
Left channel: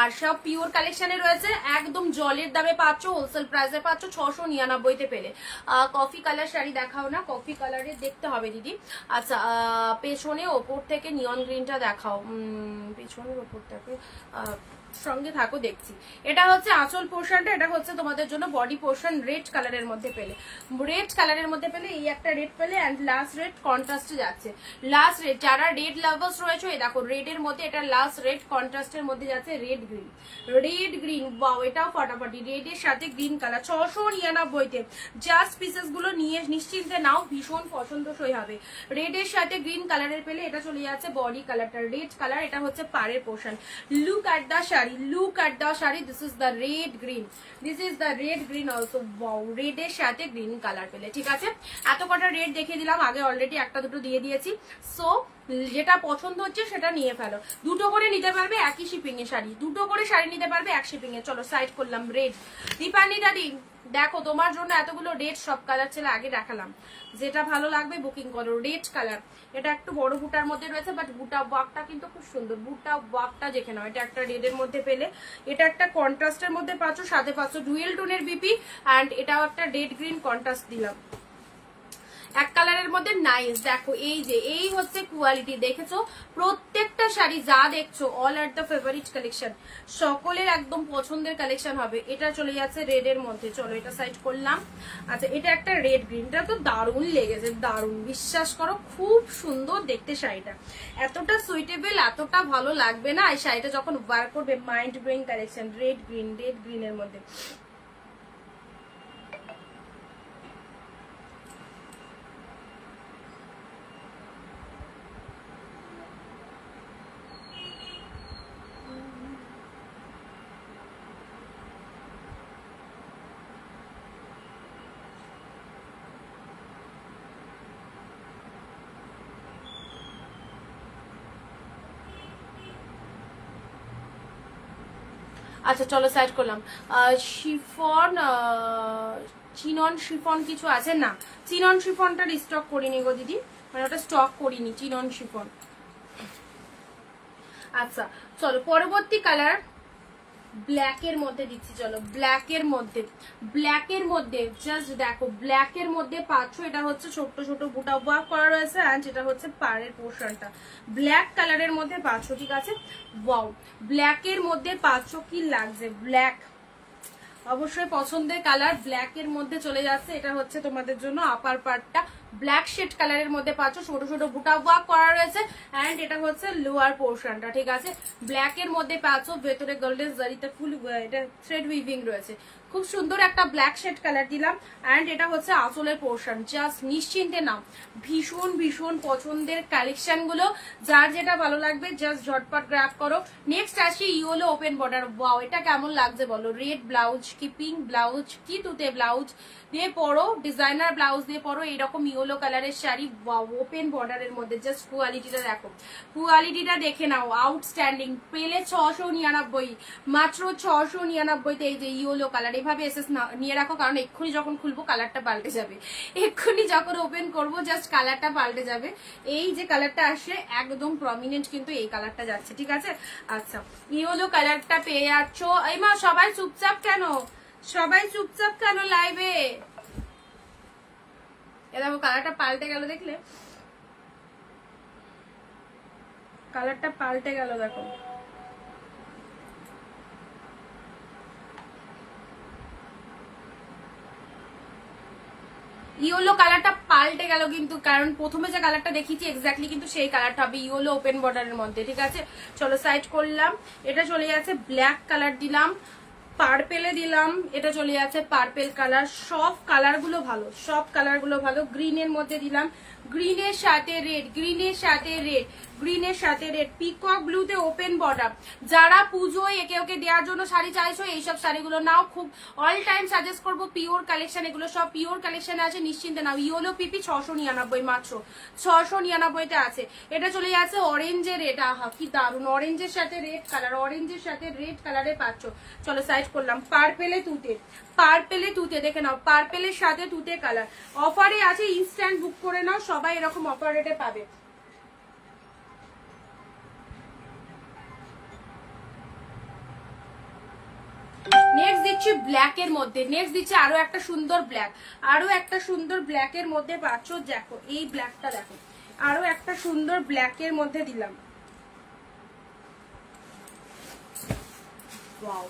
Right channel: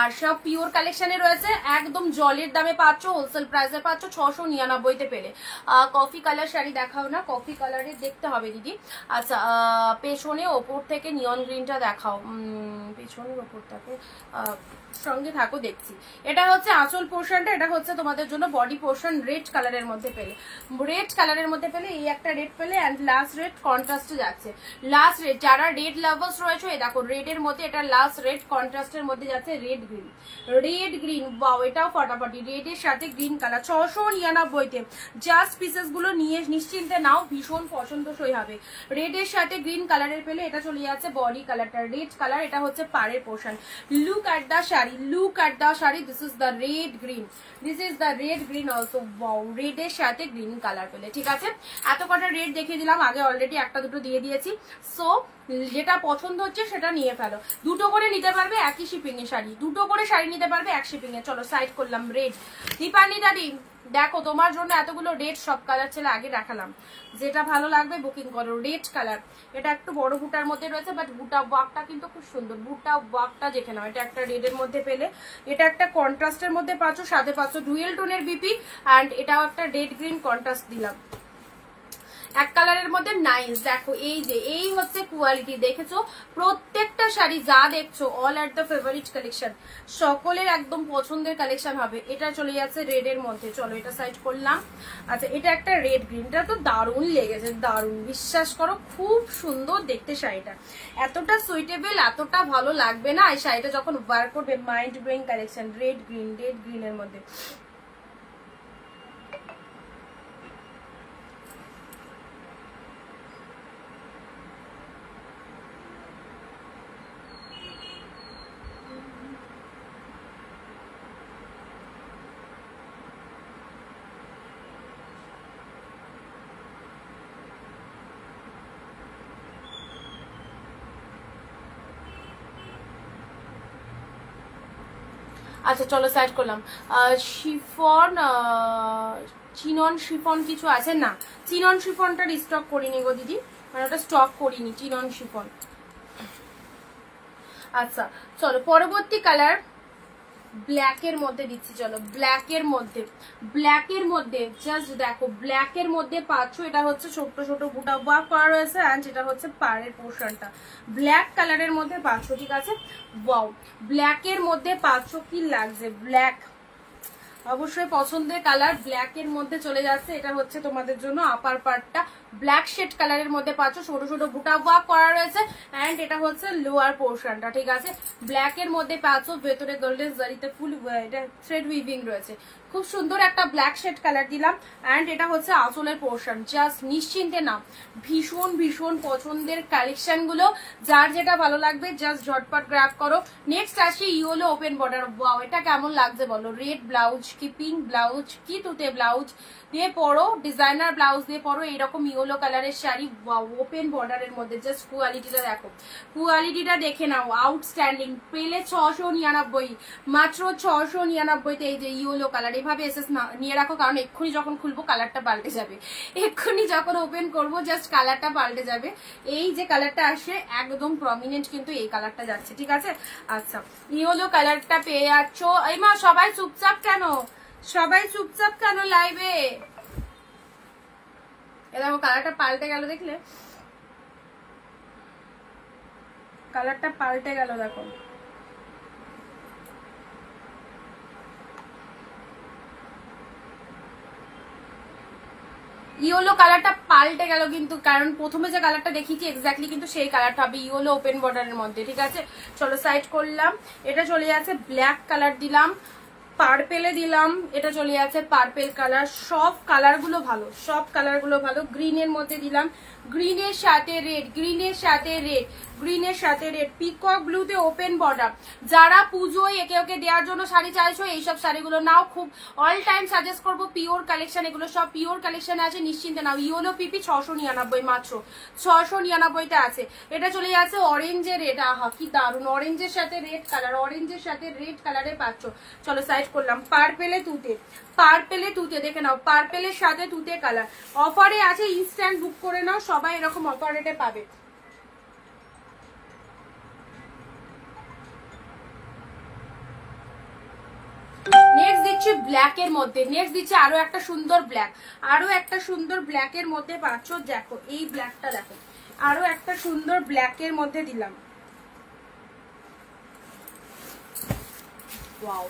আর সব পিওর কালেকশনে রয়েছে। একদম জলের দামে পাচ্ছ, হোলসেল প্রাইসে পাচ্ছ 699-তে পেলে। কফি কালার শাড়ি দেখাও না, কফি কালারে দেখতে হবে দিদি। আচ্ছা পেছনে ওপর থেকে নিয়ন গ্রিনটা দেখাও, পেছনের ওপরটাকে সঙ্গে থাকো, দেখছি। এটা হচ্ছে আঁচল পোর্শনটা, এটা হচ্ছে তোমাদের জন্য বডি পোর্শন। রেড কালারের মধ্যে পেলে, রেড কালারের মধ্যে পেলে এই একটা রেড পেলে, এন্ড লাস্ট রেড কন্ট্রাস্টে যাচ্ছে। লাস্ট রেড, যারা রেড লাভার্স রয়েছে, এই দেখো রেড এর মধ্যে এটা লাস্ট রেড কন্ট্রাস্টের মধ্যে যাচ্ছে। রেড গ্রিন, ওয়াও, এটাও ফাটাফাটি। রেড এর সাথে গ্রিন কালার, 699-তে। জাস্ট পিসেস গুলো নিয়ে নিশ্চিন্তে নাও, ভীষণ পছন্দসই হবে। রেড এর সাথে গ্রিন কালারের পেলে এটা চলে যাচ্ছে বডি কালারটা, রেড কালার। এটা হচ্ছে পাড়ের portion. Look at the sari, look at the sari. This is the red green, this is the red green also. Wow, red এর সাথে গ্রিন কালার পেলে, ঠিক আছে? এত কটা রেড দেখিয়ে দিলাম, আগে অলরেডি একটা দুটো দিয়ে দিয়েছি। সো যেটা পছন্দ হচ্ছে সেটা নিয়ে ফেলো। দুটো করে নিতে পারবে একই শিপিং এ শাড়ি, দুটো করে শাড়ি নিতে পারবে এক শিপিং এ। চলো সাইড করলাম রেড। দীপানি দাদি দেখো, তোমার জন্য এতগুলো রেড, সব কালার ছেলে আগে দেখালাম। যেটা ভালো লাগবে বুকিং করো। রেড কালার, এটা একটু বড় বুটার মধ্যে রয়েছে, বাট বুটা ওয়ার্কটা কিন্তু খুব সুন্দর। বুটা ওয়ার্কটা দেখে নাও। এটা একটা রেড এর মধ্যে পেলে, এটা একটা কন্ট্রাস্টের মধ্যে পাচ্ছ, সাথে পাচ্ছ ডুয়েল টোনের বিপি, এন্ড এটাও একটা রেড গ্রিন কন্ট্রাস্ট দিলাম। এক কালারের মধ্যে নাইস। দেখো এই যে এই হচ্ছে কোয়ালিটি, দেখেছো প্রত্যেকটা শাড়ি যা দেখছো all are the favourite collection, সকলের একদম পছন্দের কালেকশন হবে। এটা চলে যাচ্ছে রেড এর মধ্যে, চলো এটা সাইড করলাম। আচ্ছা এটা একটা রেড গ্রিন, এটা তো দারুণ লেগেছে, দারুণ, বিশ্বাস করো খুব সুন্দর দেখতে শাড়িটা, এতটা সুইটেবল, এতটা ভালো লাগবে না এই শাড়িটা যখন ওয়ার করবে। মাইন্ড ব্লোয়িং কালেকশন, রেড গ্রিনের মধ্যে। আচ্ছা চলো সাইড করলাম। শিফন, চিনন শিফন কিছু আছে না, চিনন শিফনটা স্টক করিনি গো দিদি, মানে ওটা স্টক করিনি চিনন শিফন। আচ্ছা চলো পরবর্তী কালার ব্ল্যাক এর মধ্যে দিচ্ছি, চলো ব্ল্যাক এর মধ্যে জাস্ট দেখো, ব্ল্যাক এর মধ্যে পাচ্ছ, এটা হচ্ছে ছোট ছোট বুটা ওয়ার্ক করা রয়েছে, এন্ড এটা হচ্ছে পাড়ের পোর্শনটা ব্ল্যাক কালারের মধ্যে পাচ্ছ, ঠিক আছে। ওয়াও, ব্ল্যাক এর মধ্যে পাচ্ছ, কি লাগছে, ব্ল্যাক অবশ্যই পছন্দের কালার, ব্ল্যাক এর মধ্যে চলে যাচ্ছে। এটা হচ্ছে তোমাদের জন্য আপার পার্টটা ব্ল্যাক শেড কালারের মধ্যে পাচ্ছ, ছোট ছোট বুটা ওয়ার্ক করা রয়েছে, এন্ড এটা হচ্ছে লোয়ার পোর্শনটা, ঠিক আছে। ব্ল্যাক এর মধ্যে পাচ্ছ, ভেতরে গোল্ডেন জারিতে ফুল এটা থ্রেড উইভিং রয়েছে, খুব সুন্দর একটা ব্ল্যাক শেড কালার দিলাম, এন্ড এটা হচ্ছে আঁচলের পোর্শন। জাস্ট নিশ্চিন্তে নাও, ভীষণ ভীষণ পছন্দের কালেকশন গুলো, যার যেটা ভালো লাগবে জাস্ট ঝটপট গ্র্যাব করো। নেক্সট আসি ইয়েলো ওপেন বর্ডার। ওয়াও, এটা কেমন লাগছে বলো, রেড ব্লাউজ কি পিঙ্ক ব্লাউজ কি তুতে ব্লাউজ দিয়ে পরো, ডিজাইনার ব্লাউজ দিয়ে পরো, এরকম ইয়েলো কালারের শাড়ি। ওয়াও, ওপেন বর্ডারের মধ্যে জাস্ট কোয়ালিটিটা দেখো, কোয়ালিটিটা দেখে নাও, আউটস্ট্যান্ডিং। পেলে 699, মাত্র 699তে এই যে ইয়েলো কালার, এভাবে এসেস নিয়ে রাখো, কারণ এক্ষুনি যখন খুলবো কালারটা পাল্টে যাবে, এক্ষুনি যখন ওপেন করবো জাস্ট কালারটা পাল্টে যাবে। এই যে কালারটা আসে একদম প্রমিনেন্ট, কিন্তু এই কালারটা যাচ্ছে, ঠিক আছে। আচ্ছা ইয়েলো কালারটা পেয়ে যাচ্ছ। এই মা সবাই চুপচাপ কেন, সবাই চুপচাপ কেন লাইভে? এ দেখো কালারটা পাল্টে গেল, দেখলে কালারটা পাল্টে গেল, দেখো ইয়েলো কালারটা পাল্টে গেল কিন্তু, কারণ প্রথমে যে কালারটা দেখিয়েছি এক্স্যাক্টলি কিন্তু সেই কালারটা হবে ইয়েলো ওপেন বর্ডারের মধ্যে, ঠিক আছে। চলো সাইড করলাম। এটা চলে যাচ্ছে ব্ল্যাক কালার দিলাম, পার্পেলে দিলাম, এটা চলে যাচ্ছে পার্পেল কালার। সব কালার গুলো ভালো, সব কালার গুলো ভালো। গ্রিনের মধ্যে দিলাম, গ্রিনের সাথে রেড, গ্রিনের সাথে রেড, গ্রিনের সাথে রেড, পিকক ব্লুতে ওপেন বর্ডার। যারা পুজোয় একে ওকে দেওয়ার জন্য শাড়ি চাইছো এইসব শাড়িগুলো নাও, খুব অল টাইম সাজেস্ট করবো পিওর কালেকশন, এগুলো সব পিওর কালেকশন আছে, নিশ্চিন্তে নাও। ইয়েলো পিপি 699, মাত্র 699তে আছে। এটা চলে যাচ্ছে অরেঞ্জে রেড, আহা কি দারুন, অরেঞ্জের সাথে রেড কালার, অরেঞ্জের সাথে রেড কালারে পাচ্ছ। চলো সাইড করলাম। পার্পেলে তুতে, পার্পেলে তুতে দেখে নাও, পার্পেলের সাথে তুতে কালার অফারে আছে, ইনস্ট্যান্ট বুক করে নাও, সবাই এরকম অফার রেটে পাবে। নেক্সট দিচ্ছি ব্ল্যাক এর মধ্যে, নেক্সট দিচ্ছি আরো একটা সুন্দর ব্ল্যাক, আরো একটা সুন্দর ব্ল্যাক এর মধ্যে পাচ্ছ। দেখো এই ব্ল্যাকটা দেখো, আরো একটা সুন্দর ব্ল্যাক এর মধ্যে দিলাম। ওয়াও,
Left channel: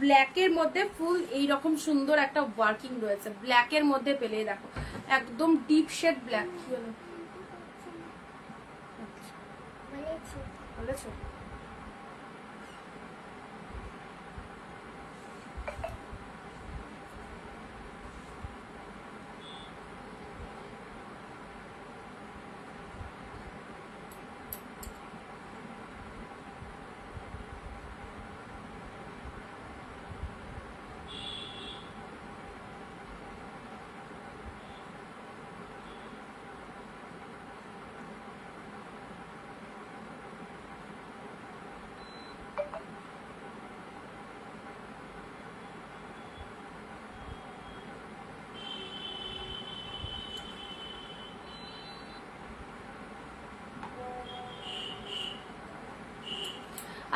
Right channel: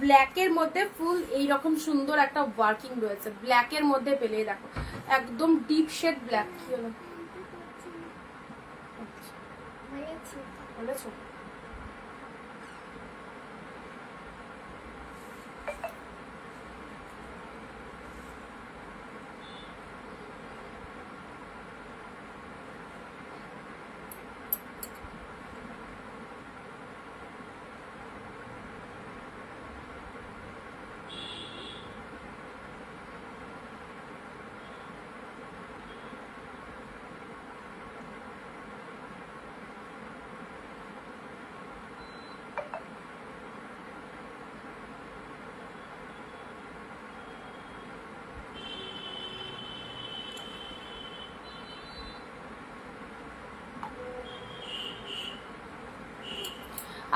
ব্ল্যাক এর মধ্যে ফুল এইরকম সুন্দর একটা ওয়ার্কিং রয়েছে, ব্ল্যাক এর মধ্যে পেলে দেখো একদম ডিপ শেড ব্ল্যাক। কি হলো বলেছো?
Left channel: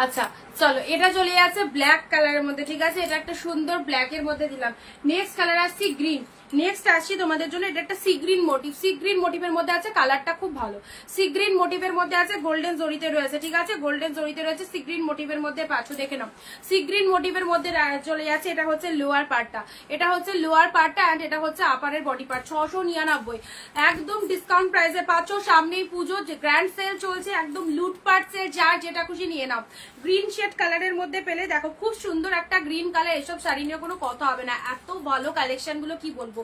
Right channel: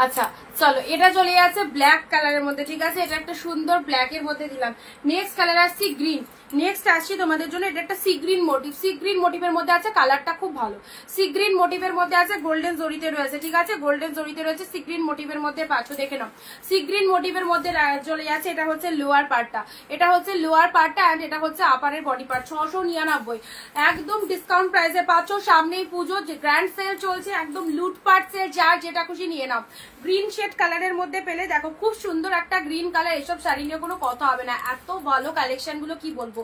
আচ্ছা চলো, এটা চলে যাচ্ছে ব্ল্যাক কালারের মধ্যে, ঠিক আছে। এটা একটা সুন্দর ব্ল্যাক এর মধ্যে দিলাম। নেক্সট কালার আসছি গ্রিন, নেক্সট আসছি তোমাদের জন্য, এটা একটা sea green motif, sea green মোটিভের মধ্যে আছে, কালারটা খুব ভালো। সি গ্রিন মোটিভের মধ্যে আছে, গোল্ডেন জরিতে রয়েছে, ঠিক আছে, গোল্ডেন জরিতে রয়েছে, সি গ্রিন মোটিভের মধ্যে পাচ্ছ, দেখে নাও। সি গ্রিন মোটিভের মধ্যে চলে যাচ্ছে, এটা হচ্ছে লোয়ার পার্টটা, এটা হচ্ছে লোয়ার পার্টটা এন্ড এটা হচ্ছে আপারের বডি পার্ট। 699 একদম ডিসকাউন্ট প্রাইসে পাচ্ছ। সামনেই পুজো, গ্র্যান্ড সেল চলছে, একদম লুটপাট সেল, যার যেটা খুশি নিয়ে নাও। গ্রিন শেড কালারের মধ্যে পেলে, দেখো খুব সুন্দর একটা গ্রিন কালার, এসব শাড়ি নিয়ে কোনো কথা হবে না, এত ভালো কালেকশন গুলো কি বলবো,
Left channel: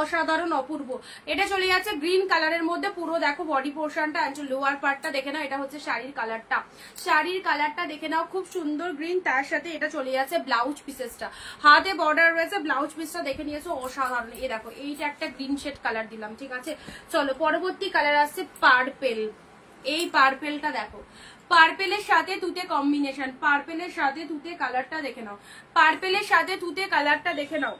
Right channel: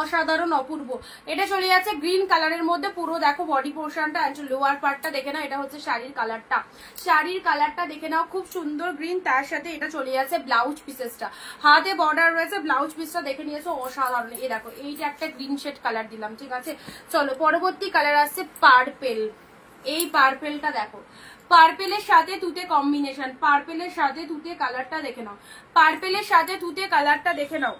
অসাধারণ অপূর্ব। এটা চলে যাচ্ছে গ্রিন কালারের মধ্যে, পুরো দেখো বডি পোর্শনটা, লোয়ার পার্টটা দেখে নাও, এটা হচ্ছে শাড়ির কালারটা, শাড়ির কালারটা দেখে নাও, খুব সুন্দর গ্রিন। তার সাথে এটা চলে যাচ্ছে ব্লাউজ পিসেসটা, হাতে বর্ডার রয়েছে, ব্লাউজ পিসটা দেখে নিয়েছো, অসাধারণ। এই দেখো এইটা একটা গ্রিন শেড কালার দিলাম, ঠিক আছে। চলো পরবর্তী কালার আসছে পার্পেল। এই পার্পেলটা দেখো, পার্পেলের সাথে তুতে কম্বিনেশন, পার্পেলের সাথে তুতে কালারটা দেখে নাও, পার্পেলের সাথে তুতে কালারটা দেখে নাও,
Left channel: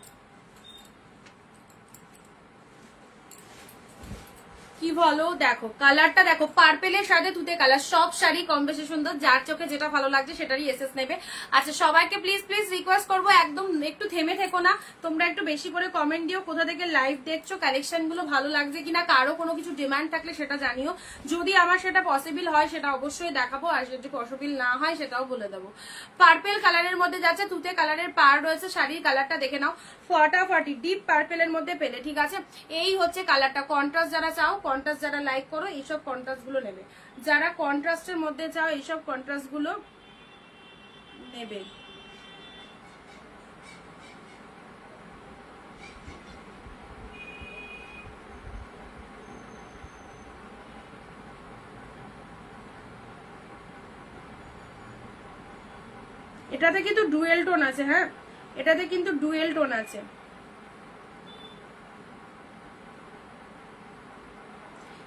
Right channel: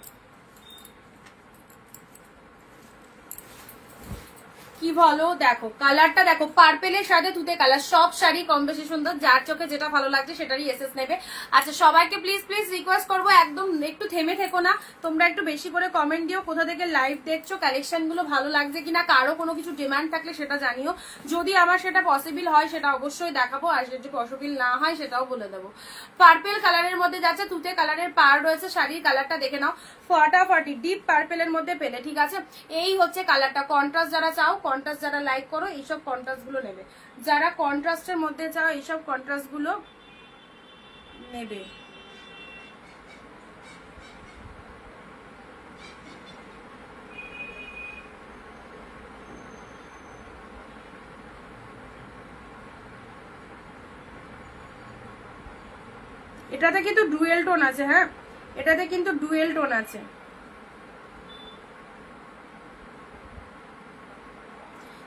কি বলো, দেখো কালারটা দেখো, পার্পেলের সাথে তুতে কালার, সব শাড়ি কম বেশি সুন্দর, যার চোখে যেটা ভালো লাগছে সেটারই এসএস নেবে। আচ্ছা সবাইকে প্লিজ প্লিজ রিকোয়েস্ট করবো, একদম একটু থেমে থেকো না, তোমরা একটু বেশি করে কমেন্ট দিও, কোথা থেকে লাইভ দেখছো, কালেকশন গুলো ভালো লাগছে কিনা, কারো কোনো কিছু ডিমান্ড থাকলে সেটা জানিও, যদি আমার সেটা পসিবল হয় সেটা অবশ্যই দেখাবো, আর যদি পসিবল না হয় সেটাও বলে দেবো। পার্পেল কালারের মধ্যে যাচ্ছে, তুতে কালারের পার রয়েছে, শাড়ির কালারটা দেখে নাও, ফাটাফাটি ডিপ পার্পেলের মধ্যে পেলে, ঠিক আছে। এই হচ্ছে কালারটা, কন্ট্রাস্ট যারা চাও, কন্ট্রাস্ট যারা লাইক করো এইসব কন্ট্রাস্ট গুলো নেবে, যারা কন্ট্রাস্টের মধ্যে চাও এইসব কন্ট্রাস্ট গুলো নেবে। এটাতে কিন্তু ডুয়েল টোন আছে, হ্যাঁ এটাতে কিন্তু ডুয়েল টোন আছে,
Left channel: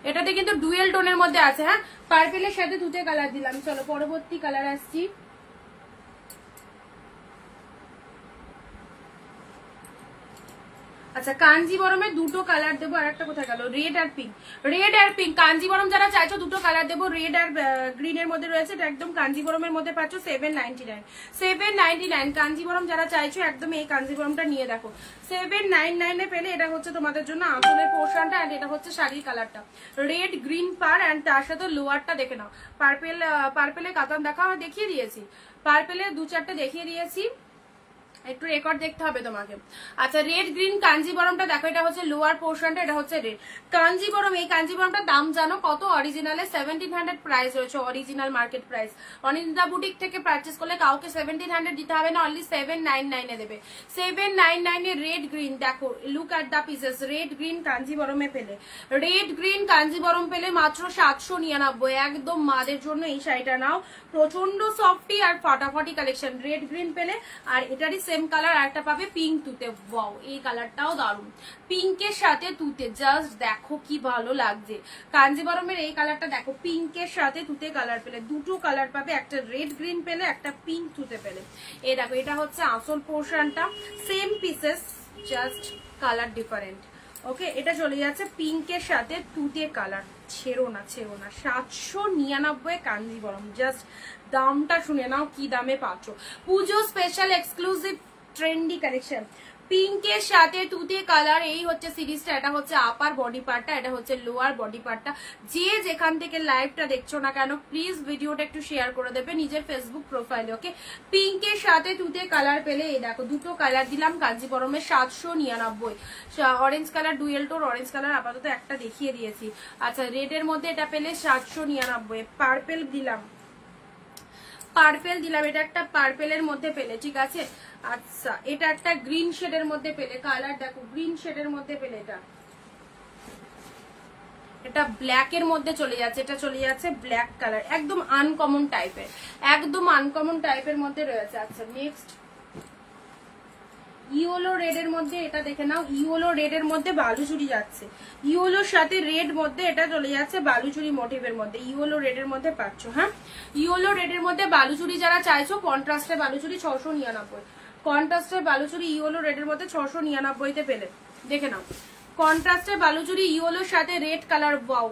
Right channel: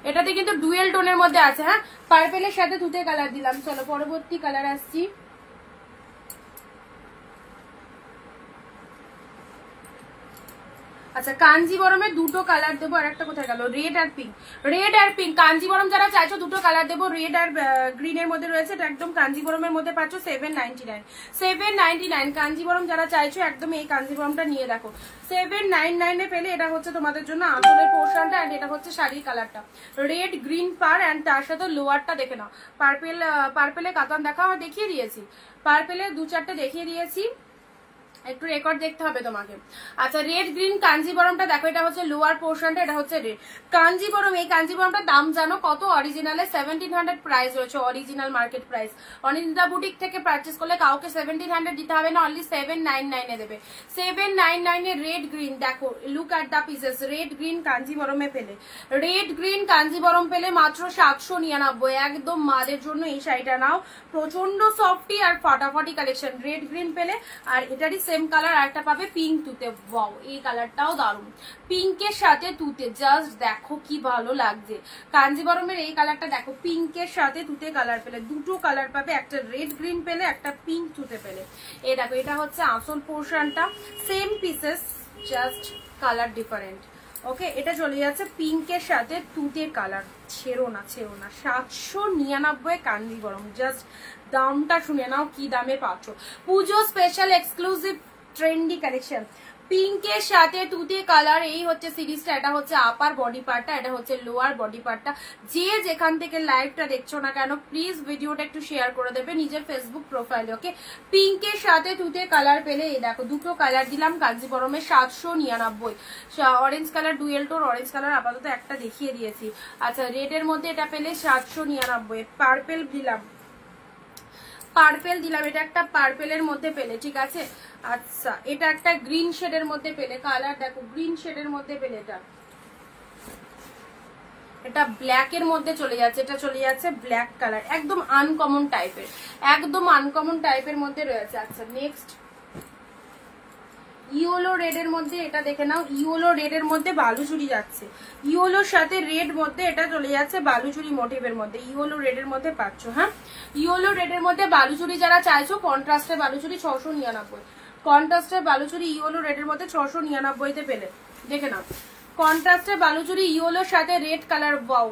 এটাতে কিন্তু ডুয়েল টোনের মধ্যে আছে, হ্যাঁ পার্পেলের সাথে তুতে কালার দিলাম। চলো পরবর্তী কালার আসছি, আচ্ছা কাঞ্জিবরমের দুটো কালার দেবো, আর একটা কোথায় গেল, রেড আর পিঙ্ক, রেড আর পিঙ্ক। কাঞ্জিবরম যারা চাইছো দুটো কালার দেবো, রেড আর গ্রিনের মধ্যে রয়েছে, এটা একদম কাঞ্জিবরমের মধ্যে পাচ্ছ 799, 799 কাঞ্জিবরম যারা চাইছো একদম এই কাঞ্জিবরমটা নিয়ে দেখো, 799 পেলে। এটা হচ্ছে তোমাদের জন্য আঁচলের পোর্শনটা, আর এটা হচ্ছে শাড়ির কালারটা, রেড গ্রিন পার এন্ড তার সাথে লোয়ারটা দেখে নাও। পার্পেলের কাতান দেখিয়ে দিয়েছি, পার্পেলের দু চারটে দেখিয়ে দিয়েছি, একটু রেকর্ড দেখতে হবে তোমাকে। আচ্ছা রেড গ্রিন কাঞ্জিবরমটা দেখো, এটা হচ্ছে লোয়ার পোর্শনটা, এটা হচ্ছে রেড কাঞ্জিবরম। এই কাঞ্জিবরমটার দাম জানো কত? অরিজিনালে 1700 প্রাইস রয়েছে, original market price. Anindita boutique থেকে পারচেস করলে কাউকে 1700 দিতে হবে না, অনলি 799 এ দেবে। 799 এ রেড গ্রিন, দেখো look at the pieces, red green কাঞ্জিবরমে পেলে, রেড গ্রিন কাঞ্জিবরম পেলে মাত্র 799। একদম মাদের জন্য এই শাড়িটা নাও, প্রচন্ড সফটি আর ফাটাফাটি কালেকশন। রেড গ্রিন পেলে, আর এটারই সেম কালার আরেকটা পাবে পিঙ্ক তুতে, ওয়াও এই কালারটাও দারুণ, পিঙ্কের সাথে তুতে, জাস্ট দেখো কি ভালো লাগছে। কাঞ্জিবরমের এই কালারটা দেখো, পিঙ্কের সাথে তুতে কালার পেলে, দুটো কালার পাবে, একটা রেড গ্রিন পেলে, একটা পিঙ্ক তুতে পেলে। এই দেখো এটা হচ্ছে আঁচল পোর্শনটা, same pieces just colour different. Okay এটা চলে যাচ্ছে পিঙ্কের সাথে তুতে কালার, ছেড়ো না 799 কাঞ্জিবরম। জাস্ট দামটা শুনে নাও কি দামে পাচ্ছ, পুজো স্পেশাল এক্সক্লুসিভ ট্রেন্ডি কালেকশন, পিঙ্কের সাথে তুতে কালার। এই হচ্ছে সিরিজটা, এটা হচ্ছে আপার বডি পার্টটা, এটা হচ্ছে লোয়ার বডি পার্টটা। যে যেখান থেকে লাইভটা দেখছো না কেন প্লিজ ভিডিওটা একটু শেয়ার করে দেবে নিজের ফেসবুক প্রোফাইলে। ওকে পিঙ্কের সাথে তুতে কালার পেলে, এই দেখো দুটো কালার দিলাম কাঞ্জিবরমের 799। অরেঞ্জ কালার ডুয়েল টোর, অরেঞ্জ কালার আপাতত একটা দেখিয়ে দিয়েছি। আচ্ছা রেডের মধ্যে এটা পেলে 799। পার্পেল দিলাম, পার্পেল দিলাম, এটা একটা পার্পেলের মধ্যে পেলে, ঠিক আছে। আচ্ছা এটা একটা গ্রিন শেডের মধ্যে পেলে, কালার দেখো গ্রিন শেডের মধ্যে পেলে, এটা ব্ল্যাক এর মধ্যে চলে যাচ্ছে, এটা চলে যাচ্ছে ব্ল্যাক কালার, একদম আনকমন টাইপের, একদম আনকমন টাইপের মধ্যে রয়েছে। আচ্ছা নেক্সট ইয়েলো রেড এর মধ্যে, এটা দেখে নাও, ইয়েলো রেড এর মধ্যে বালুচুরি যাচ্ছে, ইয়েলোর সাথে রেড মধ্যে এটা চলে যাচ্ছে বালুচুরি মোটিভের মধ্যে, ইয়েলো রেড এর মধ্যে পাচ্ছ। হ্যাঁ ইয়েলো রেড এর মধ্যে বালুচুরি যারা চাইছো, কন্ট্রাস্টে বালুচুরি 699, কন্ট্রাস্টে বালুচুরি ইয়েলো রেড এর মধ্যে 699 তে পেলে, দেখে নাও। কন্ট্রাস্টে বালুচুরি ইয়েলোর সাথে রেড কালার, বাউ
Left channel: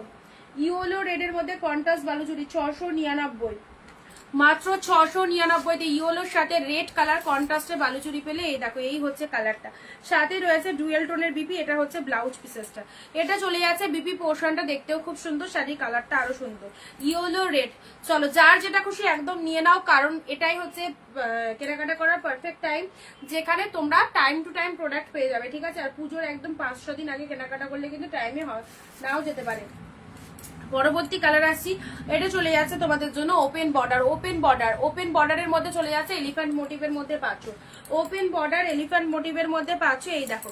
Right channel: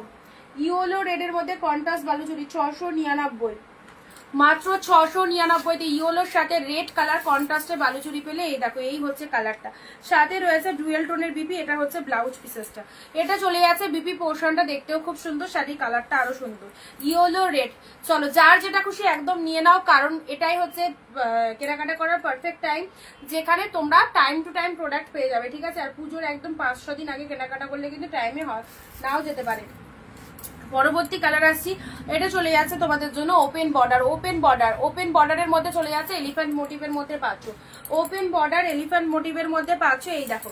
ইয়েলো রেড এর মধ্যে কন্ট্রাস্ট বালুচুরি 699। মাত্র 699 ইয়েলোর সাথে রেড কালার কন্ট্রাস্টে বালুচুরি পেলে। এই দেখো এই হচ্ছে কালারটা, সাথে রয়েছে ডুয়েল টোনের বিপি। এটা হচ্ছে ব্লাউজ পিসেসটা, এটা চলে যাচ্ছে বিপি পোর্শনটা, দেখতেও খুব সুন্দর, শাড়ির কালারটা আরো সুন্দর, ইয়েলো রেড। চলো যার যেটা খুশি একদম নিয়ে নাও, কারণ এটাই হচ্ছে কেনাকাটা করার পারফেক্ট টাইম, যেখানে তোমরা টাইম টু টাইম প্রোডাক্ট পেয়ে যাবে, ঠিক আছে। আর পুজোর একদম 5-6 দিন আগে কেনাকাটা করলে কিন্তু টাইমে নাও যেতে পারে। পরবর্তী কালার আসছি, এটা চলে যাচ্ছে তোমাদের জন্য ওপেন বর্ডার। ওপেন বর্ডারের মধ্যে চলে যাচ্ছে এলিফ্যান্ট মোটিভের মধ্যে পাচ্ছ, ওপেন বর্ডার এলিফ্যান্ট মোটিভের মধ্যে পাচ্ছ। এই দেখো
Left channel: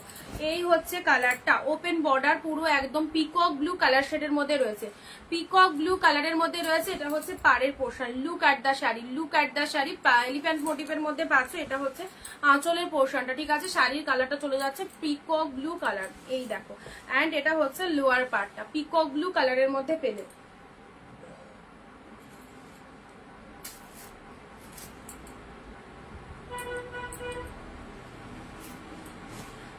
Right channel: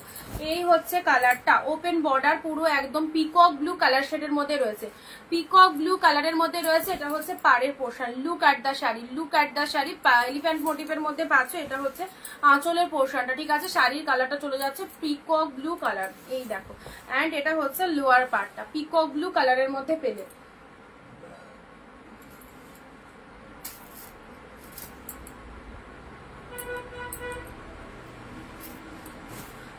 এই হচ্ছে কালারটা, ওপেন বর্ডার পুরো একদম পিকক ব্লু কালার শেডের মধ্যে রয়েছে, পিকক ব্লু কালারের মধ্যে রয়েছে। এটা হচ্ছে পাড়ের portion, look at the sari, look at the sari, elephant মোটিভের মধ্যে পাচ্ছ। এটা হচ্ছে আঁচলের পোর্শনটা, ঠিক আছে। শাড়ির কালারটা চলে যাচ্ছে পিকক ব্লু কালার, এই দেখো। এন্ড এটা হচ্ছে লোয়ার পার্টটা পিকক ব্লু কালারের মধ্যে পেলে।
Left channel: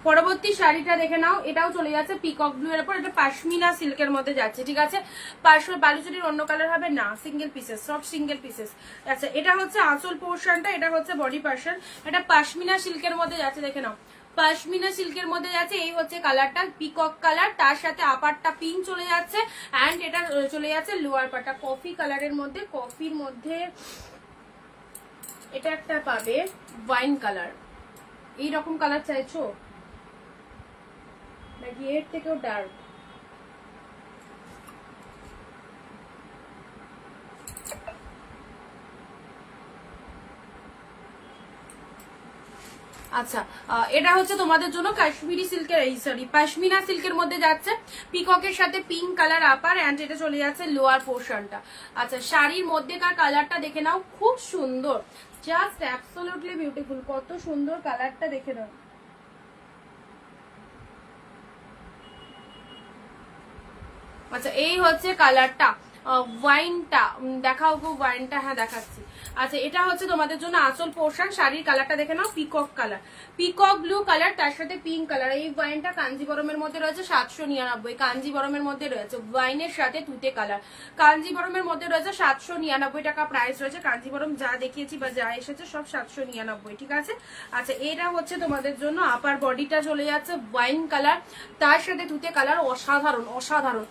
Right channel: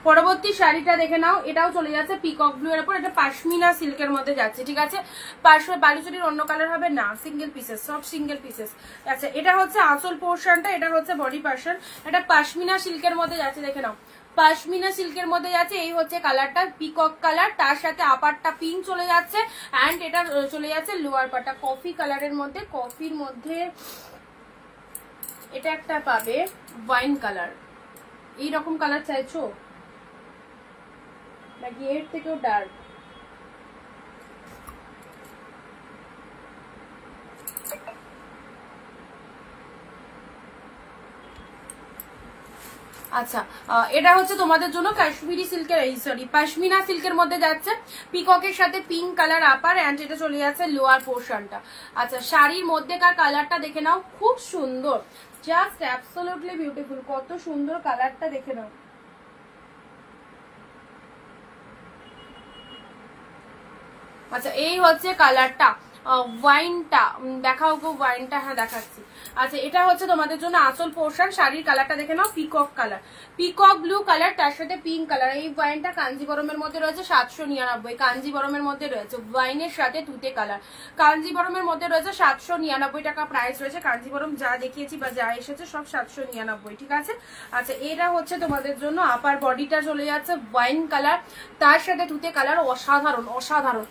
পরবর্তী শাড়িটা দেখে নাও, এটাও চলে যাচ্ছে পিকক ব্লু এর উপর, এটা পাশমিনা সিল্কের মধ্যে যাচ্ছে, ঠিক আছে। বালুচুরির অন্য কালার হবে না, সিঙ্গেল পিসেস, সব সিঙ্গেল পিসেস। আচ্ছা এটা হচ্ছে আঁচল পোর্শনটা, এটা হচ্ছে বডি পোর্শন, এটা পাশমিনা সিল্কের মধ্যে যাচ্ছে, দেখে নাও পাশমিনা সিল্কের মধ্যে যাচ্ছে। এই হচ্ছে কালারটা পিকক কালার, তার সাথে আপারটা পিঙ্ক চলে যাচ্ছে, এন্ড এটা চলে যাচ্ছে লোয়ার পার্টটা কফি কালারের মধ্যে। কফির মধ্যে এটা একটা পাবে ওয়াইন কালার, এইরকম কালার চাইছো নাকি এর থেকেও ডার্ক? আচ্ছা এটা হচ্ছে তোমাদের জন্য কাশ্মীরি সিল্কের, সরি পাশমিনা সিল্কের মধ্যে যাচ্ছে, পিককের সাথে পিঙ্ক কালার আপার, এন্ড এটা চলে যাচ্ছে লোয়ার পোর্শনটা। আচ্ছা শাড়ির মধ্যেকার কালারটা দেখে নাও, খুব সুন্দর, জাস্ট অ্যাবসলিউটলি বিউটিফুল, কত সুন্দর কালারটা দেখে নাও। আচ্ছা এই হচ্ছে কালারটা, ওয়াইনটা দেখাও গো, ওয়াইনটা হ্যাঁ দেখাচ্ছি। আচ্ছা এটা হচ্ছে তোমাদের জন্য আঁচল পোর্শন, শাড়ির কালারটা দেখে নাও peacock colour, peacock blue colour, তার সাথে পিঙ্ক কালার। এই ওয়াইনটা কাঞ্জিবরমের মধ্যে রয়েছে 799, কাঞ্জিবরমের মধ্যে রয়েছে ওয়াইনের সাথে তুতে কালার, কাঞ্জিবরমের মধ্যে রয়েছে 799 টাকা প্রাইস রয়েছে। কাঞ্জিবরম যা দেখিয়েছি বা যা এসেছে সব 799, ঠিক আছে। আচ্ছা এটা হচ্ছে তোমাদের জন্য আপার বডিটা চলে যাচ্ছে ওয়াইন কালার, তার সাথে তুতে কালার, অসাধারণ অসাধারণ,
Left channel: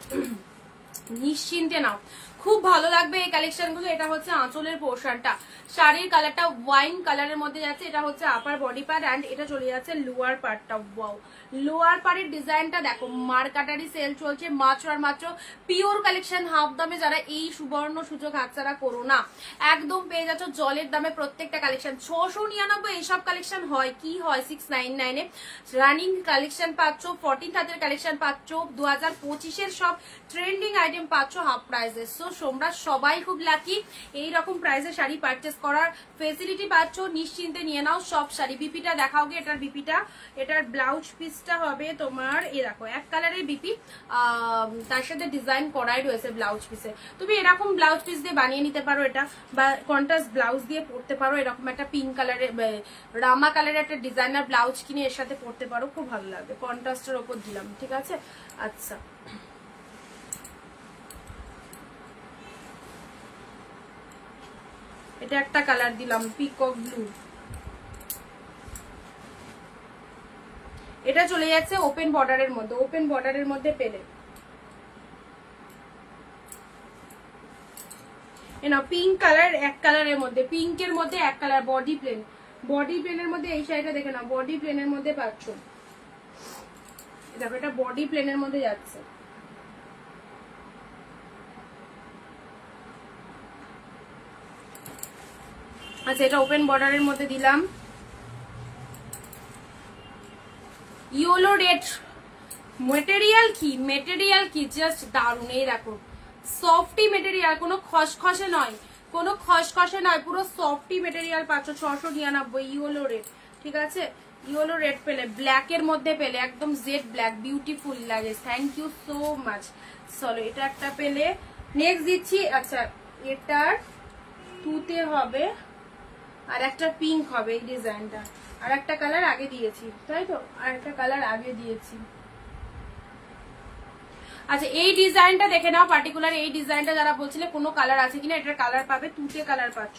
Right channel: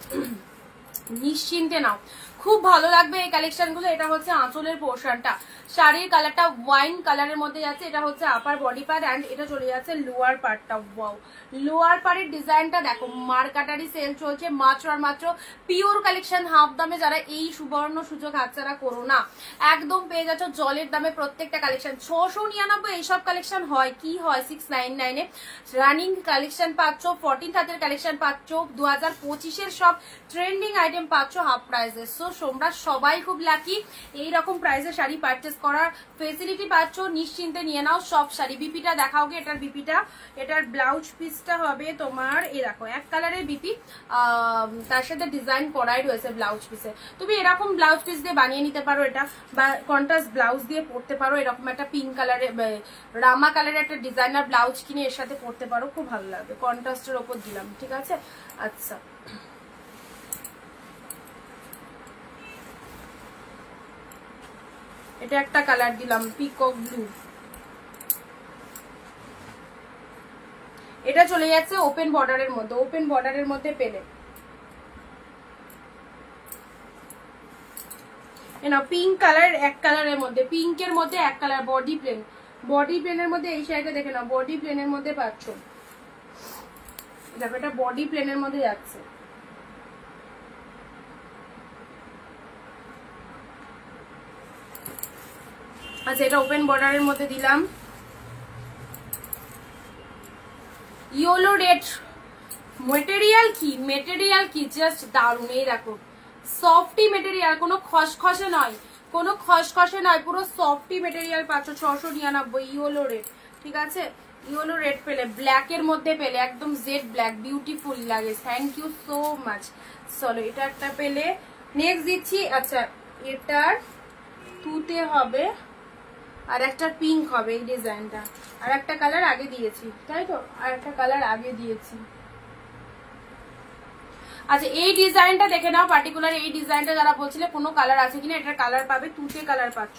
নিশ্চিন্তে নাও, খুব ভালো লাগবে এই কালেকশন গুলো। এটা হচ্ছে আঁচলের পোর্শনটা, শাড়ির কালারটা ওয়াইন কালারের মধ্যে যাচ্ছে, এটা হচ্ছে আপার বডি পার্ট, এন্ড এটা চলে যাচ্ছে লোয়ার পার্টটা। ওয়াও লোয়ার পার্টের ডিজাইনটা দেখো, মার্কাটারি সেল চলছে মাত্র আর মাত্র পিওর কালেকশন হাফ দামে। যারা এই সুবর্ণ সুযোগ হাতছাড়া করো না, একদম পেয়ে যাচ্ছ জলের দামে প্রত্যেকটা কালেকশন। 699 এইসব কালেকশন হয় কি হয় 699 রানিং কালেকশন পাচ্ছ, 14 হাতের কালেকশন পাচ্ছ, 2025-এর সব ট্রেন্ডিং আইটেম পাচ্ছ হাফ প্রাইসে। সো তোমরা সবাই খুব লাকি, এইরকম প্রাইসে শাড়ি পারচেস করার ফেসিলিটি পাচ্ছ, নিশ্চিন্তে নিয়ে নাও সব শাড়ি। বিপিটা দেখাও গে, এটার বিপিটা, এটার ব্লাউজ পিসটা হবে তোমার এই দেখো এক কালারের বিপি, তার সাথে ডিজাইন করাই রয়েছে ব্লাউজ পিসে। তুমি এরকম ব্লাউজ পিস দিয়ে বানিয়ে নিতে পারো এটা, বা কন্ট্রাস্ট ব্লাউজ দিয়ে পরতে পারো, এরকম একটা পিঙ্ক কালারের রামা কালারের একটা ডিজাইনার ব্লাউজ কিনে এর সাথে পরতে পারো, খুব ভালো লাগবে। কন্ট্রাস্টের ওপর দিলাম, ঠিক আছে। আচ্ছা এটা একটা কালার দিলাম পিকক ব্লু, এটা চলে যাচ্ছে ওপেন বর্ডারের মধ্যে, ওপেন বর্ডারের মধ্যে পেলে না পিঙ্ক কালার, এক কালারের মধ্যে, পিঙ্কের মধ্যে এক কালার, বডি প্লেন, বডি প্লেনের মধ্যে এই শাড়িটা দেখে নাও, বডি প্লেনের মধ্যে পাচ্ছ, দেখো এটা বডি প্লেনের মধ্যে যাচ্ছে। আচ্ছা এটা ওপেন বর্ডারের মধ্যে দিলাম, ইয়েলো রেড, মেটেরিয়াল কি, মেটেরিয়াল কি জাস্ট দারুণ। এই দেখো সফটি মেটেরিয়াল, কোনো খসখসে নয়, কোনো খসখসে নয়, পুরো সফটি মেটেরিয়াল পাচ্ছ 699 ইয়েলো রেড, ঠিক আছে। ইয়েলো রেড পেলে, ব্ল্যাক এর মধ্যে পেলে, একদম জেড ব্ল্যাক, বিউটিফুল লাগে, থ্যাংক ইউ সো মাচ। চলো এটা একটা পেলে, নেক্সট দিচ্ছি। আচ্ছা এটার তুতে হবে, আর একটা পিঙ্ক হবে এই ডিজাইনটা, আর একটা কালার আগে দিয়েছি, তাই তো, আর একটা কালার আগে দিয়েছি। আচ্ছা এই ডিজাইনটা দেখে নাও, পার্টিকুলার এই ডিজাইনটা যারা বলছিলে কোনো কালার আছে কিনা, এটার কালার পাবে, তুতে কালার পাচ্ছ,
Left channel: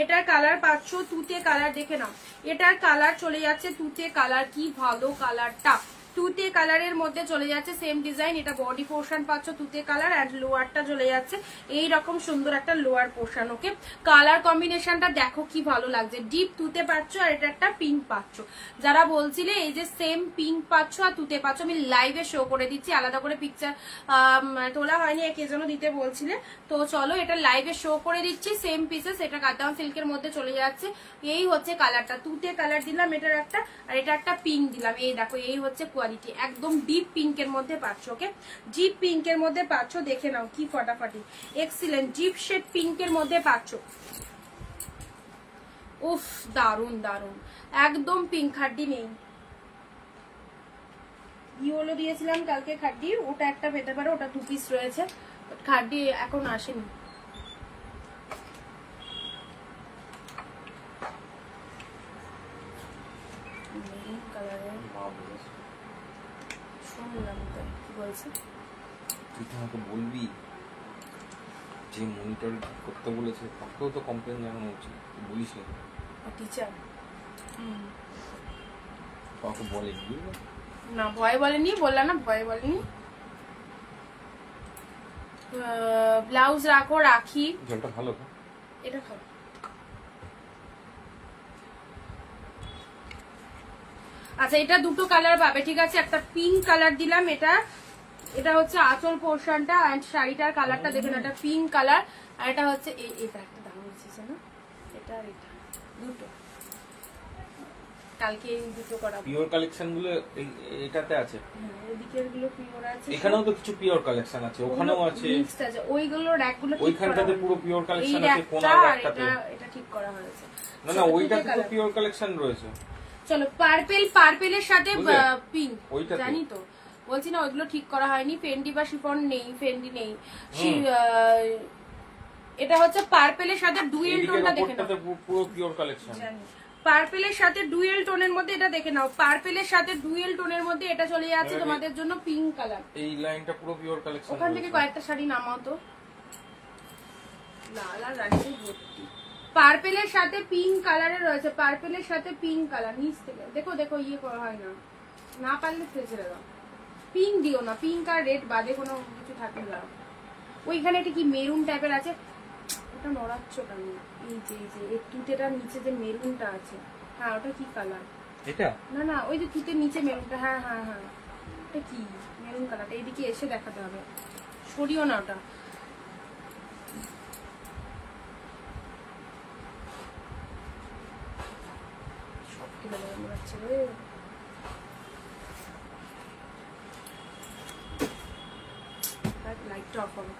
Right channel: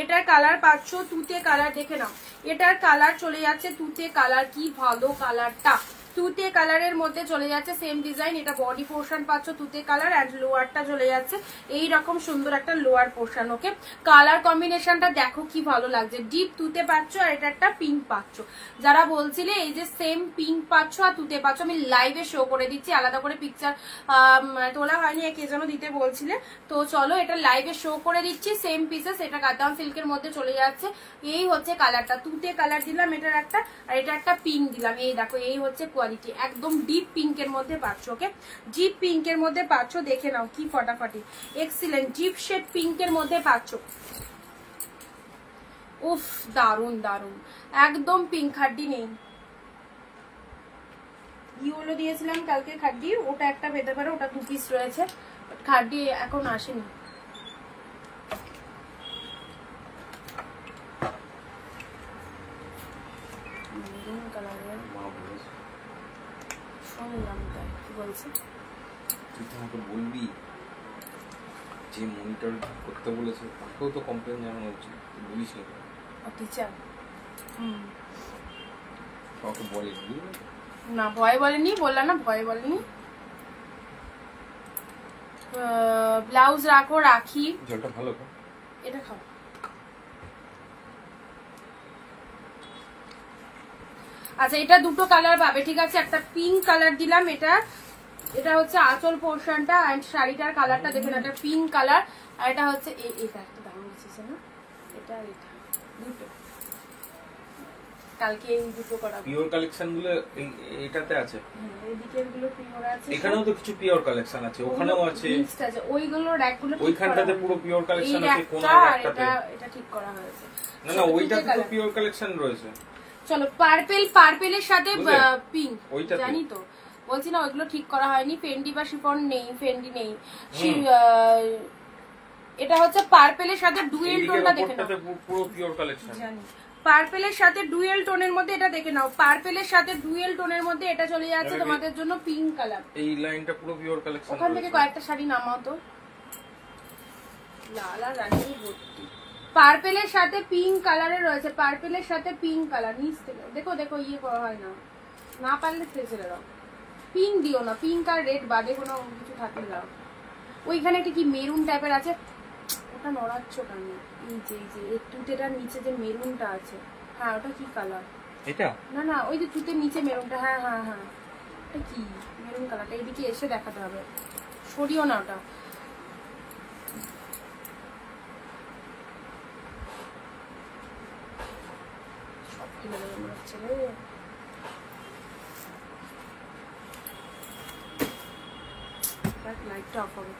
এটার কালার পাচ্ছ তুতে কালার, দেখে নাও এটার কালার চলে যাচ্ছে তুতে কালার, কি ভালো কালারটা, তুতে কালারের মধ্যে চলে যাচ্ছে, সেম ডিজাইন, এটা বডি পোর্শন পাচ্ছ তুতে কালার এন্ড লোয়ারটা চলে যাচ্ছে এই রকম সুন্দর একটা লোয়ার পোর্শন। ওকে, কালার কম্বিনেশনটা দেখো কি ভালো লাগছে, ডিপ তুতে পাচ্ছ আর এটা একটা পিঙ্ক পাচ্ছ। যারা বলছিলে এই যে সেম পিঙ্ক পাচ্ছ আর তুতে পাচ্ছ, আমি লাইভে শো করে দিচ্ছি, আলাদা করে পিকচার তোলা হয়নি, কে যেন দিতে বলছিলে, তো চলো এটা লাইভে শো করে দিচ্ছি, সেম পিসেস, এটা কাতান সিল্কের মধ্যে চলে যাচ্ছে, এই হচ্ছে কালারটা, তুতে কালার দিলাম এটার একটা, আর এটা একটা পিঙ্ক দিলাম, এই দেখো এই হচ্ছে কোয়ালিটি, একদম ডিপ পিঙ্কের মধ্যে পাচ্ছ। ওকে, ডিপ পিঙ্কের মধ্যে পাচ্ছ, দেখে নাও কি ফটাফটি, এক্সিলেন্ট ডিপ শেড পিঙ্কের মধ্যে পাচ্ছ। উফ দারুন দারুন, একদম পিঙ্ক, খাড্ডি নেই, ইয়েলো দিয়েছিলাম কালকে খাড্ডি, ওটা একটা পেতে পারো, ওটা 2 পিস রয়েছে, খাড্ডি এখন আসেনি। তুই তো আমাকে বলবি যে মনিটর করতে বলেছে তাকেও তো কমপ্লেন জানানো উচিত, বলিস না টিচার কাউকে বলেনি না, ভয় বলেনি, বললাম না ভয় বলেনি। ব্লাউজ রাখো, রাখি, জলটা ভালো তো, এটা খাও। আচ্ছা এটা দুটো কালার পাবে, ঠিক আছে, একটা পিঙ্ক কালার দিলাম, এটা হচ্ছে আঁচল পোর্শনটা এন্ড শাড়িটার কালারটা দেখুন, এটা পিঙ্ক কালার, আর এটা হচ্ছে এটা একটা দাম দিচ্ছে না, এটা দুটো, কালকে এই দুটো করাবো। পিওর কালেকশন গুলো এটাতে আছে, এদিকে এগুলো পিওর আছে, এখানেও তো কিছু পিওর কালেকশন আছে, ওখানেও আছে, ওইগুলো র‍্যাকগুলো ওইখানটাতে পুরো পিওর কালেকশন আছে, কোনার র‍্যাকটাতে এটা ঠিক করা হয়েছে, না ওইটাতে তো পিওর কালেকশন রয়েছে। চলো পার্পেলের সাথে পিঙ্ক, জানি তো, বলছি না ওইগুলো ঠিক করা হয়নি, ফেন্ডি বা শিফন নেই, ফেন্ডি নেই, এটা হচ্ছে পার্পেলের সাথে ডুয়েল টোনটা দেখে নাও, পুরো পিওর কালেকশন, জানি পার্পেলের সাথে ডুয়েল টোনের মধ্যে, এটা দেখে নাও, পার্পেলের সাথে ডুয়েল টোনের মধ্যে এটা চলে যাচ্ছে তোমাদের জন্য পিঙ্ক কালার, এই লাইনটা পুরো পিওর কালেকশন। ওখান থেকে কয়েকটা শাড়ি নামাও তো, লালা রানী ভর্তি, পার্পেলের সাথে পিঙ্ক কালারে রয়েছে, পার্পেলের সাথে পিঙ্ক কালার, নিচ থেকে দেখো দেখো, ইয়ে করা হয় না, না পারলে ছেড়ে দাও, পিঙ্ক দিও না, পিঙ্ক আর রেড বাদে কোনো কিছু থাকলে দাও। ওইখানে একটা কি মেরুন টাইপের আছে, ওটা নড়াচ্ছ কেন, এই যে তুতেটার নিচে যে মেরুনটা আছে, হ্যাঁ ওটা কি কালার, এটা না না ওই যে তুতের নিচে মেরুনটা, হ্যাঁ হ্যাঁ হ্যাঁ ওটা কি মেরুন কালারটা, এইদিকে এসে দেখাতে হবে, সরিও না ওটা, সব তুলে দেবে মনে হচ্ছে রে। লাইটটা অফ হবে,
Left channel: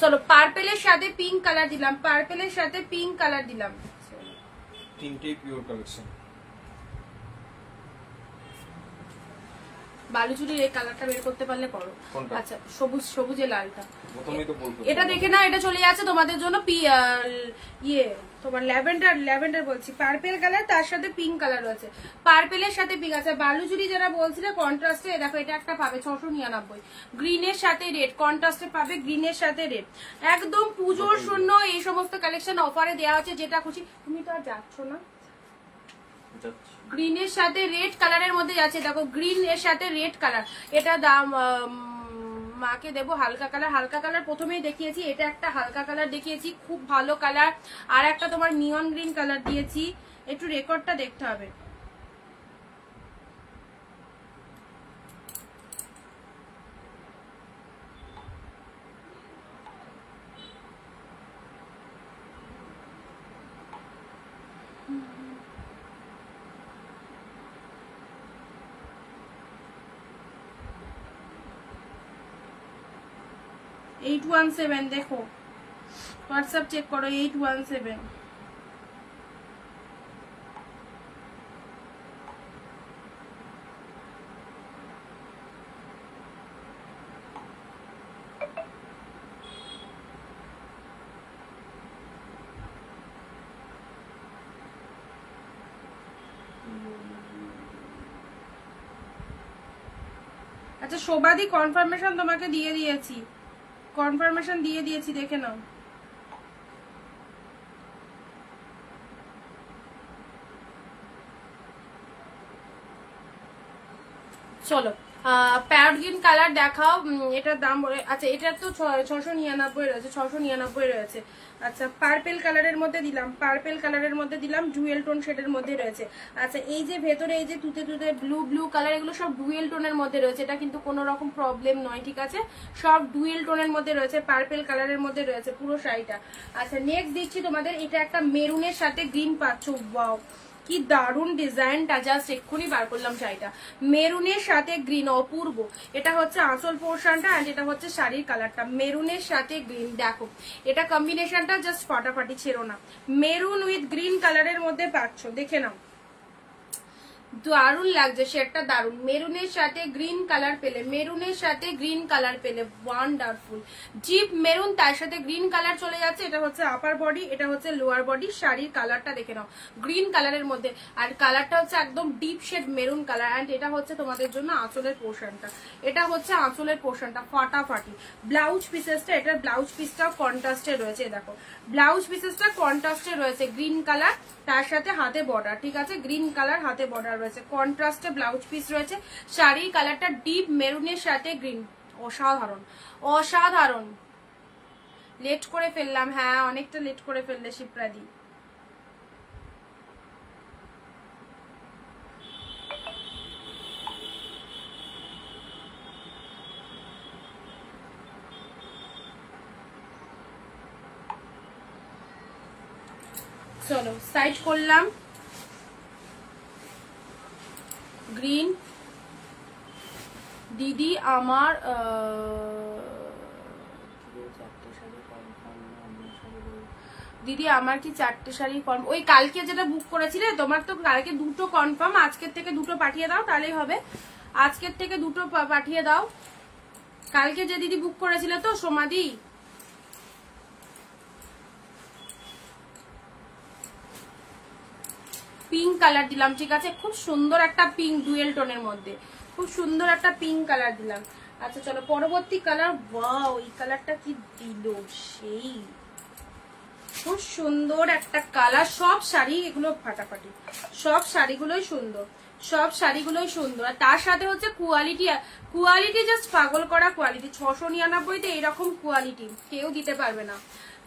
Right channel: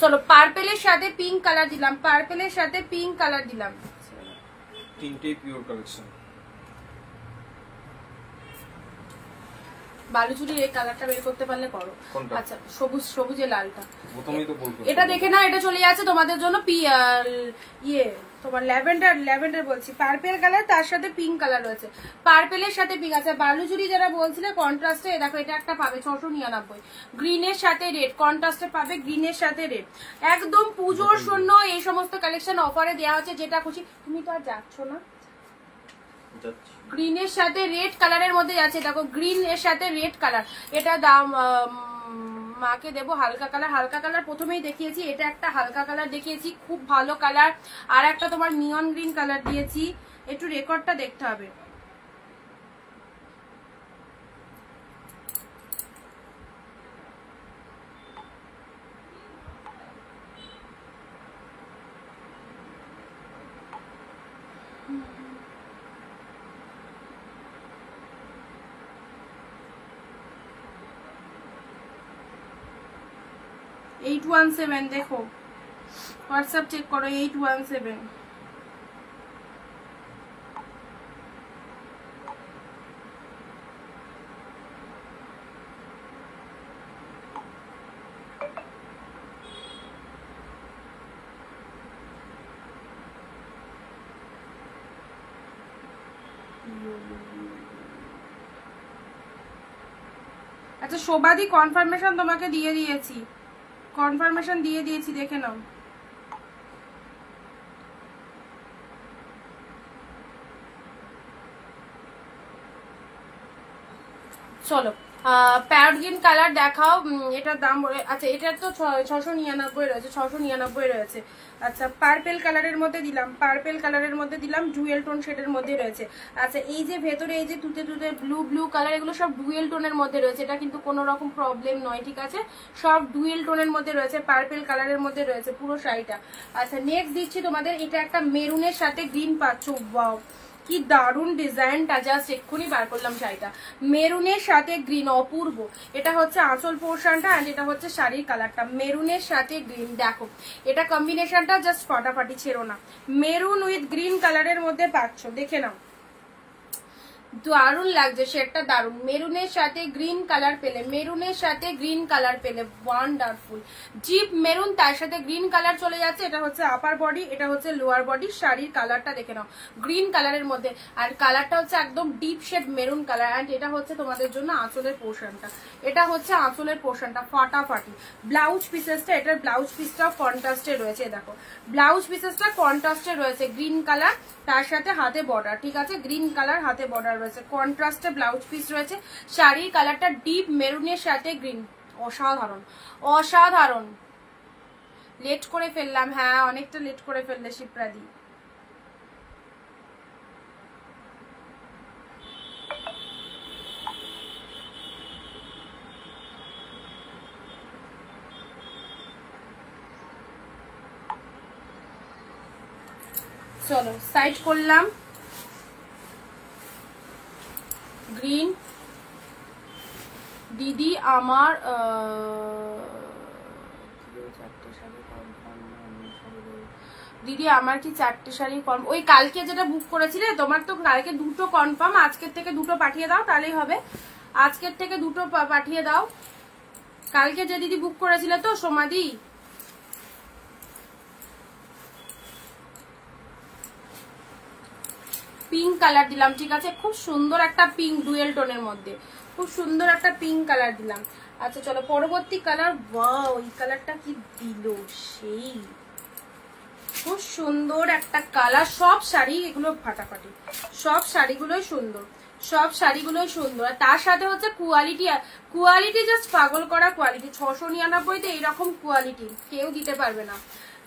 চলো পার্পেলের সাথে পিঙ্ক কালার দিলাম, পার্পেলের সাথে পিঙ্ক কালার দিলাম, তিনটেই পিওর কালেকশন। বালুচুরির এই কালারটা বের করতে পারলে করো, আচ্ছা সবুজে লালটা, প্রথমেই তো বলবো এটা দেখে না, এটা চলে যাচ্ছে তোমাদের জন্য তোমার ল্যাভেন্ডার বলছি, পার্পেল কালার, তার সাথে পিঙ্ক কালার রয়েছে, পার্পেলের সাথে পিঙ্ক আছে, বালুচুরি যারা বলছিলে কন্ট্রাস্টে, দেখো এটা একটা পাবে 699, গ্রিনের সাথে রেড, কন্ট্রাস্টে পাবে গ্রিনের সাথে রেড, একদম পুজোর শূন্য এই সমস্ত কালেকশন অফারে দেওয়া হচ্ছে, যেটা খুশি। তুমি তো আর যাচ্ছ না, গ্রিনের সাথে রেড কালারের মধ্যে যাচ্ছে, দেখো গ্রিন এর সাথে রেড কালার, এটা দাম মাকে দেবো হালকা কালার, হালকা কালার প্রথমেই দেখিয়েছি, এটা একটা হালকা কালার দেখিয়েছি, খুব ভালো কালার, আর একটা তোমার নিয়ন গ্রিন কালার দিয়েছি, একটু রেকর্ডটা দেখতে হবে, $817, দেখো হোয়াটসঅ্যাপ চেক করো, 817, আচ্ছা শোভাদি কনফার্মেশন তোমাকে দিয়ে দিয়েছি, কনফার্মেশন দিয়ে দিয়েছি, দেখে নাও। চলো প্যারট গ্রিন কালার দেখাও। এটার দাম বলে, আচ্ছা এটা তো 699 রয়েছে, 699 রয়েছে। আচ্ছা পার্পেল কালারের মধ্যে দিলাম, পার্পেল কালারের মধ্যে দিলাম, ডুয়েল টোন শেডের মধ্যে রয়েছে। আচ্ছা এই যে ভেতরে এই যে তুতে তুতে ব্লু ব্লু কালার, এগুলো সব ডুয়েল টোনের মধ্যে রয়েছে, এটা কিন্তু কোনো রকম প্রবলেম নয়, ঠিক আছে? সব ডুয়েল টোনের মধ্যে রয়েছে, পার্পেল কালারের মধ্যে রয়েছে পুরো শাড়িটা। আচ্ছা নেক্সট দিচ্ছি তোমাদের, এটা একটা মেরুনের সাথে গ্রিন পাচ্ছ, ওয়াও কি দারুন ডিজাইনটা, জাস্ট এক্ষুনি বার করলাম শাড়িটা, মেরুনের সাথে গ্রিন, অপূর্ব। এটা হচ্ছে আঁচল পোর্শনটা এন্ড এটা হচ্ছে শাড়ির কালারটা, মেরুনের সাথে গ্রিন। দেখো এটা কম্বিনেশনটা জাস্ট ফাটাফাটি, ছেড়ো না। মেরুন উইথ গ্রিন কালারের মধ্যে পাচ্ছ, দেখে নাও দারুন লাগছে শেডটা, দারুন। মেরুনের সাথে গ্রিন কালার পেলে, মেরুনের সাথে গ্রিন কালার পেলে, ওয়ান্ডারফুল। জিপ মেরুন, তার সাথে গ্রিন কালার চলে যাচ্ছে। এটা হচ্ছে আপার বডি, এটা হচ্ছে লোয়ার বডি। শাড়ির কালারটা দেখে নাও, গ্রিন কালারের মধ্যে, আর কালারটা হচ্ছে একদম deep shade maroon colour. And এটা হচ্ছে তোমাদের জন্য আঁচলের পোর্শনটা, এটা হচ্ছে আঁচলের পোর্শনটা, ফাটাফাটি। ব্লাউজ পিসেসটা, এটার ব্লাউজ পিসটা কন্ট্রাস্টে রয়েছে, দেখো ব্লাউজ পিসেসটা কন্ট্রাস্টে রয়েছে, গ্রিন কালার, তার সাথে হাতে বর্ডার, ঠিক আছে? গ্রিন কালার হাতে বর্ডার রয়েছে, কন্ট্রাস্টে ব্লাউজ পিস রয়েছে। শাড়ির কালারটা ডিপ মেরুনের সাথে গ্রিন, অসাধারণ অসাধারণ। লেট করে ফেললাম, হ্যাঁ অনেকটা লেট করে ফেললে শিপ্রাদি। চলো সাইড করলাম, গ্রিন। দিদি আমার দিদি আমার কি 4টে শাড়ি কনফার্ম? ওই কালকে যেটা বুক করেছিলে তোমার তো কালকে 2টো কনফার্ম, আজকের থেকে 2টো পাঠিয়ে দাও তাহলেই হবে। আজকের থেকে 2টো পাঠিয়ে দাও। কালকে যে দিদি বুক করেছিলে তো সোমাদি, পিঙ্ক কালার দিলাম, ঠিক আছে? খুব সুন্দর একটা পিঙ্ক, ডুয়েল টোনের মধ্যে খুব সুন্দর একটা পিঙ্ক কালার দিলাম। আচ্ছা চলো পরবর্তী কালার, ওয়াও এই কালারটা কি দিল, সেই খুব সুন্দর একটা কালার। সব শাড়ি এগুলো ফাটাফাটি, সব শাড়িগুলোই সুন্দর, সব শাড়িগুলোই সুন্দর। আর তার সাথে হচ্ছে কোয়ালিটি, কোয়ালিটি জাস্ট পাগল করা কোয়ালিটি। 699-তে এইরকম কোয়ালিটি কেউ দিতে পারবে না।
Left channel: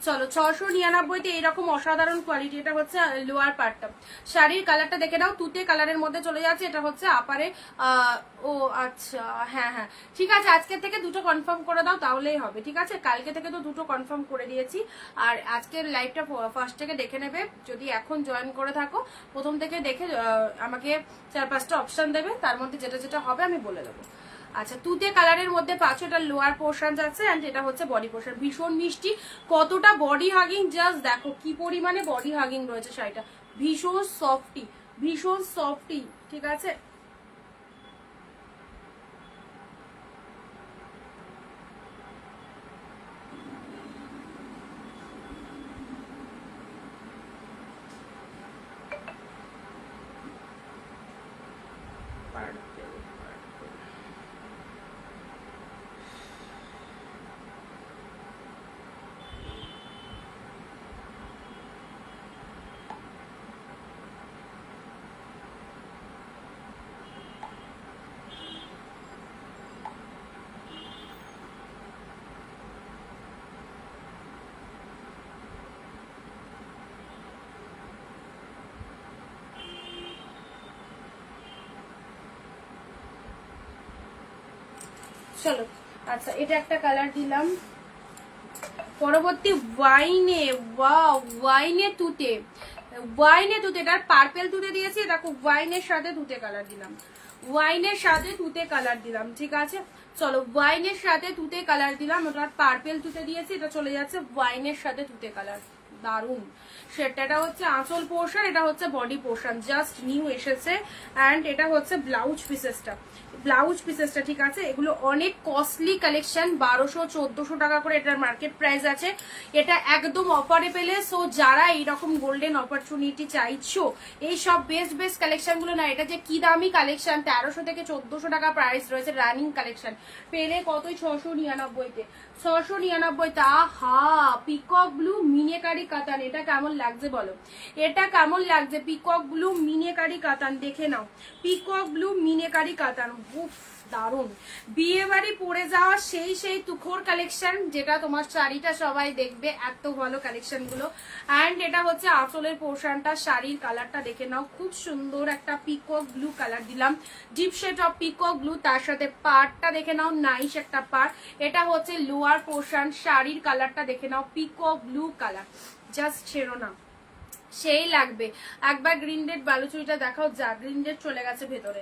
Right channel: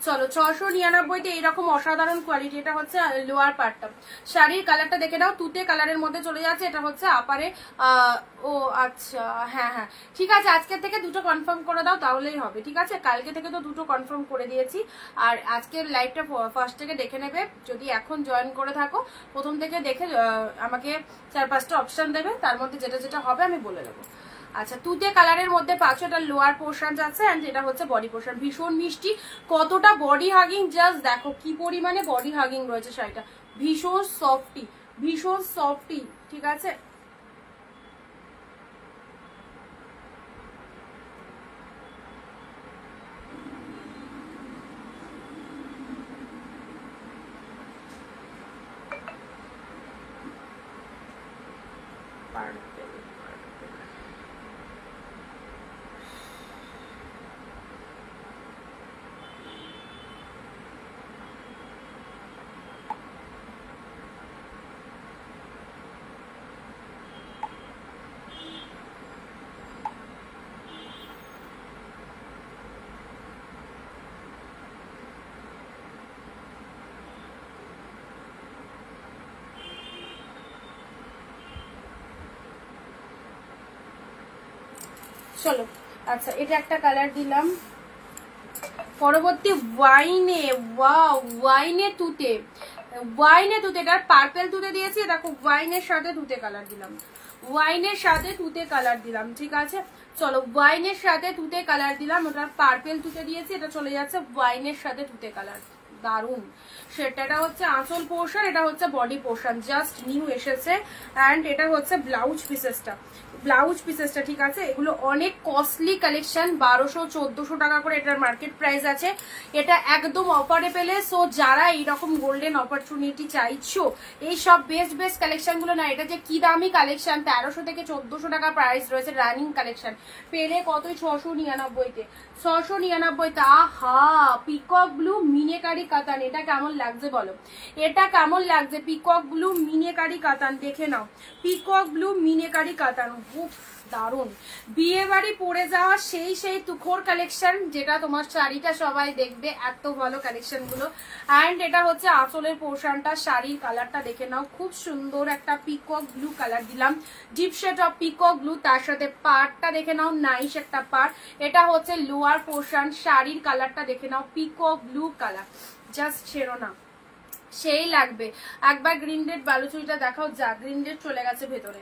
চলো 699-তে এইরকম অসাধারণ কোয়ালিটি। এটা হচ্ছে লোয়ার পার্টটা, শাড়ির কালারটা দেখে নাও, তুতে কালারের মধ্যে চলে যাচ্ছে। এটা হচ্ছে আপারে, ও আচ্ছা হ্যাঁ হ্যাঁ ঠিক আছে, আজকের থেকে 2টো কনফার্ম করে দাও তাহলেই হবে, ঠিক আছে? কালকে থেকে তো 2টো কনফার্ম করে দিয়েছি। আর আজকের লাইভটা ফার্স্ট থেকে দেখে নেবে, যদি এখন জয়েন করে থাকো প্রথম থেকে দেখে আমাকে 4-5টা অপশন দেবে, তার মধ্যে যেটা যেটা হবে আমি বলে দেবো। আচ্ছা তুতে কালারের মধ্যে পাচ্ছ, এটা লোয়ার পোর্শন আছে এন্ড এটা হচ্ছে বডি পোর্শন। ভীষণ মিষ্টি, কতটা বডি হাগিং, জাস্ট দেখো কি পরিমাণে বডি হাগিং রয়েছে শাড়িটা। ভীষণ সফটি, ভীষণ সফটি, ঠিক আছে? চলো আচ্ছা এটা একটা কালার দিলাম। পরবর্তী ওয়াইনে, ওয়াও ওয়াইনে তুতে, ওয়াইনে তুতে, এটা পার্পেল তুতে দিয়েছি, এটা খুব ওয়াইনের সাথে তুতে কালার দিলাম, ওয়াইনের সাথে তুতে কালার দিলাম, ঠিক আছে? চলো ওয়াইনের সাথে তুতে কালার দিলাম, ওটা পার্পেল তুতে দিয়েছি, এটা চলে যাচ্ছে ওয়াইনের সাথে তুতে কালার, দারুন। সেটা হচ্ছে আঁচল পোর্শন, এটা হচ্ছে বডি পোর্শন, জাস্ট নিউ এসেছে। অ্যান্ড এটা হচ্ছে ব্লাউজ পিসেসটা, ব্লাউজ পিসেসটা, ঠিক আছে? এগুলো অনেক কস্টলি কালেকশন, 1200-1400 টাকা করে এটার মার্কেট প্রাইস আছে। এটা একদম অফারে পেলে। সো যারা এইরকম গোল্ডেন অপরচুনিটি চাইছো, এই সব বেস্ট বেস্ট কালেকশন গুলো না, এটা যে কি দামি কালেকশন, 1300 থেকে 1400 টাকা প্রাইস রয়েছে রানিং কালেকশন, পেলে কতই 699-তে, 699-তে। আহা, পিকক ব্লু মিনেকারি কাতান, এটা কেমন লাগছে বলো? এটা কেমন লাগছে? পিকক ব্লু মিনেকারি কাতান, দেখে নাও, পিকক ব্লু মিনেকারি কাতান, উফ দারুন। বিয়ে বাড়ি পরে যাওয়া সেই তুখোর কালেকশন, যেটা তোমার শাড়িটা সবাই দেখবে, এত ভালো কালেকশন গুলো। অ্যান্ড এটা হচ্ছে আঁচলের পোর্শনটা, শাড়ির কালারটা দেখে নাও, খুব সুন্দর একটা পিকক ব্লু কালার দিলাম, deep shade of peacock blue, তার সাথে পাড়টা দেখে নাও, নাইস একটা পাড়। এটা হচ্ছে লোয়ার পোর্শন, শাড়ির কালারটা দেখে নাও, পিকক ব্লু কালার, জাস্ট ছেড়ো না, সেই লাগবে। একবার গ্রিন ডেট বালুচুরিটা দেখাও। যা, গ্রিন ডেট চলে গেছে ভেতরে,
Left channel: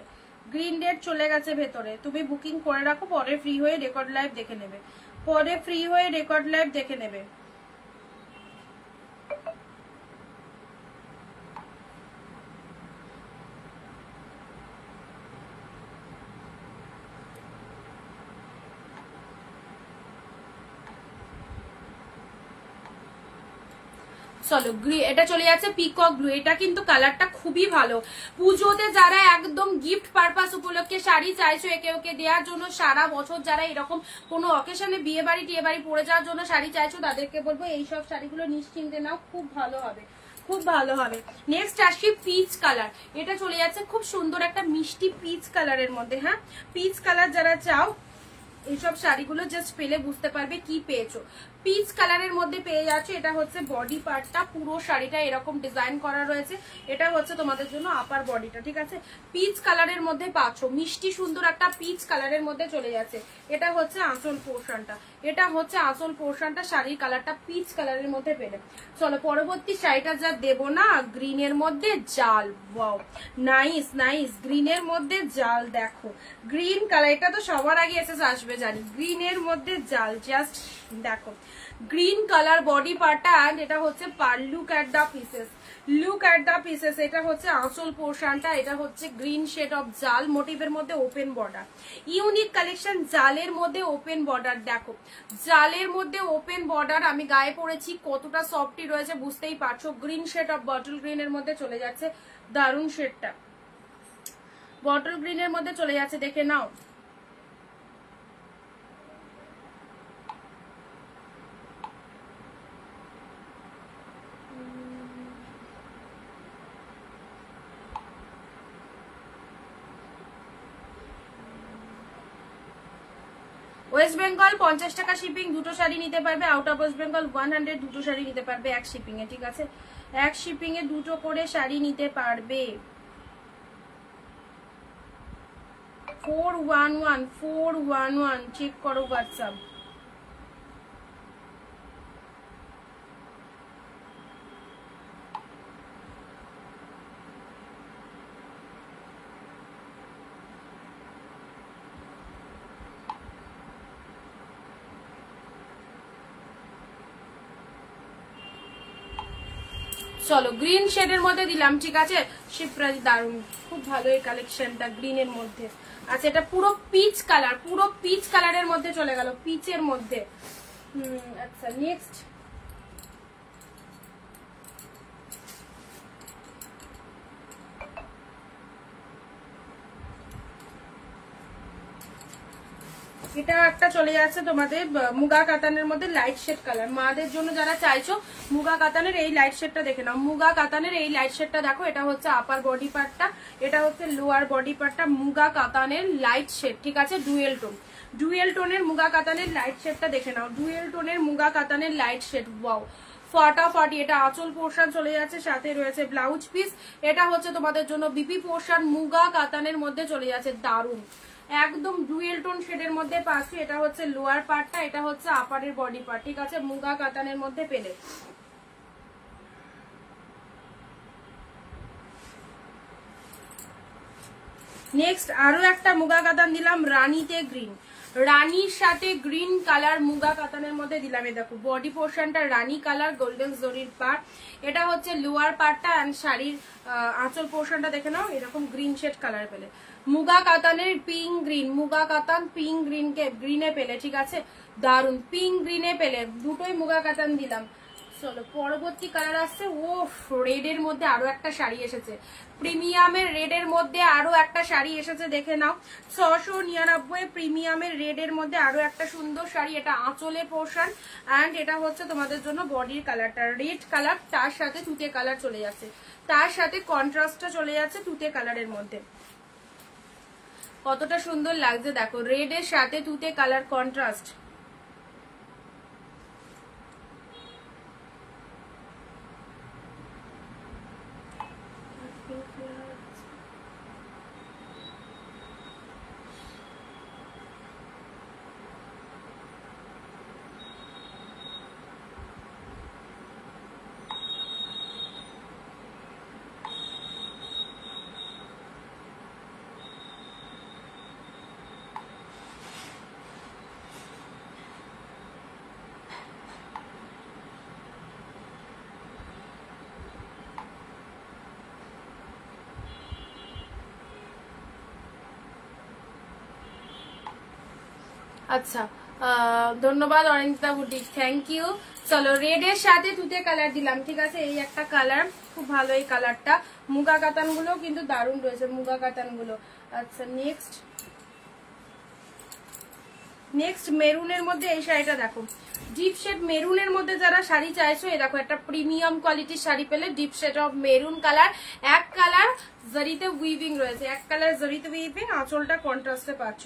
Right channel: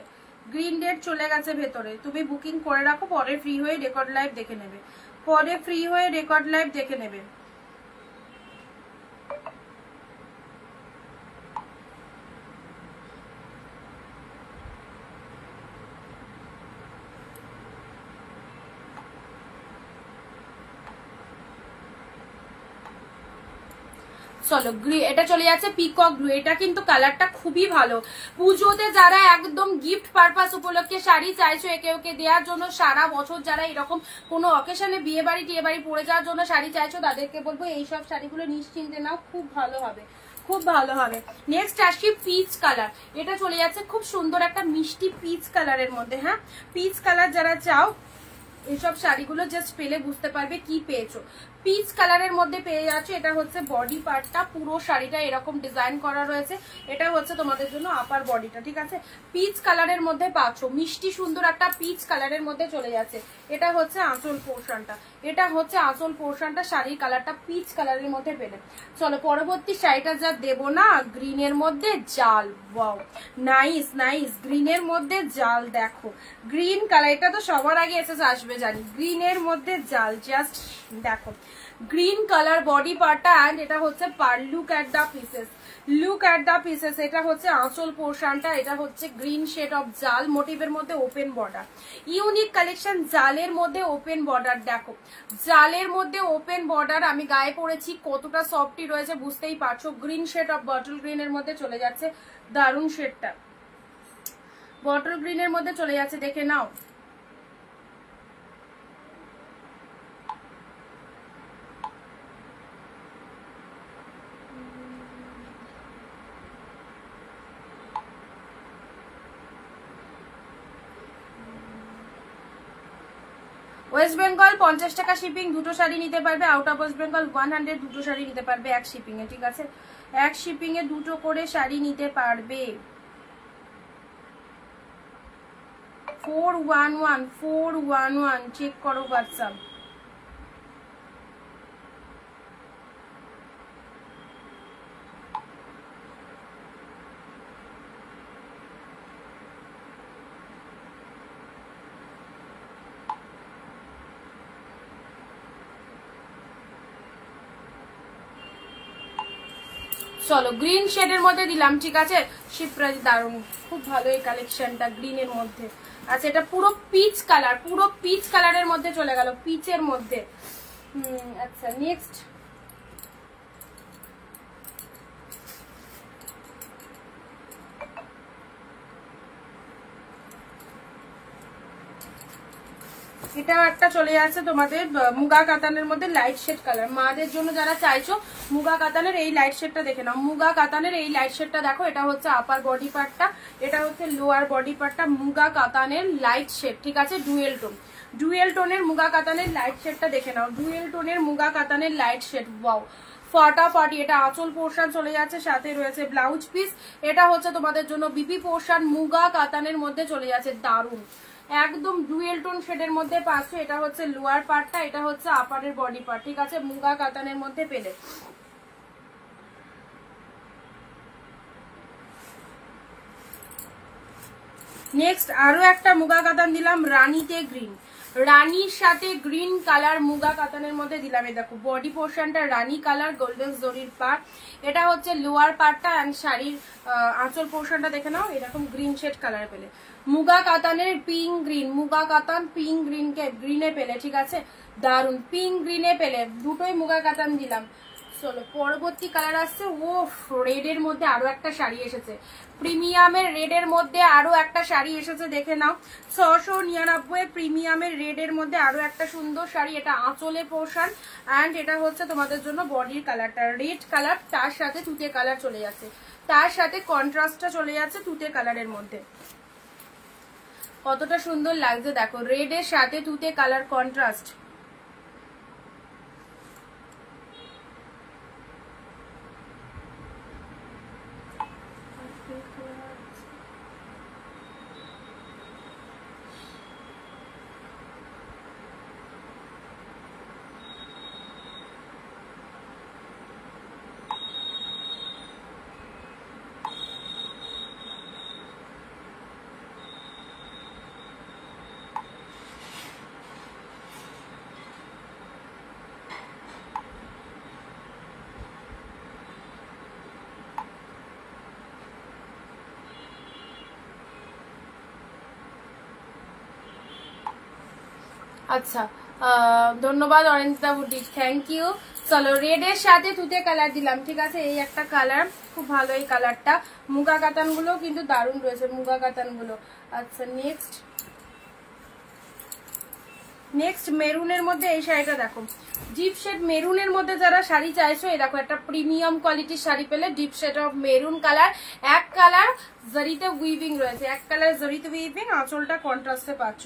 গ্রিন ডেট চলে গেছে ভেতরে। তুমি বুকিং করে রাখো, পরে ফ্রি হয়ে রেকর্ড লাইভ দেখে নেবে, পরে ফ্রি হয়ে রেকর্ড লাইভ দেখে নেবে। চলো, এটা চলে যাচ্ছে পিকক ব্লু। এটা কিন্তু কালারটা খুবই ভালো। পুজোতে যারা একদম গিফট পারপাস উপলক্ষে শাড়ি চাইছো একে ওকে দেওয়ার জন্য, সারা বছর যারা এরকম কোনো অকেশনে বিয়ে বাড়ি টিয়ে বাড়ি পরে যাওয়ার জন্য শাড়ি চাইছো, তাদেরকে বলবো এইসব শাড়িগুলো নিশ্চিন্তে নাও, খুব ভালো হবে, খুব ভালো হবে। নেক্সট আসি পিচ কালার। এটা চলে যাচ্ছে খুব সুন্দর একটা মিষ্টি পিচ কালারের মধ্যে। হ্যাঁ, পিচ কালার যারা চাও, এইসব শাড়িগুলো জাস্ট পেলে বুঝতে পারবে কি পেয়েছো। পিচ কালারের মধ্যে পেয়ে যাচ্ছে। এটা হচ্ছে বডি পার্টটা, পুরো শাড়িটা এরকম ডিজাইন করা রয়েছে। এটা হচ্ছে তোমাদের জন্য আপার বডিটা, ঠিক আছে? পিচ কালারের মধ্যে পাচ্ছ, মিষ্টি সুন্দর একটা পিচ কালারের মধ্যে চলে যাচ্ছে। এটা হচ্ছে আঁচল পোর্শনটা, এটা হচ্ছে আঁচল পোর্শনটা, শাড়ির কালারটা পিচ কালারের মধ্যে পেলে। চলো পরবর্তী শাড়িটা যা দেবো না, গ্রিনের মধ্যে জাল, ওয়াও নাইস নাইস, গ্রিনের মধ্যে জাল। দেখো গ্রিন কালার, এটা তো সবার আগে এসে আসবে জানি, গ্রিনের মধ্যে জাল, জাস্ট দেখো গ্রিন কালার বডি পার্টটা। অ্যান্ড এটা হচ্ছে পার, look at the pieces, look at the pieces. এটা হচ্ছে আঁচল পোর্শনটা, এটা হচ্ছে গ্রিন শেড অফ জাল মোটিভের মধ্যে ওপেন বর্ডার, ইউনিক কালেকশন, জালের মধ্যে ওপেন বর্ডার। দেখো জালের মধ্যে ওপেন বর্ডার, আমি গায়ে পড়েছি, কতটা সফটি রয়েছে বুঝতেই পারছো। গ্রিন শেড অফ বটল গ্রিনের মধ্যে চলে যাচ্ছে, দারুণ শেডটা, বটল গ্রিনের মধ্যে চলে যাচ্ছে, দেখে নাও। ওয়েস্ট বেঙ্গল 50 টাকা শিপিং, দুটো শাড়ি নিতে পারবে। আউট অফ ওয়েস্ট বেঙ্গল 100, দুটো শাড়ি নিতে পারবে এক শিপিং এ, ঠিক আছে? এক শিপিং এ দুটো করে শাড়ি নিতে পারবে। 411 চেক করো হোয়াটসঅ্যাপ। চলো গ্রিন শেডের মধ্যে দিলাম, ঠিক আছে? শিপ্রাজি দারুন, খুব ভালো এই কালেকশনটা গ্রিনের মধ্যে। আচ্ছা, এটা পুরো পিচ কালার, পুরো পিচ কালারের মধ্যে চলে গেল, পিচের মধ্যে। আচ্ছা নেক্সট এটা একটা চলে যাচ্ছে তোমাদের মুগা কাতানের মধ্যে লাইট শেড কালার। মাদের জন্য যারা চাইছো মুগা কাতানের এই লাইট শেডটা দেখে নাও, মুগা কাতানের এই লাইট শেডটা দেখো। এটা হচ্ছে আপার বডি পার্টটা, এটা হচ্ছে লোয়ার বডি পার্টটা, মুগা কাতানের লাইট শেড, ঠিক আছে? ডুয়েল টোন, ডুয়েল টোনের মুগা কাতানের লাইট শেডটা দেখে নাও, ডুয়েল টোনের মুগা কাতানের লাইট শেড, ওয়াও ফাটাফাটি। এটা আঁচল পোর্শন চলে যাচ্ছে, সাথে রয়েছে ব্লাউজ পিস। এটা হচ্ছে তোমাদের জন্য বিপি পোর্শন, মুগা কাতানের মধ্যে চলে যাচ্ছে, দারুন একদম ডুয়েল টোন শেডের মধ্যে পাচ্ছ। এটা হচ্ছে লোয়ার পার্টটা, এটা হচ্ছে আপারের বডি পার্ট, ঠিক আছে? মুগা কাতানের মধ্যে পেলে। নেক্সট আরো একটা মুগা কাতান দিলাম রানীতে গ্রিন, রানীর সাথে গ্রিন কালার মুগা কাতানের মধ্যে দিলাম। এই দেখো বডি পোর্শনটা রানী কালার গোল্ডেন জরির পার্ট, এটা হচ্ছে লোয়ার পার্টটা অ্যান্ড শাড়ির আঁচল পোর্শনটা দেখে নাও এরকম গ্রিন শেড কালার পেলে। মুগা কাতানের পিঙ্ক গ্রিন, মুগা কাতান পিঙ্ক গ্রিনে পেলে, ঠিক আছে দারুন পিঙ্ক গ্রিনে পেলে, দুটোই মুগা কাতান দিলাম। চলো পরবর্তী কালার আসছে, ও রেড এর মধ্যে আরো একটা শাড়ি এসেছে, প্রিমিয়ামের রেড এর মধ্যে আরো একটা শাড়ি এসেছে দেখে নাও 699 প্রিমিয়ামের রেড এর মধ্যে আরো একটা সুন্দর শাড়ি। এটা আঁচলে পোর্শন অ্যান্ড এটা হচ্ছে তোমাদের জন্য বডির কালারটা রেড কালার, তার সাথে তুতে কালার চলে যাচ্ছে, তার সাথে কন্ট্রাস্টটা চলে যাচ্ছে তুতে কালারের মধ্যে। কতটা সুন্দর লাগছে দেখো, রেড এর সাথে তুতে কালার কন্ট্রাস্ট। আচ্ছা ধন্যবাদ অনিন্দিতা বুটিক, থ্যাংক ইউ। চলো রেড এর সাথে তুতে কালার দিলাম, ঠিক আছে এই একটা কালার, খুব ভালো এই কালারটা। মুগা কাতান গুলো কিন্তু দারুণ রয়েছে মুগা কাতান গুলো। আচ্ছা নেক্সট মেরুনের মধ্যে এই শাড়িটা দেখো, ডিপ শেড মেরুনের মধ্যে যারা শাড়ি চাইছো এই দেখো একটা প্রিমিয়াম কোয়ালিটির শাড়ি পেলে, deep shade of maroon colour, এক কালার জরিতে উইভিং রয়েছে, এক কালার জরিতে উইভিং, আঁচলটা কন্ট্রাস্টে পাচ্ছ,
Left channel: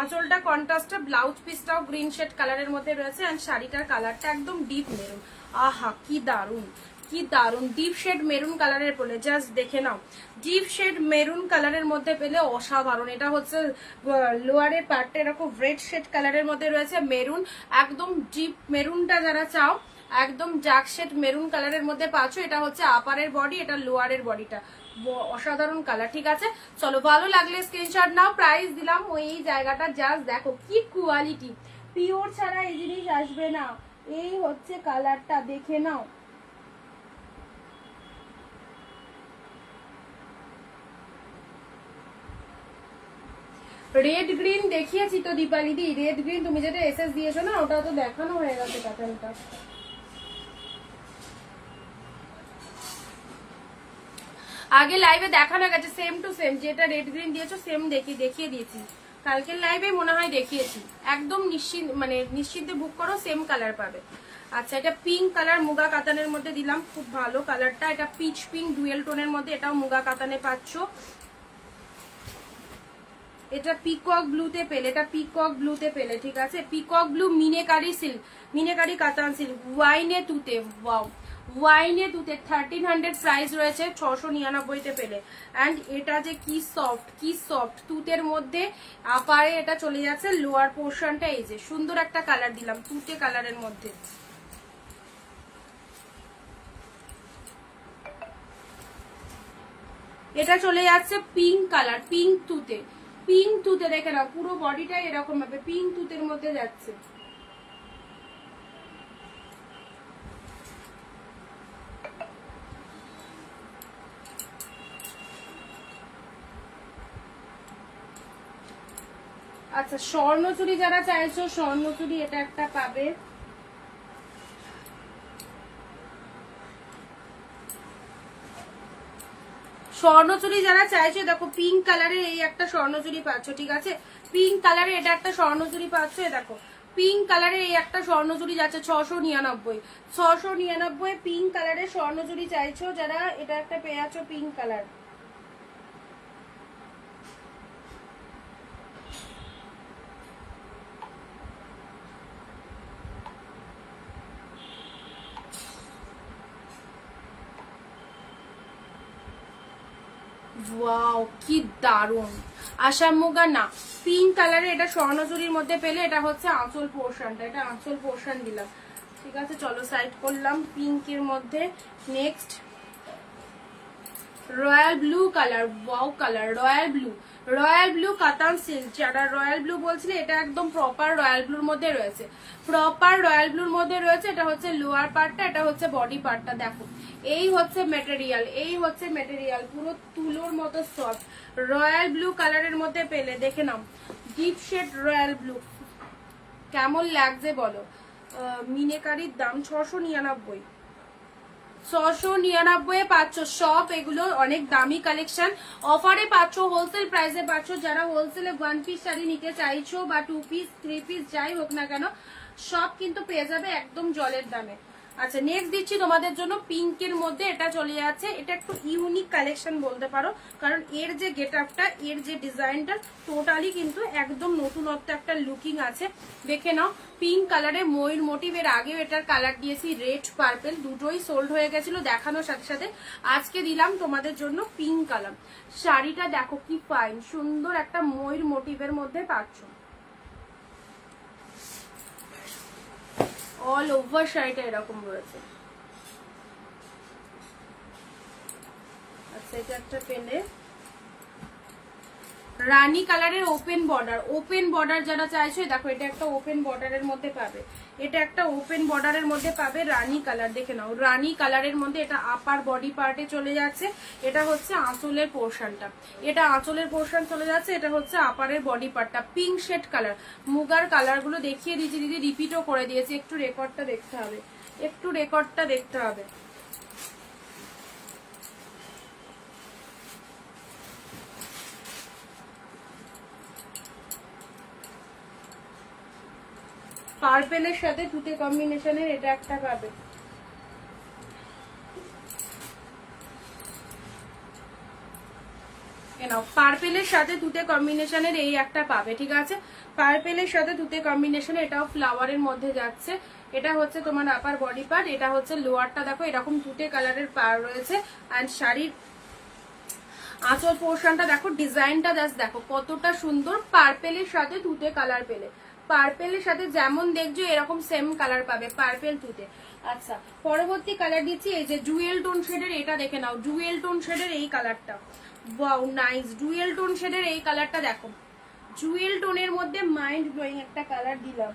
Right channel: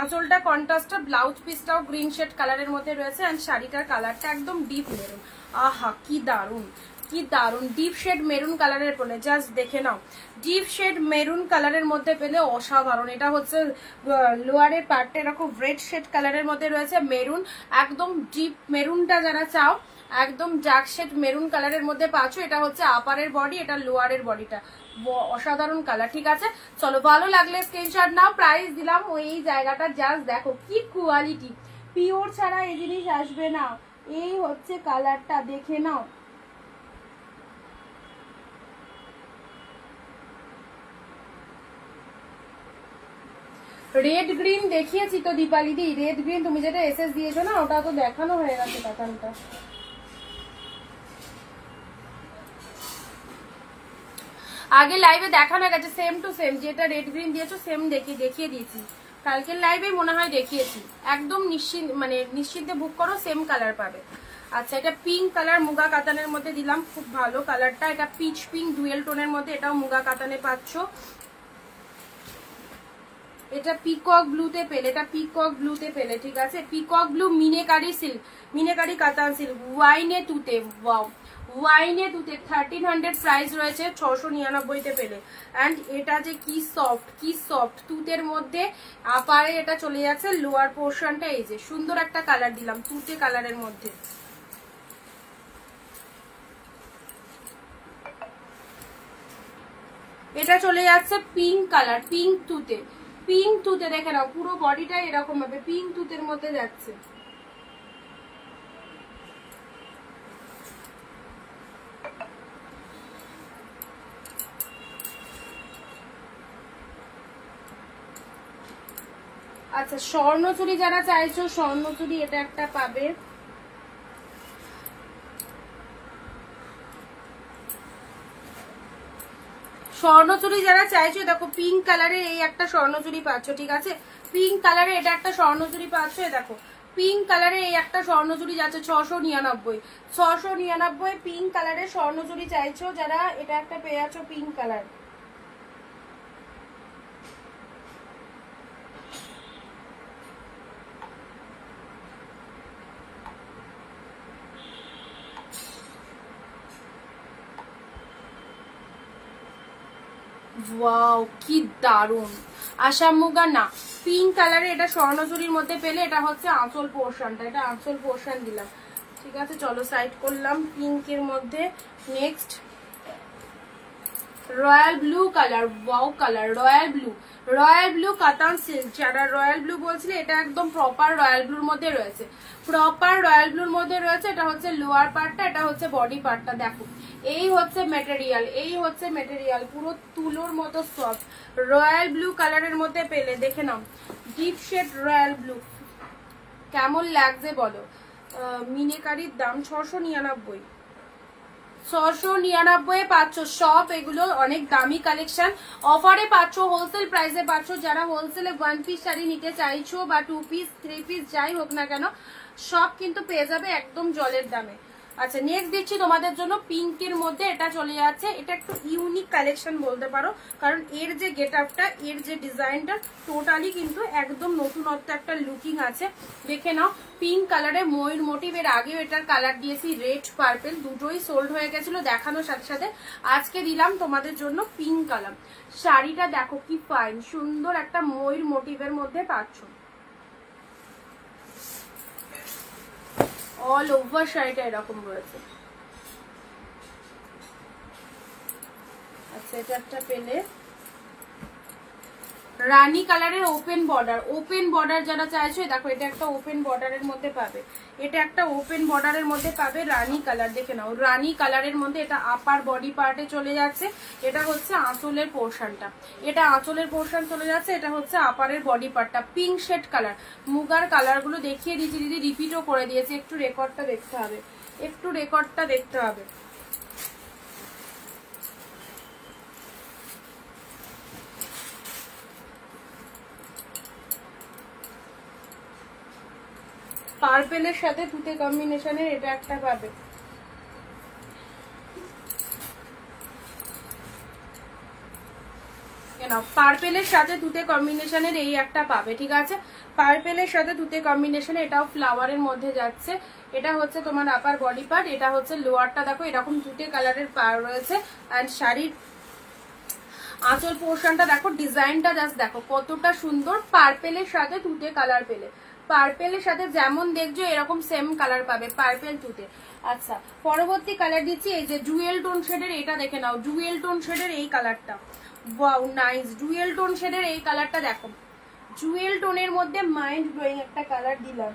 আঁচলটা কন্ট্রাস্টে, ব্লাউজ পিসটাও গ্রিন শেড কালারের মধ্যে রয়েছে এন্ড শাড়িটার কালারটা একদম ডিপ মেরুন। আহা কি দারুন কি দারুন, ডিপ শেড মেরুন কালারের পেলে, জাস্ট দেখে নাও ডিপ শেড মেরুন কালারের মধ্যে পেলে অসাধারণ। এটা হচ্ছে লোয়ারের পার্টটা এরকম রেড শেড কালারের মধ্যে রয়েছে, মেরুন একদম ডিপ মেরুনটা যারা চাও একদম ডার্ক শেড মেরুন কালারের মধ্যে পাচ্ছ। এটা হচ্ছে আপারের বডি, এটা লোয়ারের বডিটা, অসাধারণ কালার, ঠিক আছে। চলো ভালো লাগলে স্ক্রিনশট নাও, প্রাইস দিলাম ওই জায়গাটা, জাস্ট দেখো কি কোয়ালিটি, পিওর ছাড়া এই জিনিস আসবে না। এই হচ্ছে কালারটা, দেখে নাও রেড গ্রিন দেখিয়েছি তো দীপালি দি, রেড গ্রিন তুমি যেটা এসএস দিয়েছো না ওটা তো দেখানো হয়ে গেছে প্যাটার্নটা। আগে লাইভে দেখানো হয়ে গেছে সেম টু সেম, যেটা রেড গ্রিন দিয়েছো সেম দেখিয়ে দিয়েছি, কালকের লাইভে মনে হয় দেখিয়েছি। একদম নিশ্চিন্তে বুক করো, সেম কালার পাবে। আচ্ছা এটা পিঙ্ক কালার মুগা কাতানের মধ্যে দিলাম, খুব ভালো কালারটা, এটা পিচ পিঙ্ক ডুয়েল টোনের মধ্যে, এটাও মুগা কাতানে পাচ্ছ। এটা পিকক ব্লুতে পেলে, এটা পিকক ব্লুতে পেলে, ঠিক আছে peacock blue meenakari silk, meenakari কাতান সিল্ক, ওয়াইনে তুতে, ওয়াও ওয়াইনে তুতে 1300 প্রাইস রয়েছে, 699 পেলে। অ্যান্ড এটা যে কি সফট তুতের মধ্যে আপারে এটা চলে যাচ্ছে, লোয়ার পোর্শনটা এই যে সুন্দর একটা কালার দিলাম তুতে কালারের মধ্যে। এটা চলে যাচ্ছে পিঙ্ক কালার, পিঙ্ক তুতে দেখে নাও, পুরো বডিটা এরকম ভাবে পিঙ্ক তুতের মধ্যে যাচ্ছে। আচ্ছা স্বর্ণচুরি যারা চাইছো, স্বর্ণচুরি এটা একটা পাবে, স্বর্ণচুরি যারা চাইছো দেখো পিঙ্ক কালারে এই একটা স্বর্ণচুরি পাচ্ছ, ঠিক আছে পিঙ্ক কালারে এটা একটা স্বর্ণচুরি পাচ্ছ। দেখো পিঙ্ক কালারে এই একটা স্বর্ণচুরি যাচ্ছে 699 পিঙ্ক কালারের স্বর্ণচুরি চাইছো যারা, এটা একটা পেয়ে যাচ্ছ পিঙ্ক কালার। ওয়াও কি দারুন, আসাম মুগা না পিঙ্ক কালারে এটা স্বর্ণচুরির মধ্যে পেলে, এটা হচ্ছে আঁচল পোর্শনটা, এটা আঁচল পোর্শন দিলাম, ঠিক আছে চলো সাইড করলাম পিঙ্কের মধ্যে। Next royal blue colour, wow colour, royal blue, royal blue কাতান সিল্ক। যারা রয়্যাল ব্লু বলছিলে এটা একদম প্রপার রয়্যাল ব্লুর মধ্যে রয়েছে, প্রপার রয়্যাল ব্লুর মধ্যে রয়েছে। এটা হচ্ছে লোয়ার পার্টটা, এটা হচ্ছে বডি পার্টটা। দেখো এই হচ্ছে মেটেরিয়াল, এই হচ্ছে মেটেরিয়াল, পুরো তুলোর মতো সফট। রয়্যাল ব্লু কালারের মধ্যে পেলে দেখে নাও, ডিপ শেড রয়্যাল ব্লু, কেমন লাগছে বলো। মিনেকারির দাম 699, 699 পাচ্ছ সব। এগুলো অনেক দামি কালেকশন, অফারে পাচ্ছ, হোলসেল প্রাইসে পাচ্ছ। যারা হোলসেলে 1 পিস শাড়ি নিতে চাইছো বা 2 পিস 3 পিস যাই হোক না কেন, সব কিন্তু পেয়ে যাবে একদম জলের দামে। আচ্ছা নেক্সট দিচ্ছি তোমাদের জন্য পিঙ্কের মধ্যে, এটা চলে যাচ্ছে। এটা একটু ইউনিক কালেকশন বলতে পারো, কারণ এর যে গেট আপটা, এর যে ডিজাইনটা টোটালি কিন্তু একদম নতুনত্ব একটা লুকিং আছে। দেখে নাও পিঙ্ক কালারে ময়ূর মোটিভ। এর আগেও এটার কালার দিয়েছি রেড পার্পেল, দুটোই সোল্ড হয়ে গেছিল দেখানোর সাথে সাথে। আজকে দিলাম তোমাদের জন্য পিঙ্ক কালার। শাড়িটা দেখো কি ফাইন, সুন্দর একটা ময়ূর মোটিভের মধ্যে পাচ্ছ। অল ওভার শাড়িটা এরকম রয়েছে। আচ্ছা এটা একটা পেলে রানী কালারের ওপেন বর্ডার, ওপেন বর্ডার যারা চাইছো দেখো এটা একটা ওপেন বর্ডারের মধ্যে পাবে, এটা একটা ওপেন বর্ডারের মধ্যে পাবে রানী কালার। দেখে নাও রানী কালারের মধ্যে, এটা আপার বডি পার্টে চলে যাচ্ছে। এটা হচ্ছে আঁচলের পোর্শনটা, এটা আঁচলের পোর্শন চলে যাচ্ছে। এটা হচ্ছে আপারের বডি পার্টটা, পিঙ্ক শেড কালার। মুগার কালার গুলো দেখিয়ে দিয়েছি দিদি, রিপিটও করে দিয়েছি। একটু রেকর্ডটা দেখতে হবে, একটু রেকর্ডটা দেখতে হবে। পার্পেলের সাথে তুতে কম্বিনেশনের এটা একটা পাবে। পার্পেলের সাথে তুতে কম্বিনেশনের এই একটা পাবে, ঠিক আছে। পার্পেলের সাথে তুতে কম্বিনেশনে, এটাও ফ্লাওয়ারের মধ্যে যাচ্ছে। এটা হচ্ছে তোমার আপার বডি পার্ট, এটা হচ্ছে লোয়ারটা। দেখো এরকম তুতে কালারের পার রয়েছে। আর শাড়ির আঁচল পোর্শনটা দেখো, ডিজাইনটা জাস্ট দেখো কতটা সুন্দর। পার্পেলের সাথে তুতে কালার পেলে, পার্পেলের সাথে যেমন দেখছো এরকম সেম কালার পাবে, পার্পেল তুতে। আচ্ছা পরবর্তী কালার দিচ্ছি এই যে ডুয়েল টোন শেডের, এটা দেখে নাও ডুয়েল টোন শেডের এই কালারটা, ওয়াও নাইস। ডুয়েল টোন শেডের এই কালারটা দেখো, জুয়েল টোনের মধ্যে মাইন্ড ব্লোয়িং একটা কালার দিলাম।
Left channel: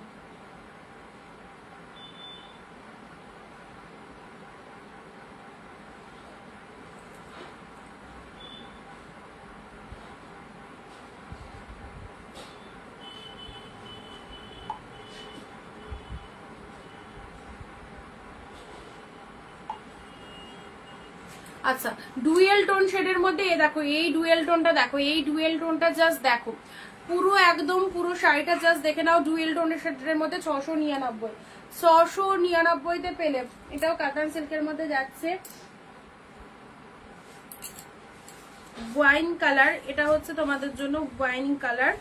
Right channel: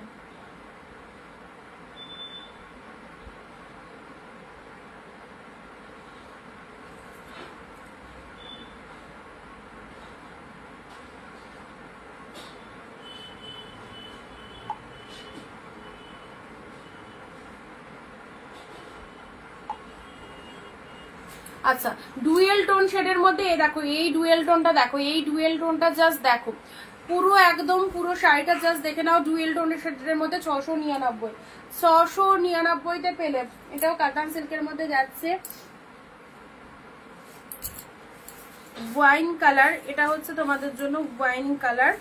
আচ্ছা ডুয়েল টোন শেডের মধ্যে এ দেখো, এই ডুয়েল টোনটা দেখো, এই ডুয়েল টোনটা জাস্ট দেখো, পুরো একদম পুরো শাড়িটা জাস্ট দেখে নাও। ডুয়েল টোনের শেডের মধ্যে 699, 699 পেলে। এটাও কাতান সিল্কের মধ্যে যাচ্ছে, ওয়াইন কালার। এটা হচ্ছে তোমাদের জন্য ওয়াইন কালার,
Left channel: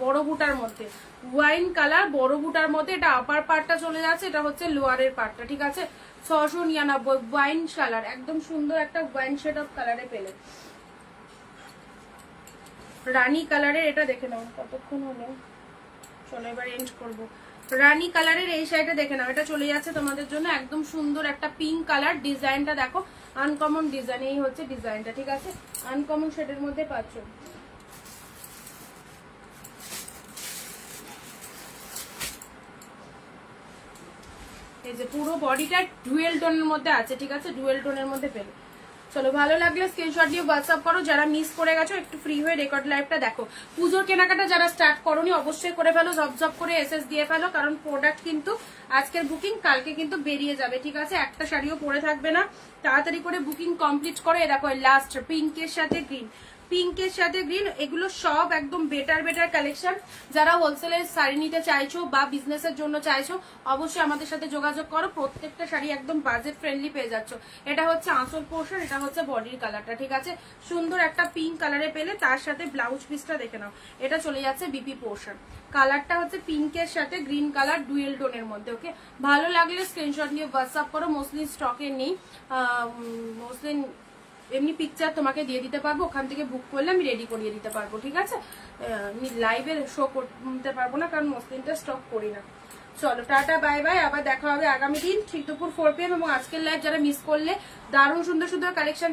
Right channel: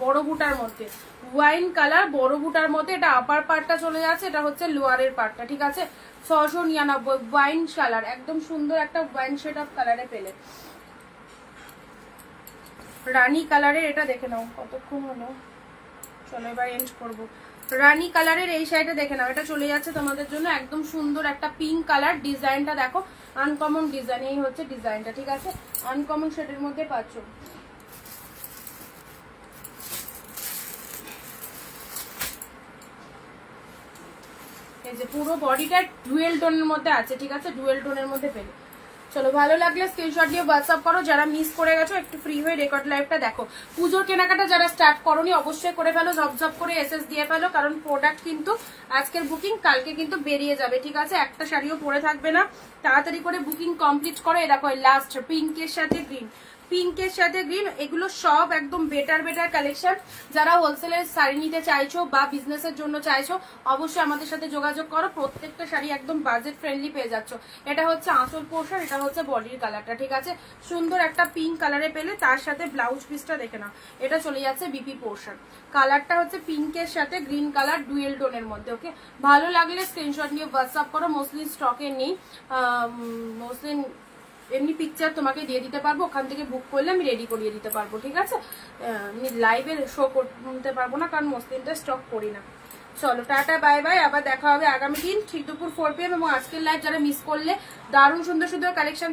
বড় বুটার মধ্যে ওয়াইন কালার, বড় বুটার মধ্যে। এটা আপার পার্টটা চলে যাচ্ছে, এটা হচ্ছে লোয়ারের পার্টটা, ঠিক আছে। 699 ওয়াইন কালার, একদম সুন্দর একটা ওয়াইন শেড অফ কালারে পেলে। রানী কালারের এটা দেখে নাও, কতক্ষণ হলো, চলো এবার এন্ড করবো। রানী কালারের এই শাড়িটা দেখে নাও, এটা চলে যাচ্ছে তোমাদের জন্য একদম সুন্দর একটা পিঙ্ক কালার। ডিজাইনটা দেখো আনকমন ডিজাইন, এই হচ্ছে ডিজাইনটা, ঠিক আছে। আনকমন শেডের মধ্যে পাচ্ছ। এই যে পুরো বডিটা ডুয়েল টোনের মধ্যে আছে, ঠিক আছে, ডুয়েল টোনের মধ্যে পেলে। চলো ভালো লাগলে স্ক্রিনশট দিয়ে হোয়াটসঅ্যাপ করো। যারা মিস করে গেছো একটু ফ্রি হয়ে রেকর্ড লাইভটা দেখো। পুজোর কেনাকাটা যারা স্টার্ট করোনি অবশ্যই করে ফেলো, ঝপঝপ করে এসএস দিয়ে ফেলো, কারণ প্রোডাক্ট কিন্তু আজকের বুকিং কালকে কিন্তু বেরিয়ে যাবে, ঠিক আছে। একটা শাড়িও পরে থাকবে না, তাড়াতাড়ি করে বুকিং কমপ্লিট করো। এ দেখো লাস্ট পিঙ্কের সাথে গ্রিন, পিঙ্কের সাথে গ্রিন, এগুলো সব একদম বেটার বেটার কালেকশন। যারা হোলসেলের শাড়ি নিতে চাইছো বা বিজনেসের জন্য চাইছো অবশ্যই আমাদের সাথে যোগাযোগ করো। প্রত্যেকটা শাড়ি একদম বাজেট ফ্রেন্ডলি পেয়ে যাচ্ছ। এটা হচ্ছে আঁচল পোর্শন, এটা হচ্ছে বডির কালারটা, ঠিক আছে। সুন্দর একটা পিঙ্ক কালারে পেলে, তার সাথে ব্লাউজ পিসটা দেখে নাও, এটা চলে যাচ্ছে বিপি পোর্শন। কালারটা হচ্ছে পিঙ্কের সাথে গ্রিন কালার ডুয়েল টোনের মধ্যে। ওকে, ভালো লাগলে স্ক্রিনশট নিয়ে হোয়াটসঅ্যাপ করো। মোস্টলি স্টকে নেই, মোস্টলি এমনি পিকচার তোমাকে দিয়ে দিতে পারবো, ওখান থেকে বুক করলে আমি রেডি করিয়ে দিতে পারবো, ঠিক আছে। আমি লাইভে শো করতে পারবো না, কারণ মসলিনটা স্টক করি না। চলো টাটা বাই বাই, আবার দেখা হবে আগামী দিন ঠিক দুপুর 4 PM। এবং আজকের লাইভ যারা মিস করলে, দারুণ সুন্দর সুন্দর কালেকশন